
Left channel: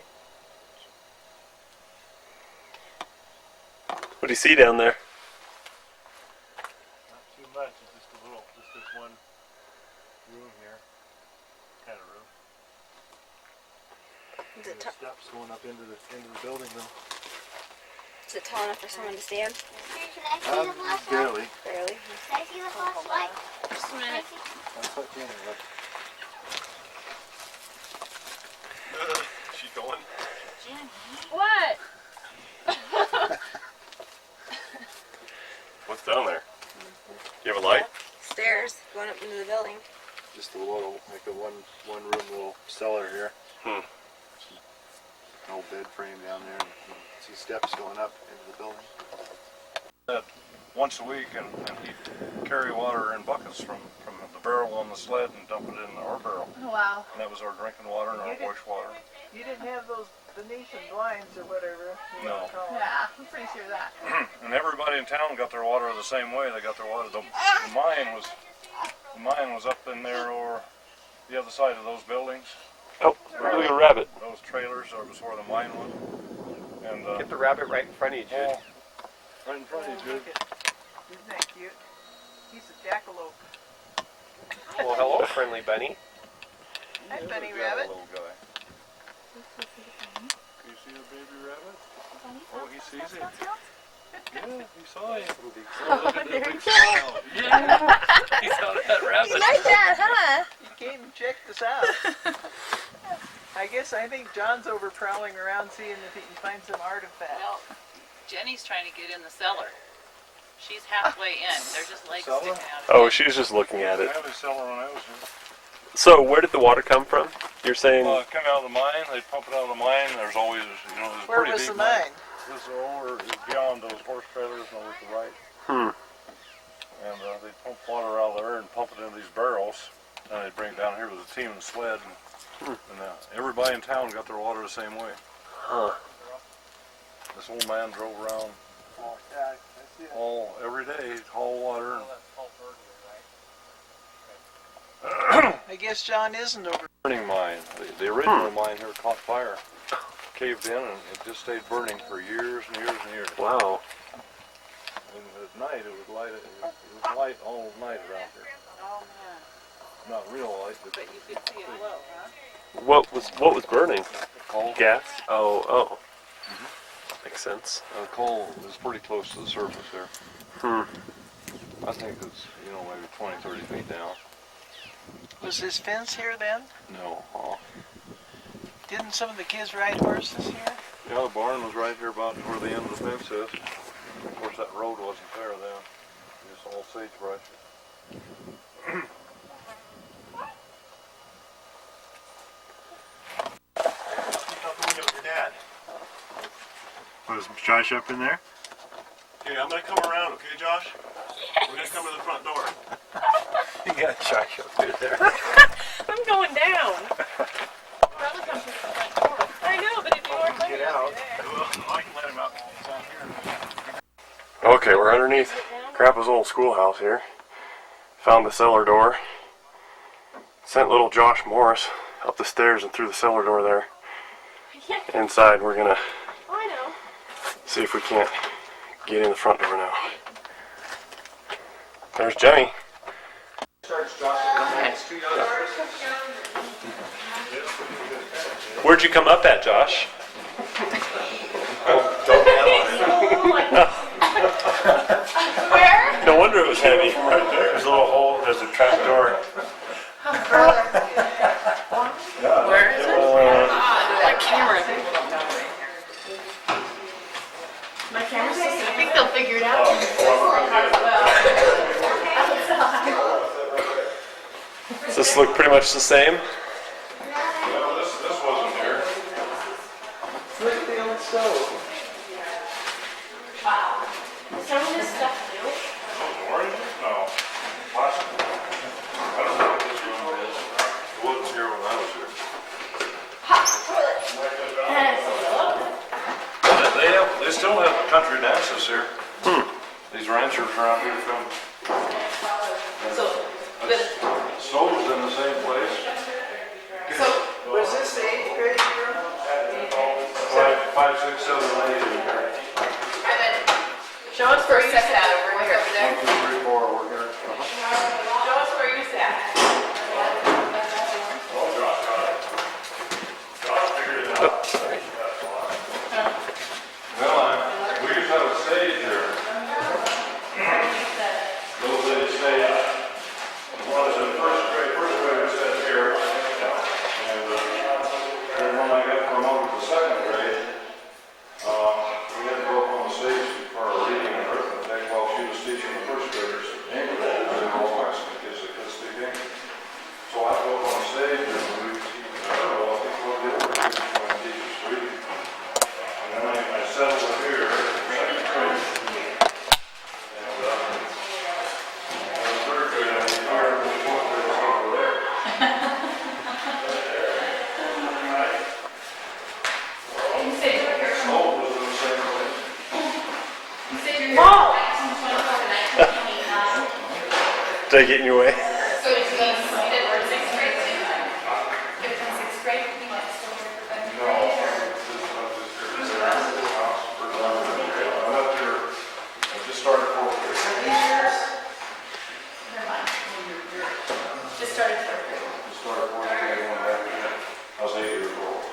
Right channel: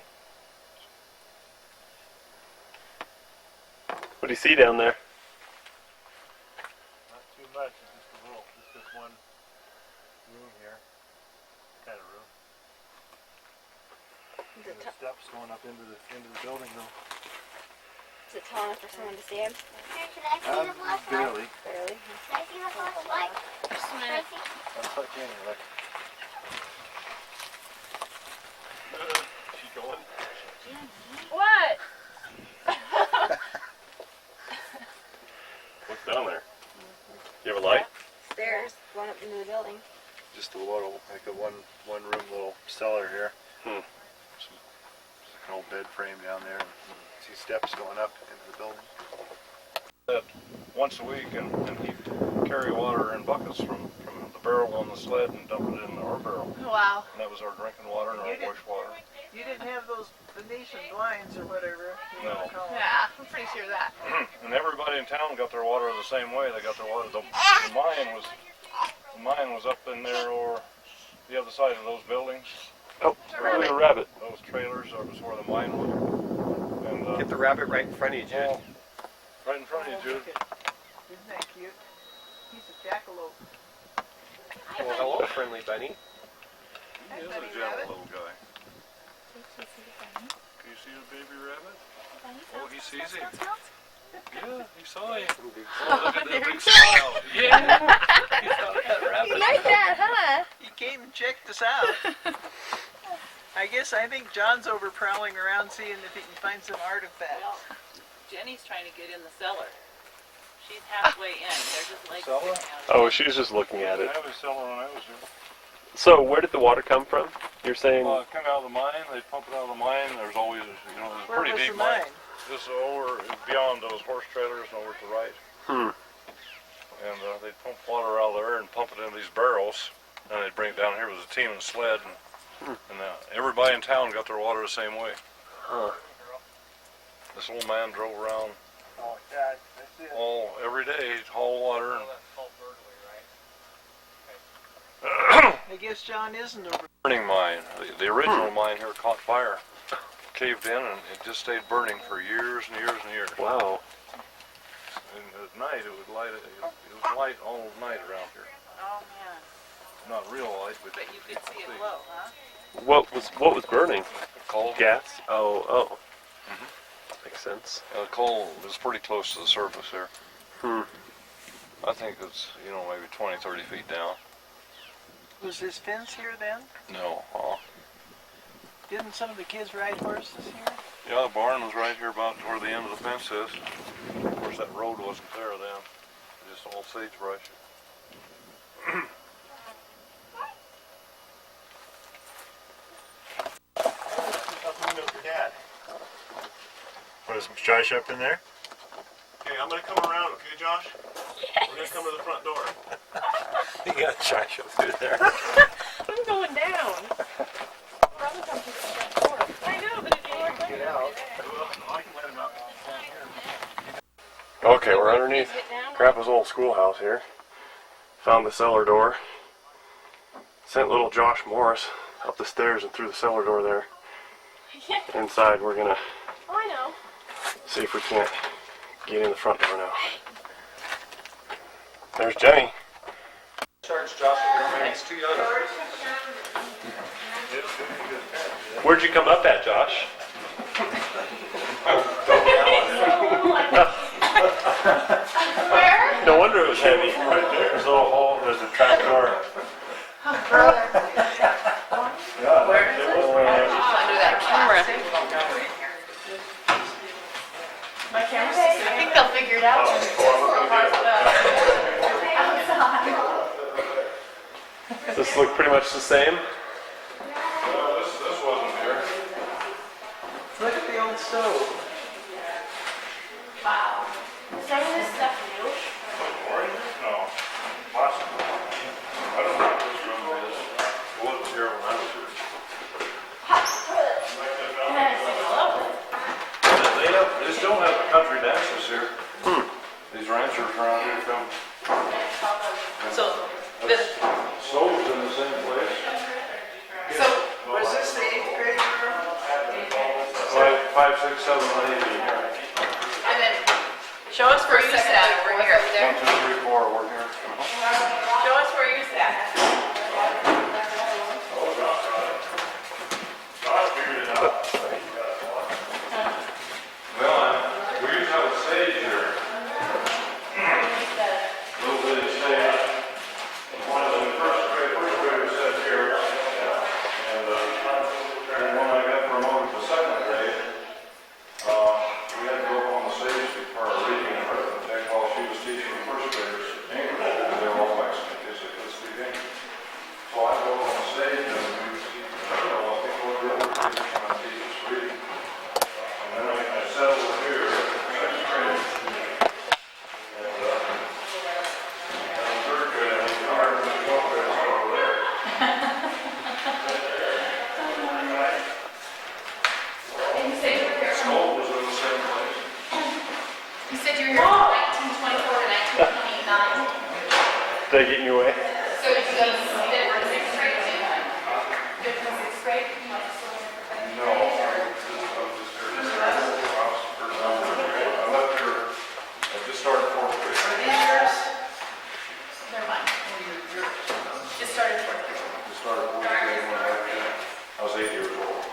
What do you see down there? Not too much. It's just a little, just this one room here. Kind of room. Is And it, the steps going up into the building though. is it tall enough for someone to stand? Here, can I see the flashlight? Barely. Barely. Can I see the flashlight? Just a Can I minute. see? I'll touch you anyway. She going? What? What's down there? You have a light? Stairs going up into the building. Just a little, like a one room little cellar here. Just like an old bed frame down there, and see steps going up into the building. Once a week, and he'd carry water in buckets from the barrel on the sled and dump it in our barrel. Oh, wow. And that was our drinking water and our wastewater. You didn't have those Venetian blinds or whatever. No. Yeah, I'm pretty sure of that. And everybody in town got their water the same way. They got their water. The mine was up in there, or the other side of those buildings. Oh, look at a rabbit. Those trailers was where the mine was. And Get the rabbit right in front of you, Jake. right in front of you, dude. Isn't that cute? He's a jackalope. Well, hello, friendly bunny. Hi, bunny rabbit. Little guy. Do you see the baby rabbit? Oh, he sees him. Yeah, he saw him. Oh, look at that big smile. Yeah, he saw that rabbit. You like that, huh? He came and checked us out. I think John's over prowling around seeing if he can find some artifacts. No, Jenny's trying to get in the cellar. She's halfway in. They're just like Cellar? Oh, she was just looking at I it. have a cellar when I was here. So, where did the water come from? You're saying? It came out of the mine. They pump it out of the mine. There's always, there's a Where pretty was deep the mine. mine? Just over, beyond those horse trailers and over to the right. And they pump water out of there and pump it into these barrels. And they bring it down here with a team and sled. And everybody in town got their water the same way. This old man drove around every day, he'd haul water. And I guess John isn't over. burning mine. The original mine here caught fire. Caved in and it just stayed burning for years and years and years. Wow. And at night it was light. It was light all night around here. Not real light, but you could see it low, huh? What was burning? coal. Gas? Oh. Makes sense. Coal is pretty close to the surface there. I think it's maybe 20, 30 feet down. Was this fence here then? No. Didn't some of the kids ride horses here? Yeah, the barn was right here about where the end of the fence is. Of course, that road wasn't there then. Just all sagebrush. Was Josh up in there? Okay, I'm gonna come around, okay, Josh? Yes. We're gonna come to the front door. You got Josh up through there. I'm going down. come to the front door. I know, but if you weren't going to I can let him out. Okay, we're underneath Grandpa's old schoolhouse here. Found the cellar door. Sent little Josh Morris up the stairs and through the cellar door there. Inside, we're gonna I know. see if we can't get in the front door now. There's Jenny. Starts Josh, it's too young. Where'd you come up at, Josh? Where? No wonder it was heavy. Right there, there's a little hole, there's a trap door. Where is it? That camera. My camera's I think they'll figure it out. Does this look pretty much the same? No, this wasn't here. Look at the old stove. Wow. Some of this stuff new. Orange? No. Plastic. I don't know what this room is. It wasn't here when I was here. They still have country dances here. These ranchers around here film. So, Stove's in the same place. Was this the 8th grade room? 5, 6, 7, 8 in here. show us where you sat over here. 1, 2, 3, 4, we're here. Show us where you sat. Oh, John figured it out. Well, we used to have a stage here. Little bitty stage. One is in first grader sat here. And then when I got promoted to second grade, we had to go up on the stage for our reading and arithmetic while she was teaching the first graders English. They were all Mexican kids that couldn't speak English. So I go up on the stage and we, I don't know, I think one of the older kids was trying to teach us reading. And then I sat over here, second grade. And in third grade, I was tired of this one grade that's over there. And you said you were here from Smoke was in the same place. You said you're here from 1924 to 1929. Did I get in your way? So you go to 6th grade too? Fifth and 6th grade, you went to school here for 5th No, grade? I left here, I just started fourth grade. Never mind. Just started 4th grade. Just started fourth grade and went back again. I was 8 years old.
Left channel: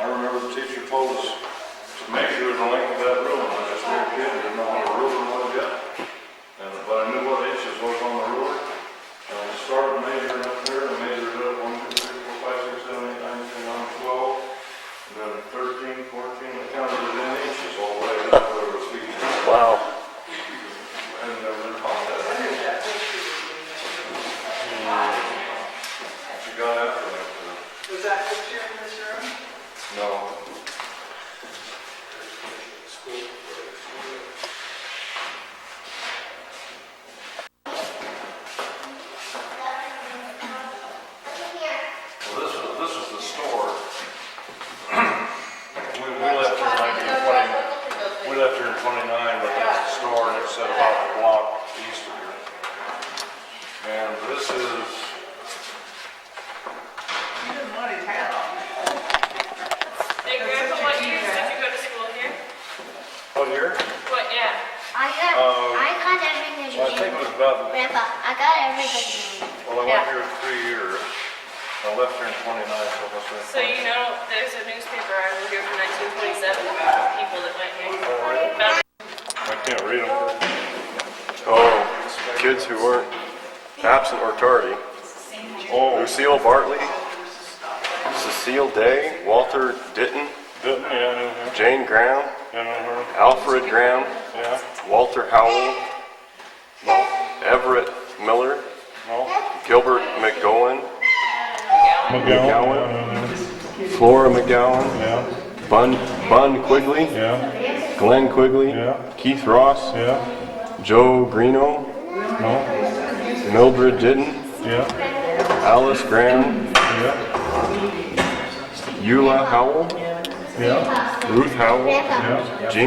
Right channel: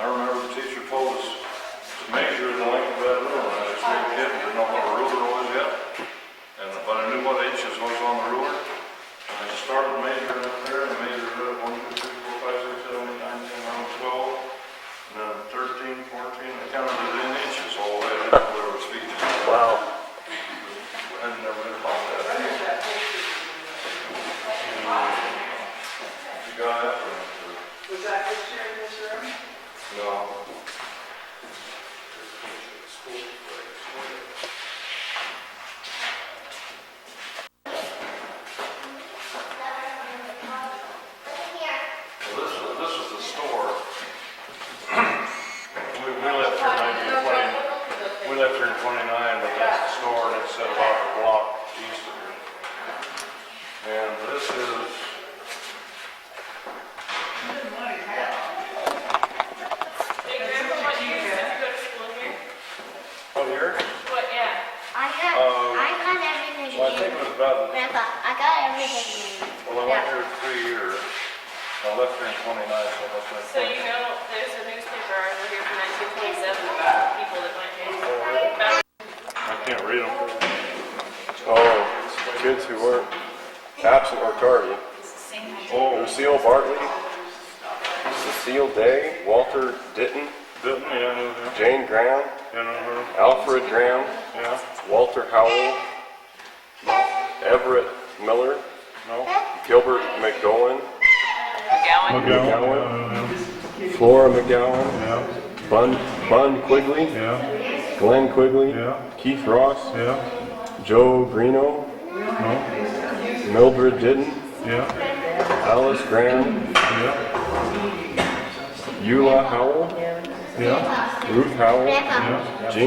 I remember the teacher told us to measure the length of that ruler. I was just a little kid, didn't know what a ruler was yet. But I knew what inches was on the ruler. I started measuring up there and measured it up 1, 2, 3, 4, 5, 6, 7, 8, 9, 10, 11, 12. And then 13, 14, I counted it in inches all the way up to where it was feet. Wow. I had never been taught that. She got after it. Was that picture in this room? No. Well, this is the store. We left here in 1920. We left here in 29, but that's the store, and it's set about a block east of here. And this is. Hey, Grandpa, what year did you go to school here? What year? What, yeah. I got everything. Well, I think it was about. Grandpa, I got everything. Well, I went here 3 years. I left here in 29, so it must have been. So you know, there's a newspaper article here from 1927 about people that went here. Oh, really? I can't read them. Oh, kids who weren't absent or tardy. Oh. Lucille Bartley, Cecile Day, Walter Ditton, Ditton, yeah, I knew him. Jane Graham, Yeah, I know her. Alfred Graham, Yeah. Walter Howell, No. Everett Miller, No. Gilbert McGowan, McGowan. Flora McGowan, Yeah. Bun Quigley, Yeah. Glenn Quigley, Yeah. Keith Ross, Yeah. Joe Greeno, No. Mildred Ditton, Yeah. Alice Graham. Yeah. Eula Howell. Yeah. Ruth Howell. Yeah. Jean